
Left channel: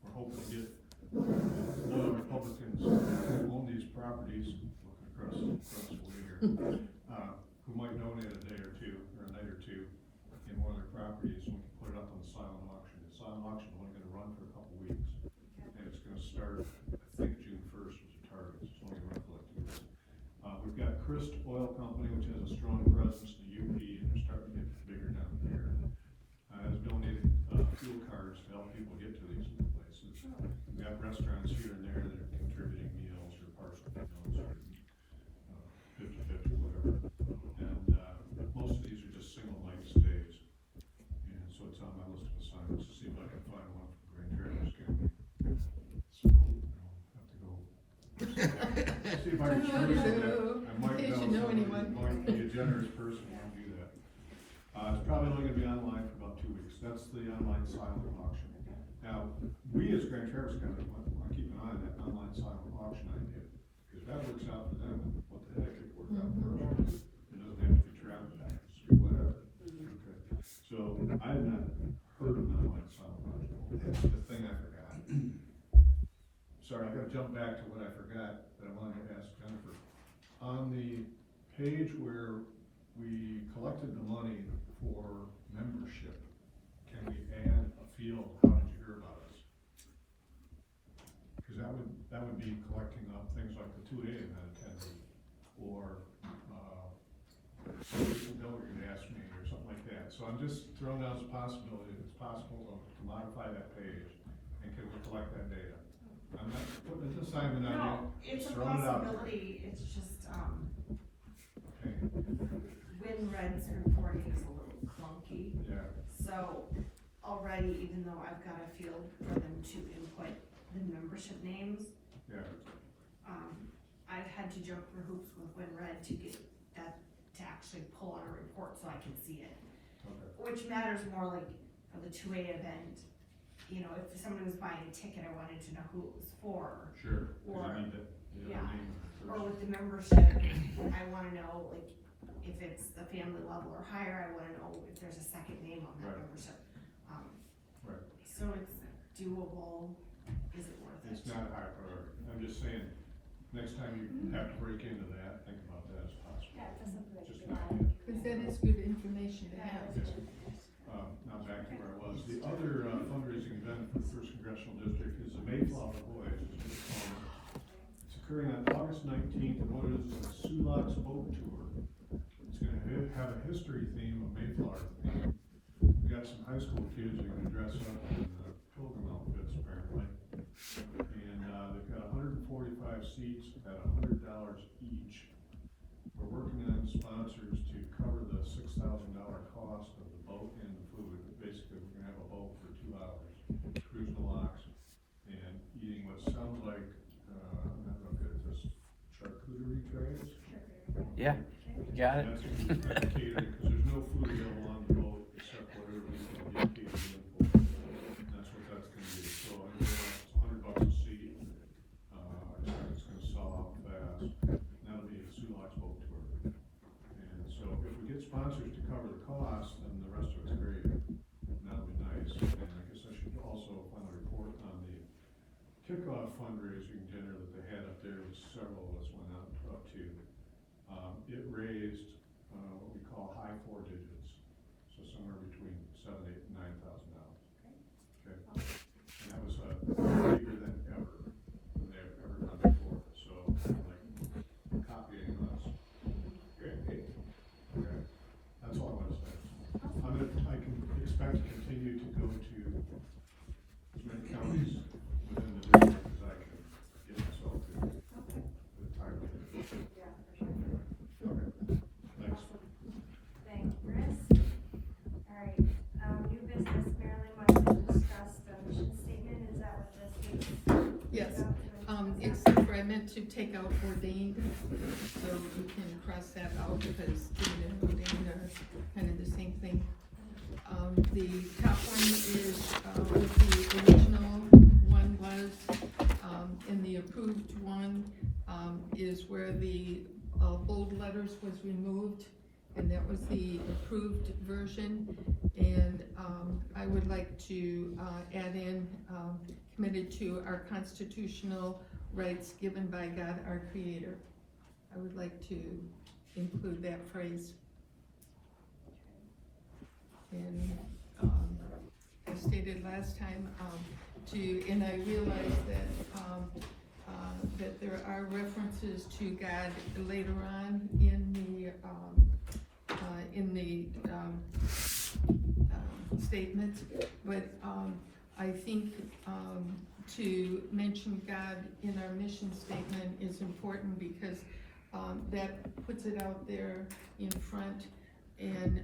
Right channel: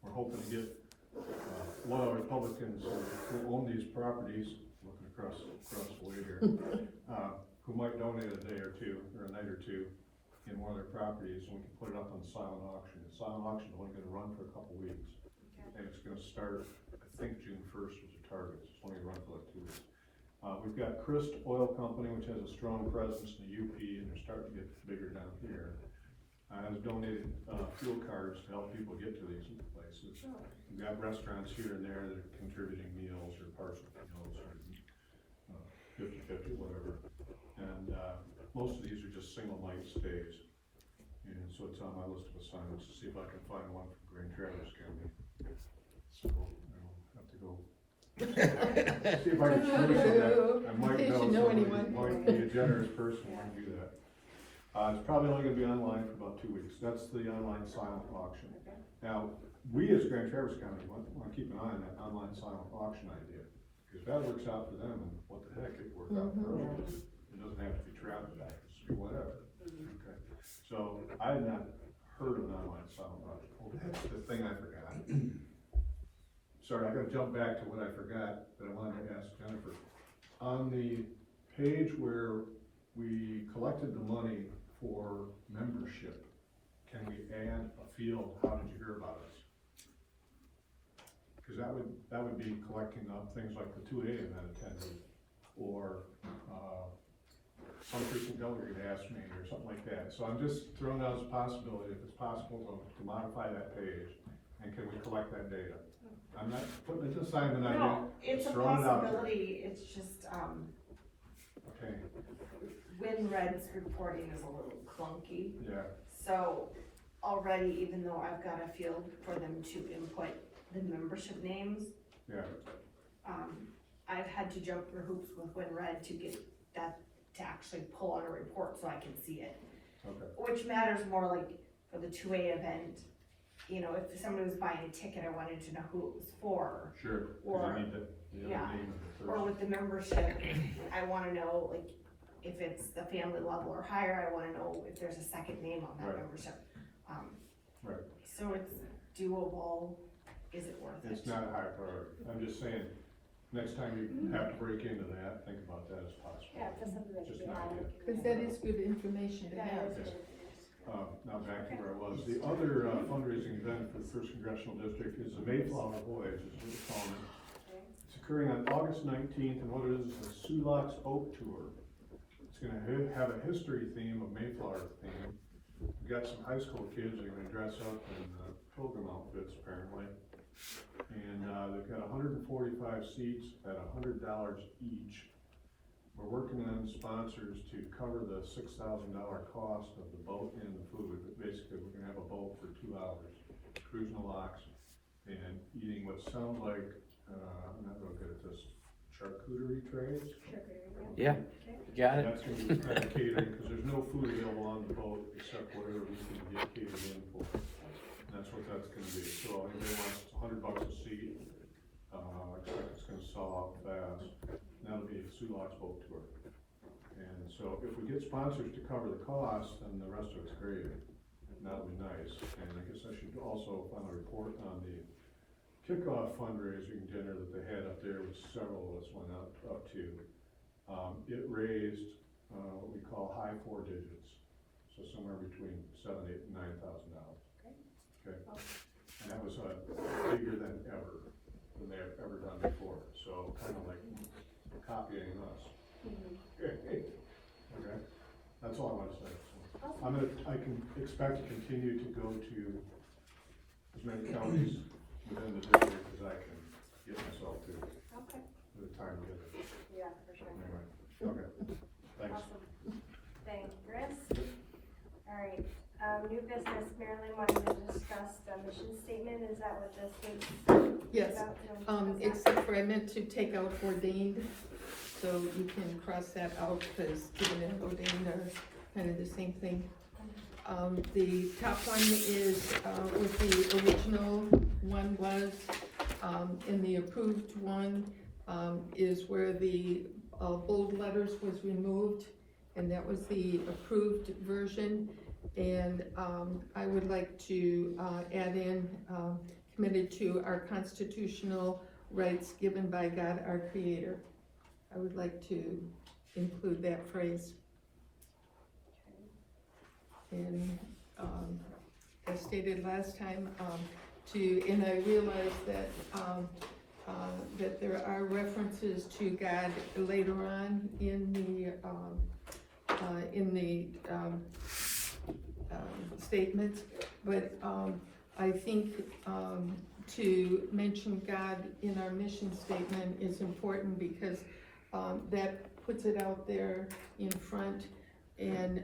We're hoping to get a lot of Republicans who own these properties, looking across the way here, who might donate a day or two, or a night or two, in one of their properties, and we can put it up on silent auction. The silent auction is only gonna run for a couple weeks, and it's gonna start, I think June 1st was the target, it's only gonna run for like 2 weeks. We've got Christ Oil Company, which has a strong presence in the UP, and they're starting to get bigger down here. Has donated fuel cards to help people get to these places. We've got restaurants here and there that are contributing meals or partial meals, or 50-50, whatever. And most of these are just single night stays. And so it's on my list of assignments to see if I can find one from Grand Traverse County. So I don't have to go See if I can show you that. I might In case know you know somebody anyone. who might be a generous person who can do that. It's probably only gonna be online for about 2 weeks. That's the online silent auction. Now, we as Grand Traverse County want to keep an eye on that online silent auction idea. If that works out for them, what the heck, it worked out for us. It doesn't have to be trapped, just do whatever. Okay. So I had not heard of online silent auction. Oh, that's the thing I forgot. Sorry, I gotta jump back to what I forgot that I wanted to ask Jennifer. On the page where we collected the money for membership, can we add a field, how did you hear about us? Cause that would be collecting up things like the 2 AM that attended, or, some recent delegate asked me, or something like that. So I'm just throwing out as a possibility, if it's possible to modify that page, and can we collect that data? I'm not putting an assignment on you. No, it's a throwing it out there. possibility, it's just, Okay, WinRed's reporting is a little clunky. yeah, So already, even though I've got a field for them to input the membership names, yeah, I've had to jump through hoops with WinRed to get that, to actually pull out a report so I can see it. okay, Which matters more like for the 2A event, you know, if somebody was buying a ticket, I wanted to know who it was for. sure. 'Cause Or- you need the yeah, name of the Or person. with the membership, I wanna know, like, if it's the family level or higher, I wanna know if there's a second name on that Right. membership. Right. So it's doable, is it worth it? It's not a high priority. I'm just saying, next time you have to break into that, think about that as possible. Yeah, that's something that Just should be an added. idea. Cause that is good information to That have. is- Now back to where I was. The other fundraising event for the First Congressional District is the Mayflower Boys, as it's called. It's occurring on August 19th, and what it is a Sulak's Boat Tour. It's gonna have a history theme, a Mayflower theme. We got some high school kids that are gonna dress up in pilgrim outfits apparently. And they've got 145 seats at $100 each. We're working on sponsors to cover the $6,000 cost of the boat and the food. But basically, we're gonna have a boat for 2 hours, cruising the locks and eating what sounds like, I'm not real good at this, charcuterie trays. Yeah, got it. That's gonna be kind of catering, because there's no food available on the boat except whatever we can get catered in for. And that's what that's gonna be. So everyone wants $100 a seat. I expect it's gonna sell out fast. And that'll be a Sulak's Boat Tour. And so if we get sponsors to cover the cost, then the rest of it's great. That'll be nice. And I guess I should also find a report on the kickoff fundraising dinner that they had up there, which several of us went up to. It raised, what we call high 4 digits, so somewhere between $7,000, $8,000, and $9,000. Okay, and that was bigger than they have ever done before. So kind of like copying us. Okay, that's all I want to say. I can expect to continue to go to as many counties within the district as I can get myself to. Okay, For the time given. yeah, for sure. Okay, thanks. Awesome. Thanks, Chris. Alright, new business, Marilyn wanted to discuss the mission statement, is that what this is? Yes, about? except for I meant to take out ordained, so you can cross that out because given and ordained are kind of the same thing. The top one is, what the original one was, and the approved one, is where the, bold letters was removed, and that was the approved version. And, I would like to, add in, committed to our constitutional rights given by God our Creator. I would like to include that phrase. And, as stated last time, and I realize that, that there are references to God later on in the statement, but, I think, to mention God in our mission statement is important because, that puts it out there in front, and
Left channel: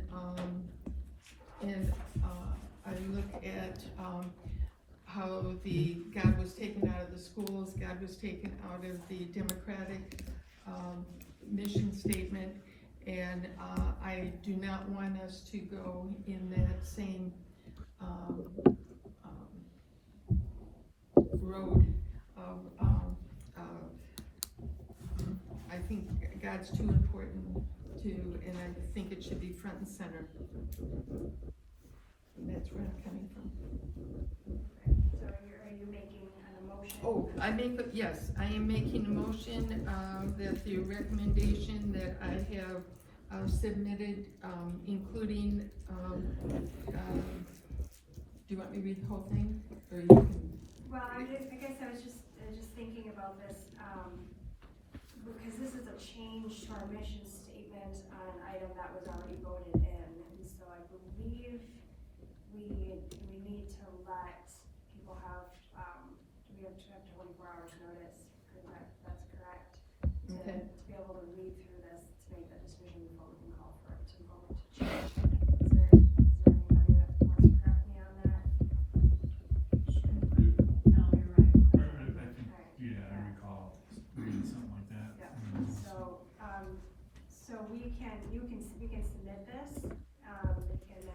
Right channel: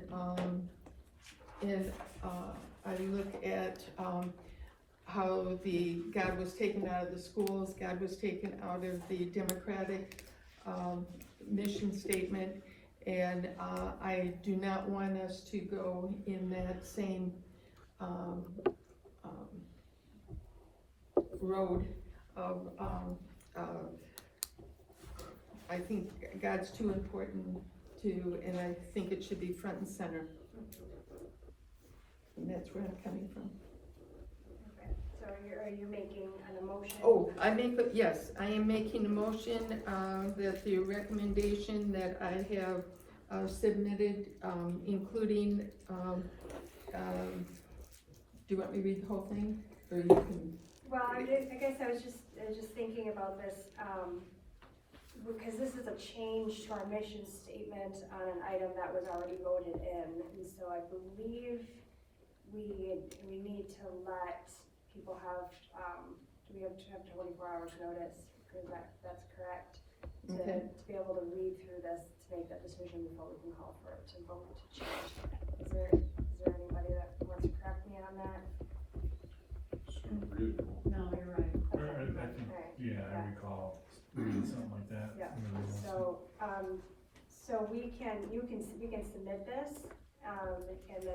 I look at, how the, God was taken out of the schools, God was taken out of the Democratic, mission statement. And, I do not want us to go in that same, road of, I think God's too important to, and I think it should be front and center. And that's where I'm coming from. Okay, so are you making an emotion? Oh, yes, I am making a motion, that the recommendation that I have, submitted, including, do you want me to read the whole thing, or you can? Well, I guess I was just thinking about this, because this is a change to our mission statement on an item that was already voted in, and so I believe we need to let people have, we have to have 24 hours notice, because that's correct. Okay. To be able to read through this, to make that decision before we can call for it to vote to change. Is there anybody that wants to correct me on that? No, you're right. I think, yeah, I recall reading something like that. Yeah, so we can submit this, and then